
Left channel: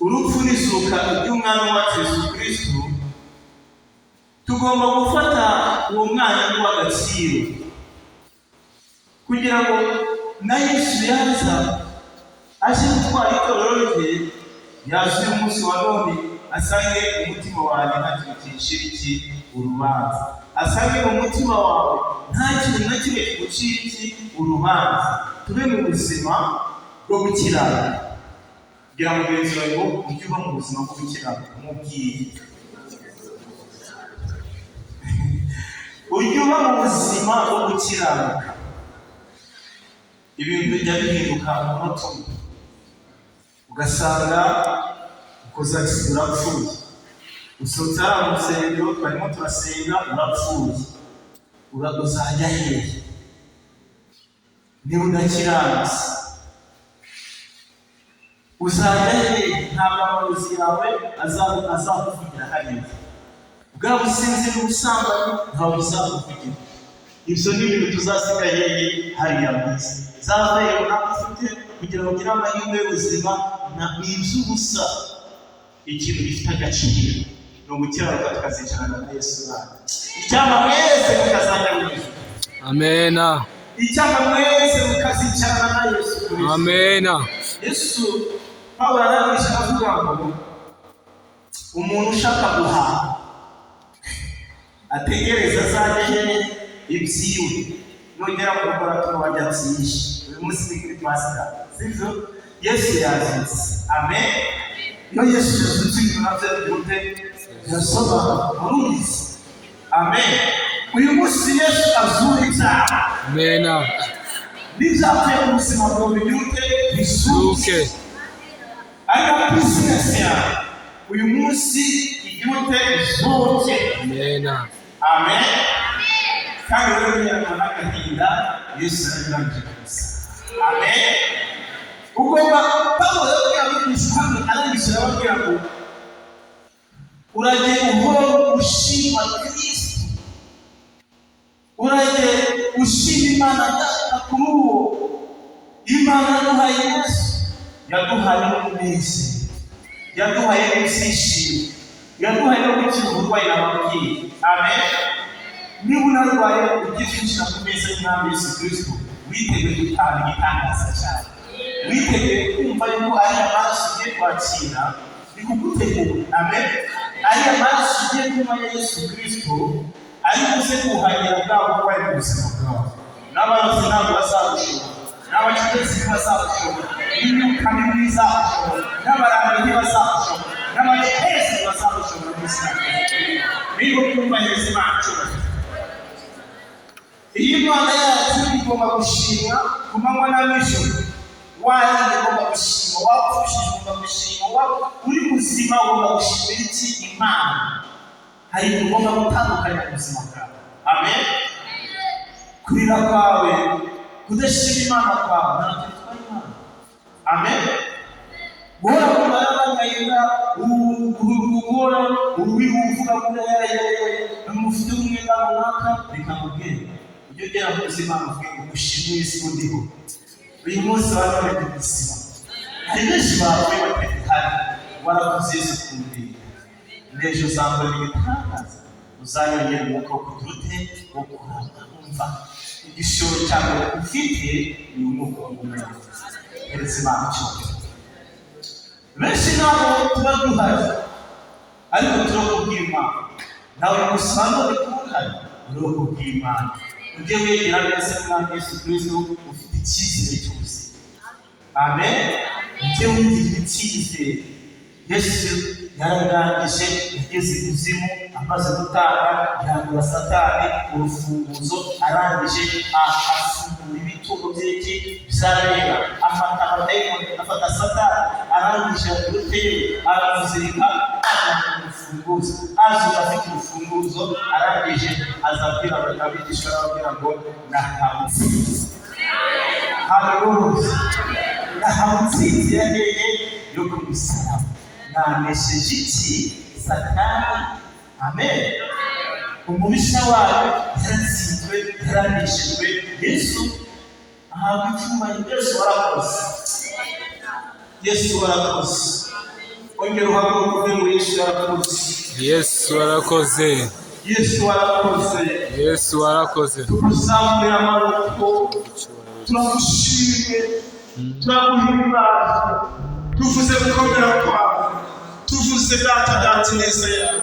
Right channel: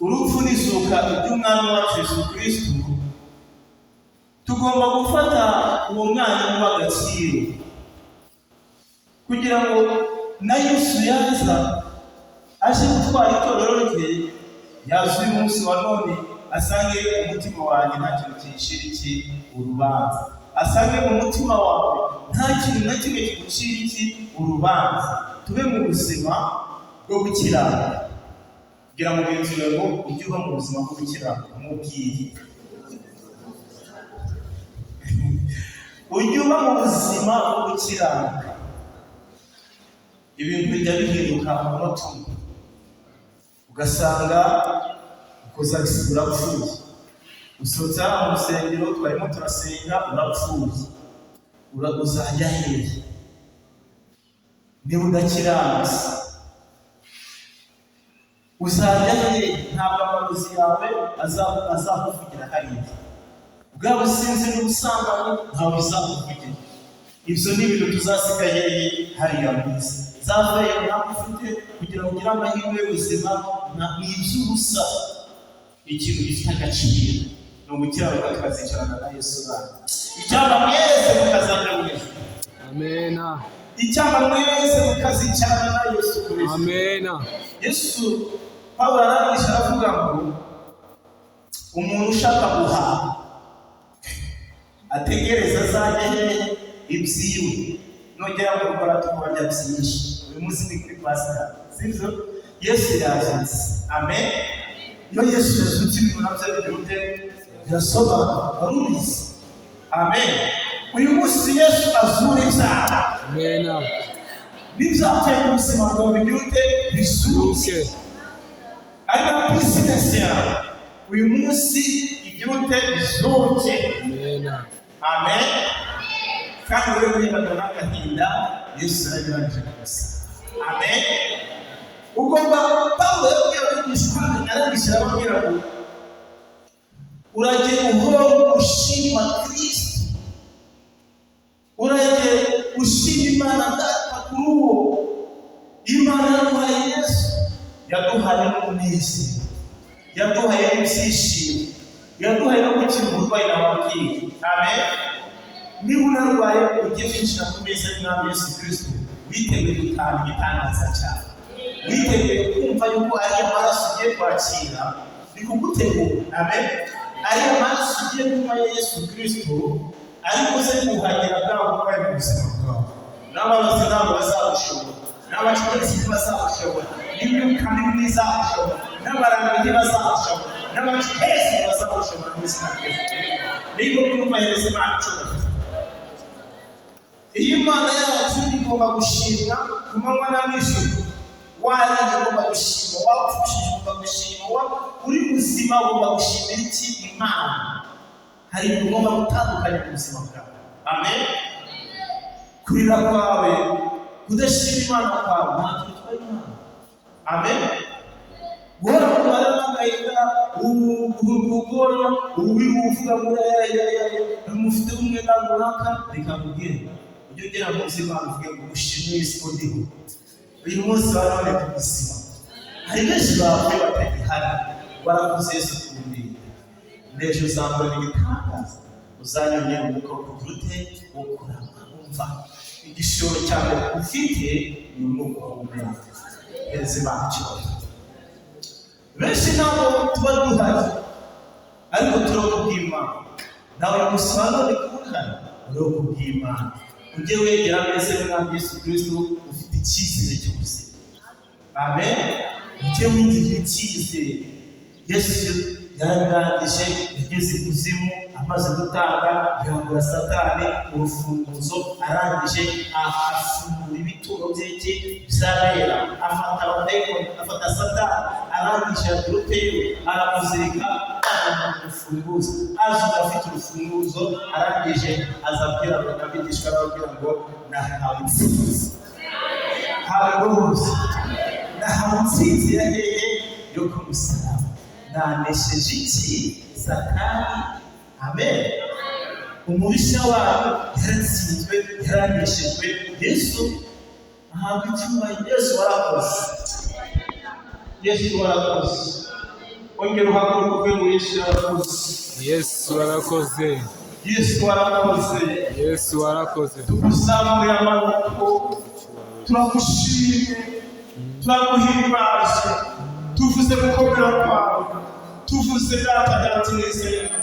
urupfu n'izuka ry'umwami wacu Yesu Kristo, tugomba gufata uwo mwanya w'agaciro kugira ngo na Yesu yaza aje gutwara itorero rye, yaje uyu munsi wa none asange umutima wawe nta kintu kinshira iki urubanza, asange mu mutima wawe nta kintu na kimwe kigucira iki urubanza. Tube mu buzima bwo gukiranuka. Gira mugenzi wawe ngo ujye uba mu buzima bwo gukiranuka, umubwiye ujye uba mu buzima bwo gukiranuka. Ibintu bijya bihinduka mu mutima, ugasanga ukoza gisura urapfuye, usohotse mu rusengero twarimo turasenga urapfuye, uzajya hehe niba udakiranutse? Uzajya hehe? Ntabwo amarozi yawe azakuvugira hariya, bwa businzi n'ubusambanyi ntawe uzakuvugira. Ibyo ni ibintu tuzasiga hehe hariya mu isi. Zavaye ntabwo ufite kugira ngo ugire amahirwe y'ubuzima, ni iby'ubusa. Ikintu gifite agaciro ni ugukiranuka tukazicarana na Yesu bana. Icyamba mwese mukazajya mu ijuru. Amena. Icyamba mwese mukazicarana na Yesu Kristo. Amena. Yesu Pawulo arabisha avuga ngo umuntu ushaka guhaha ategereza azajye ibyiwe, nongera mu rugo bajya byinshi. Uyu munsi ni kuri Pasika, sibyo? Yesu yazutse. Amen. Iyo Yesu yazutse ibintu nabyo bigute birasobanura, warubizi. Amen. Uyu munsi Yesu azura ibyawe. Amena. N'ibyateye mu buzima bwawe bigute bisuke. Ariko bizinesi yawe uyu munsi igute bisohoke. Amena. Amen. Kandi wewe unyarwa n'agahinda Yesu arabirangije gusa. Amen. Ugomba Pawulo yabigishwa arabishyira ababwira ngo urajye uhora ushima Kristo, urajye ushima Imana data kuri uwo Imana yaduhaye Yesu, yaduhaye n'umunsi, yaduhaye n'ibyishimo, yaduhaye no gukira uburwayi n'ababwiye. Amen. Niba unarwaye ugiye kwinjira ku meza y'umwami Yesu Kristo, witeguye gutanga igitangaza cyane, witeguye kumva yuko ari amaraso ugiye kwakira, ni kugutegura. Amen. ariya maraso ugiye kunywa ya Yesu Kristo ari buze kuhagira bwabo bari mu buzima bwawe. N'abarozi ntabwo bazagushobora, n'abacuruzi ntibazagushobora, n'imyuka mibi ntizagushobora, n'abaramyi ntibazagushobora, n'abahezi ntibazagushobora mu izina rya Yesu. Niba twubahiriza Imana icyubahiro, iyi Imana yacu igomba gushimwa ku manywa na nijoro. Wariye ugomba gushima, wapfushije ugomba gushima, uri muzima ugomba gushimira iki? Imana. Hari ibintu ugomba gutandukanya mu buzima bwawe. Amen. Kurira kwawe, kudashima Imana kwawe ntabwo bitwaye Imana. Amen. Guhora mu marama agahinda, gukora uvuga ngo mufite umwenda runaka, reka nkubwire, ujye ugera mu buzima uvuge ngo ushimire isi ko ndiho. Uyu munsi wari uri kubuzima, hari benshi bapfuye batihari, warakoze Yesu kumurira. N'ejo uzambara ibitangaza, uzanyongera umwuka wo kugira ute, wo kurama. Umva igishoro cyangwa ufite ni umwuka w'umwuka. Hereza Imana icyubahiro. Benshi ntabwo tuba duhari, ariko turakubwira Imana. Nawe musanga uri kuhari, urakubwira Imana. Ujye wegera neza n'Umwami Yesu Kristo, ufite icyizere cy'ubuzima. Amen. Ujye wigirira icyizere. Yesu yarangije, yageze ikuzimu, amaze gutanga, yambura Satani urufunguzo, arangije afungura ibituro by'iki byarera, afata abadayimoni, afata Satani, arangije aduteyo, aramuzirika, urufunguzo, aje afite urufunguzo, arangije azabwira abigishwa arababwira ngo nahawe intsinzi. Haleluya. Nahawe intsinzi ya hehe? Yo ku musaraba. Nanesheje iki? Satani. Amen. Umubisha wawe yaratsinzwe, yaraneshejwe. Yesu ahabwa icyubahiro. Yesu warakoze. Yesu warakoze. Ongera uhaguruke uvuge ngo Yesu warakoze. Yesu warakoze. Yesu warakoze. Yesu warakoze. Tuzamuye amaboko, turagushimye, turaguhimbaza, tuvuze gukomera kwawe, tuvuze data neza yawe.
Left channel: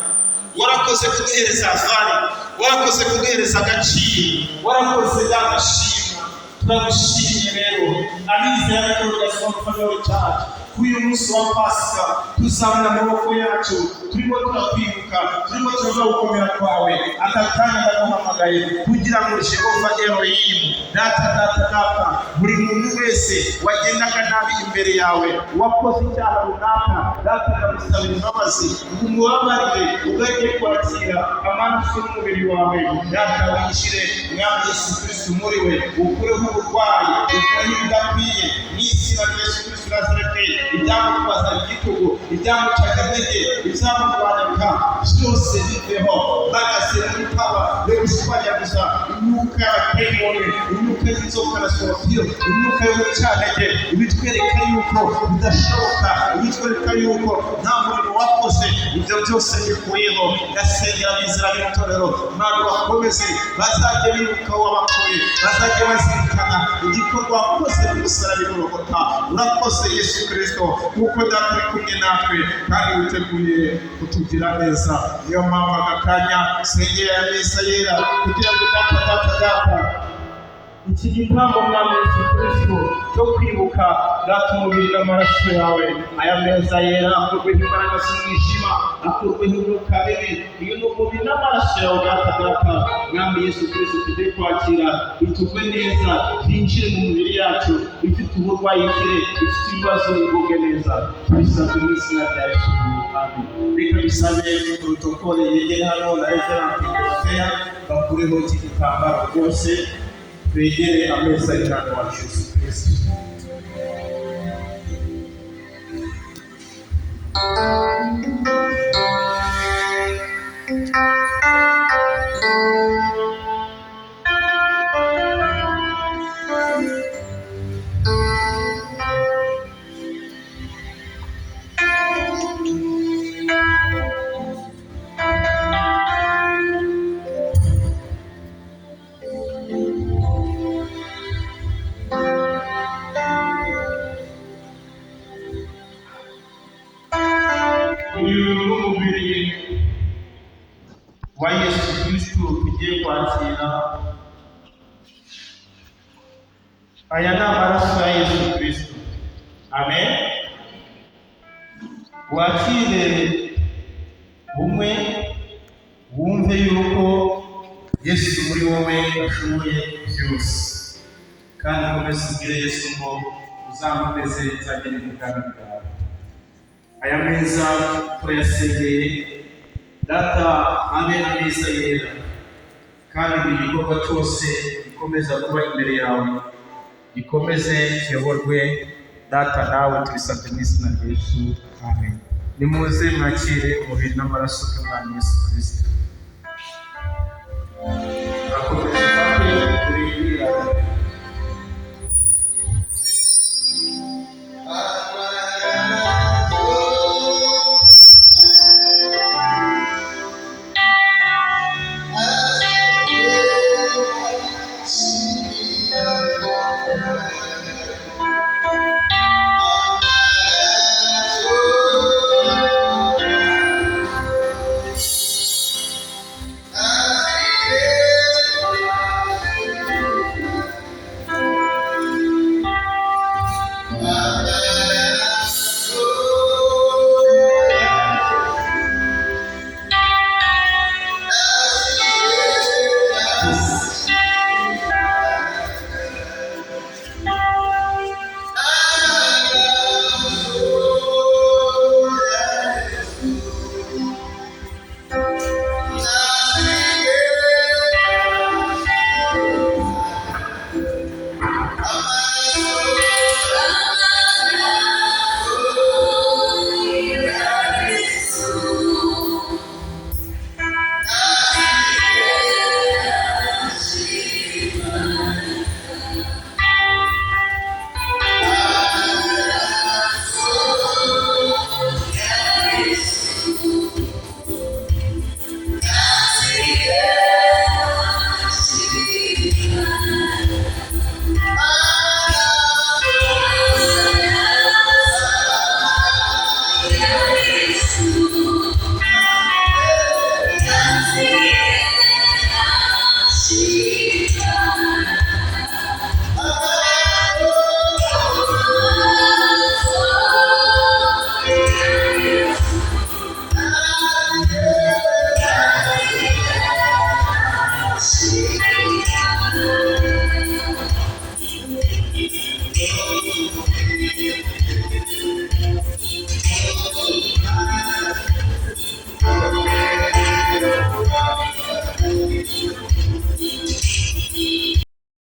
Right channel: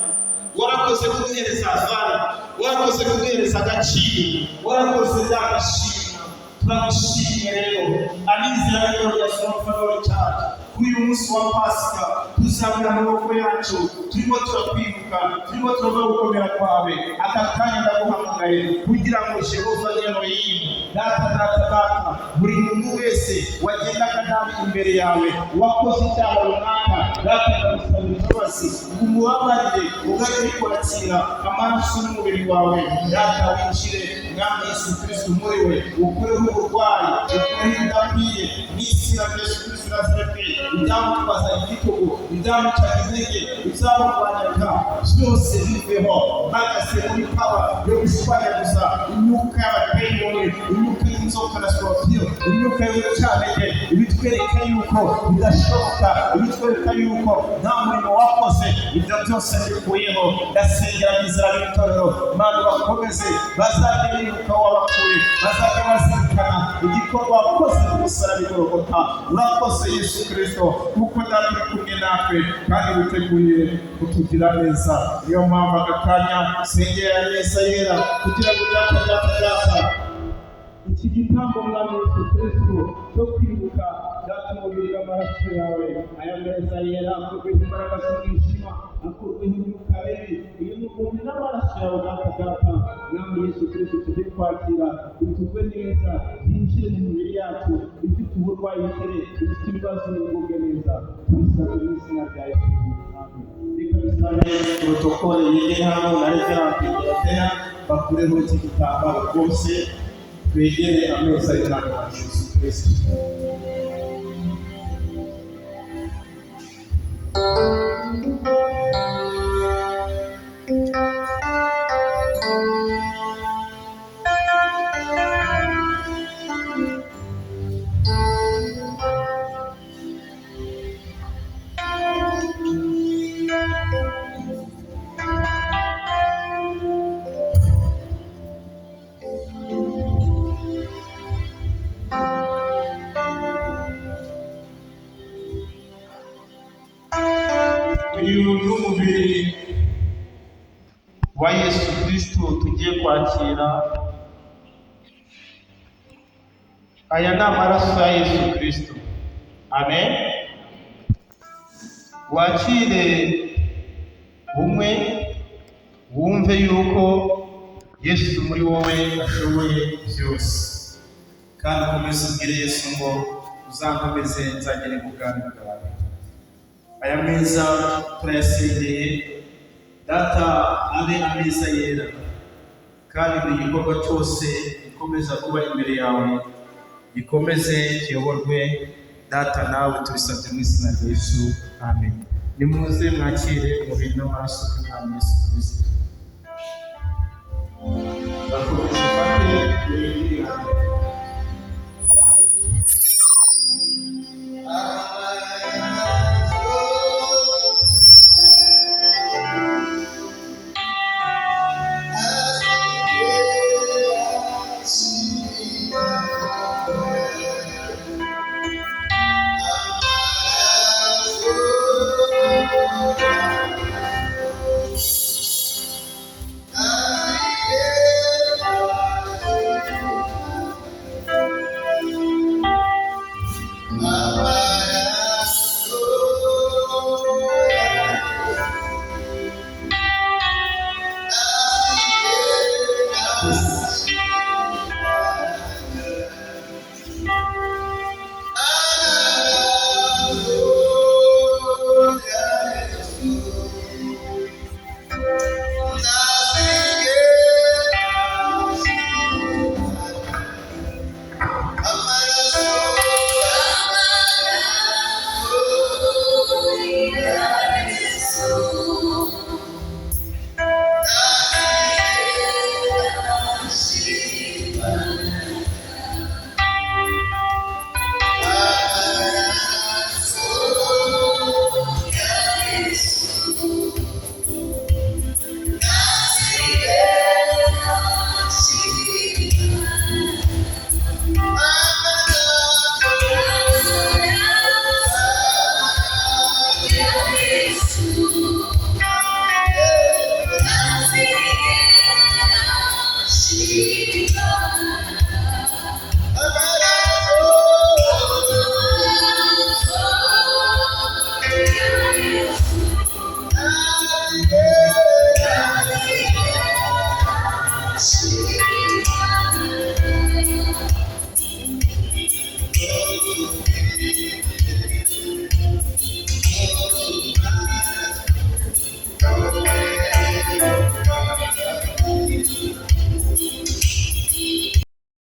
Warakoze kuduhereza afari, warakoze kuduhereza agaciro, warakoze dagashima. Turagushimye rero abizera rero rya Silom Family Church. Uyu munsi wa Pasika tuzamura amaboko yacu, turimo turakwibuka, turimo turavuga gukomera kwawe. Aka kanya ndaguhamagaye kugira ngo Jehova Elohim, data, buri muntu wese wagendaga nabi imbere yawe, wakoze icyaha runaka, data ndagusabira imbabazi, umubabarire, ugajye kwakira amaraso n'umubiri wawe. Data winjire, Mwami Yesu Kristo muri we, ukureho uburwayi, ukureho ibidakwiye, n'izina rya Yesu Kristo Nazareti. Ibyamubaza igitugu, ibyamucaga intege, ibyamubanyaga byose biveho, bagase muri pawa yo gushwanyaguza imyuka y'abadayimoni, imyuka y'inzoka na skorpiyo, imyuka y'ubucantege, ibitwereka yuko bidashoboka, ibitwereka yuko nta murimo wakoze. Ibyo byose bikuyeho. Ndasengera abizera b'itorero, Imana bakomeze, bazajye bibuka wabakuye, bazajye bazirikana igikorwa wakoze ku musaraba i Golgotha. Urakoze Yesu Kristo, kuko data uri kumwe natwe kandi witeguye kutugira neza. Niyo mpamvu aka kanya sengera ameza yera kugira ngo data iki gitambo Mwami Yesu Kristo cyo kwibuka data umubiri n'amaraso yawe, aya meza yera akurweho imbaraga z'umwijima, akurweho imyuka mibi. Iyo ni umubiri n'amaraso yawe data, Mwami Yesu Kristo tugiye kwakira, bitugwe neza, byinjire mu mibiri yacu, bifite uburwayi kire, bifite ibibazo bivuge neza. Tubisabye mu izina rya Yesu. Amen. Reka bisabe protokole yegere hano na Reverend Dorothea bakureho iki gitambaro rwose, twegere ameza y'Umwami wacu Yesu Kristo. Uyu ni umubiri tugiye kwakira, aya ni amaraso ya Yesu Kristo. Amen. Wakire umwe, wumve yuko Yesu muri wowe ashoboye byose, kandi ukomeze ubwire Yesu ngo uzankomeze nzagere mu bwami bwawe. Aya meza turayasengeye, Data abe ameza yera, kandi buri gikorwa cyose gikomeza kuba imbere yawe gikomeze kiyoborwe, Data nawe tubisabye mu izina rya Yesu. Amen. Nimuze mwakire umubiri n'amaraso y'Umwami Yesu Kristo. Akomeze ufate kurindira.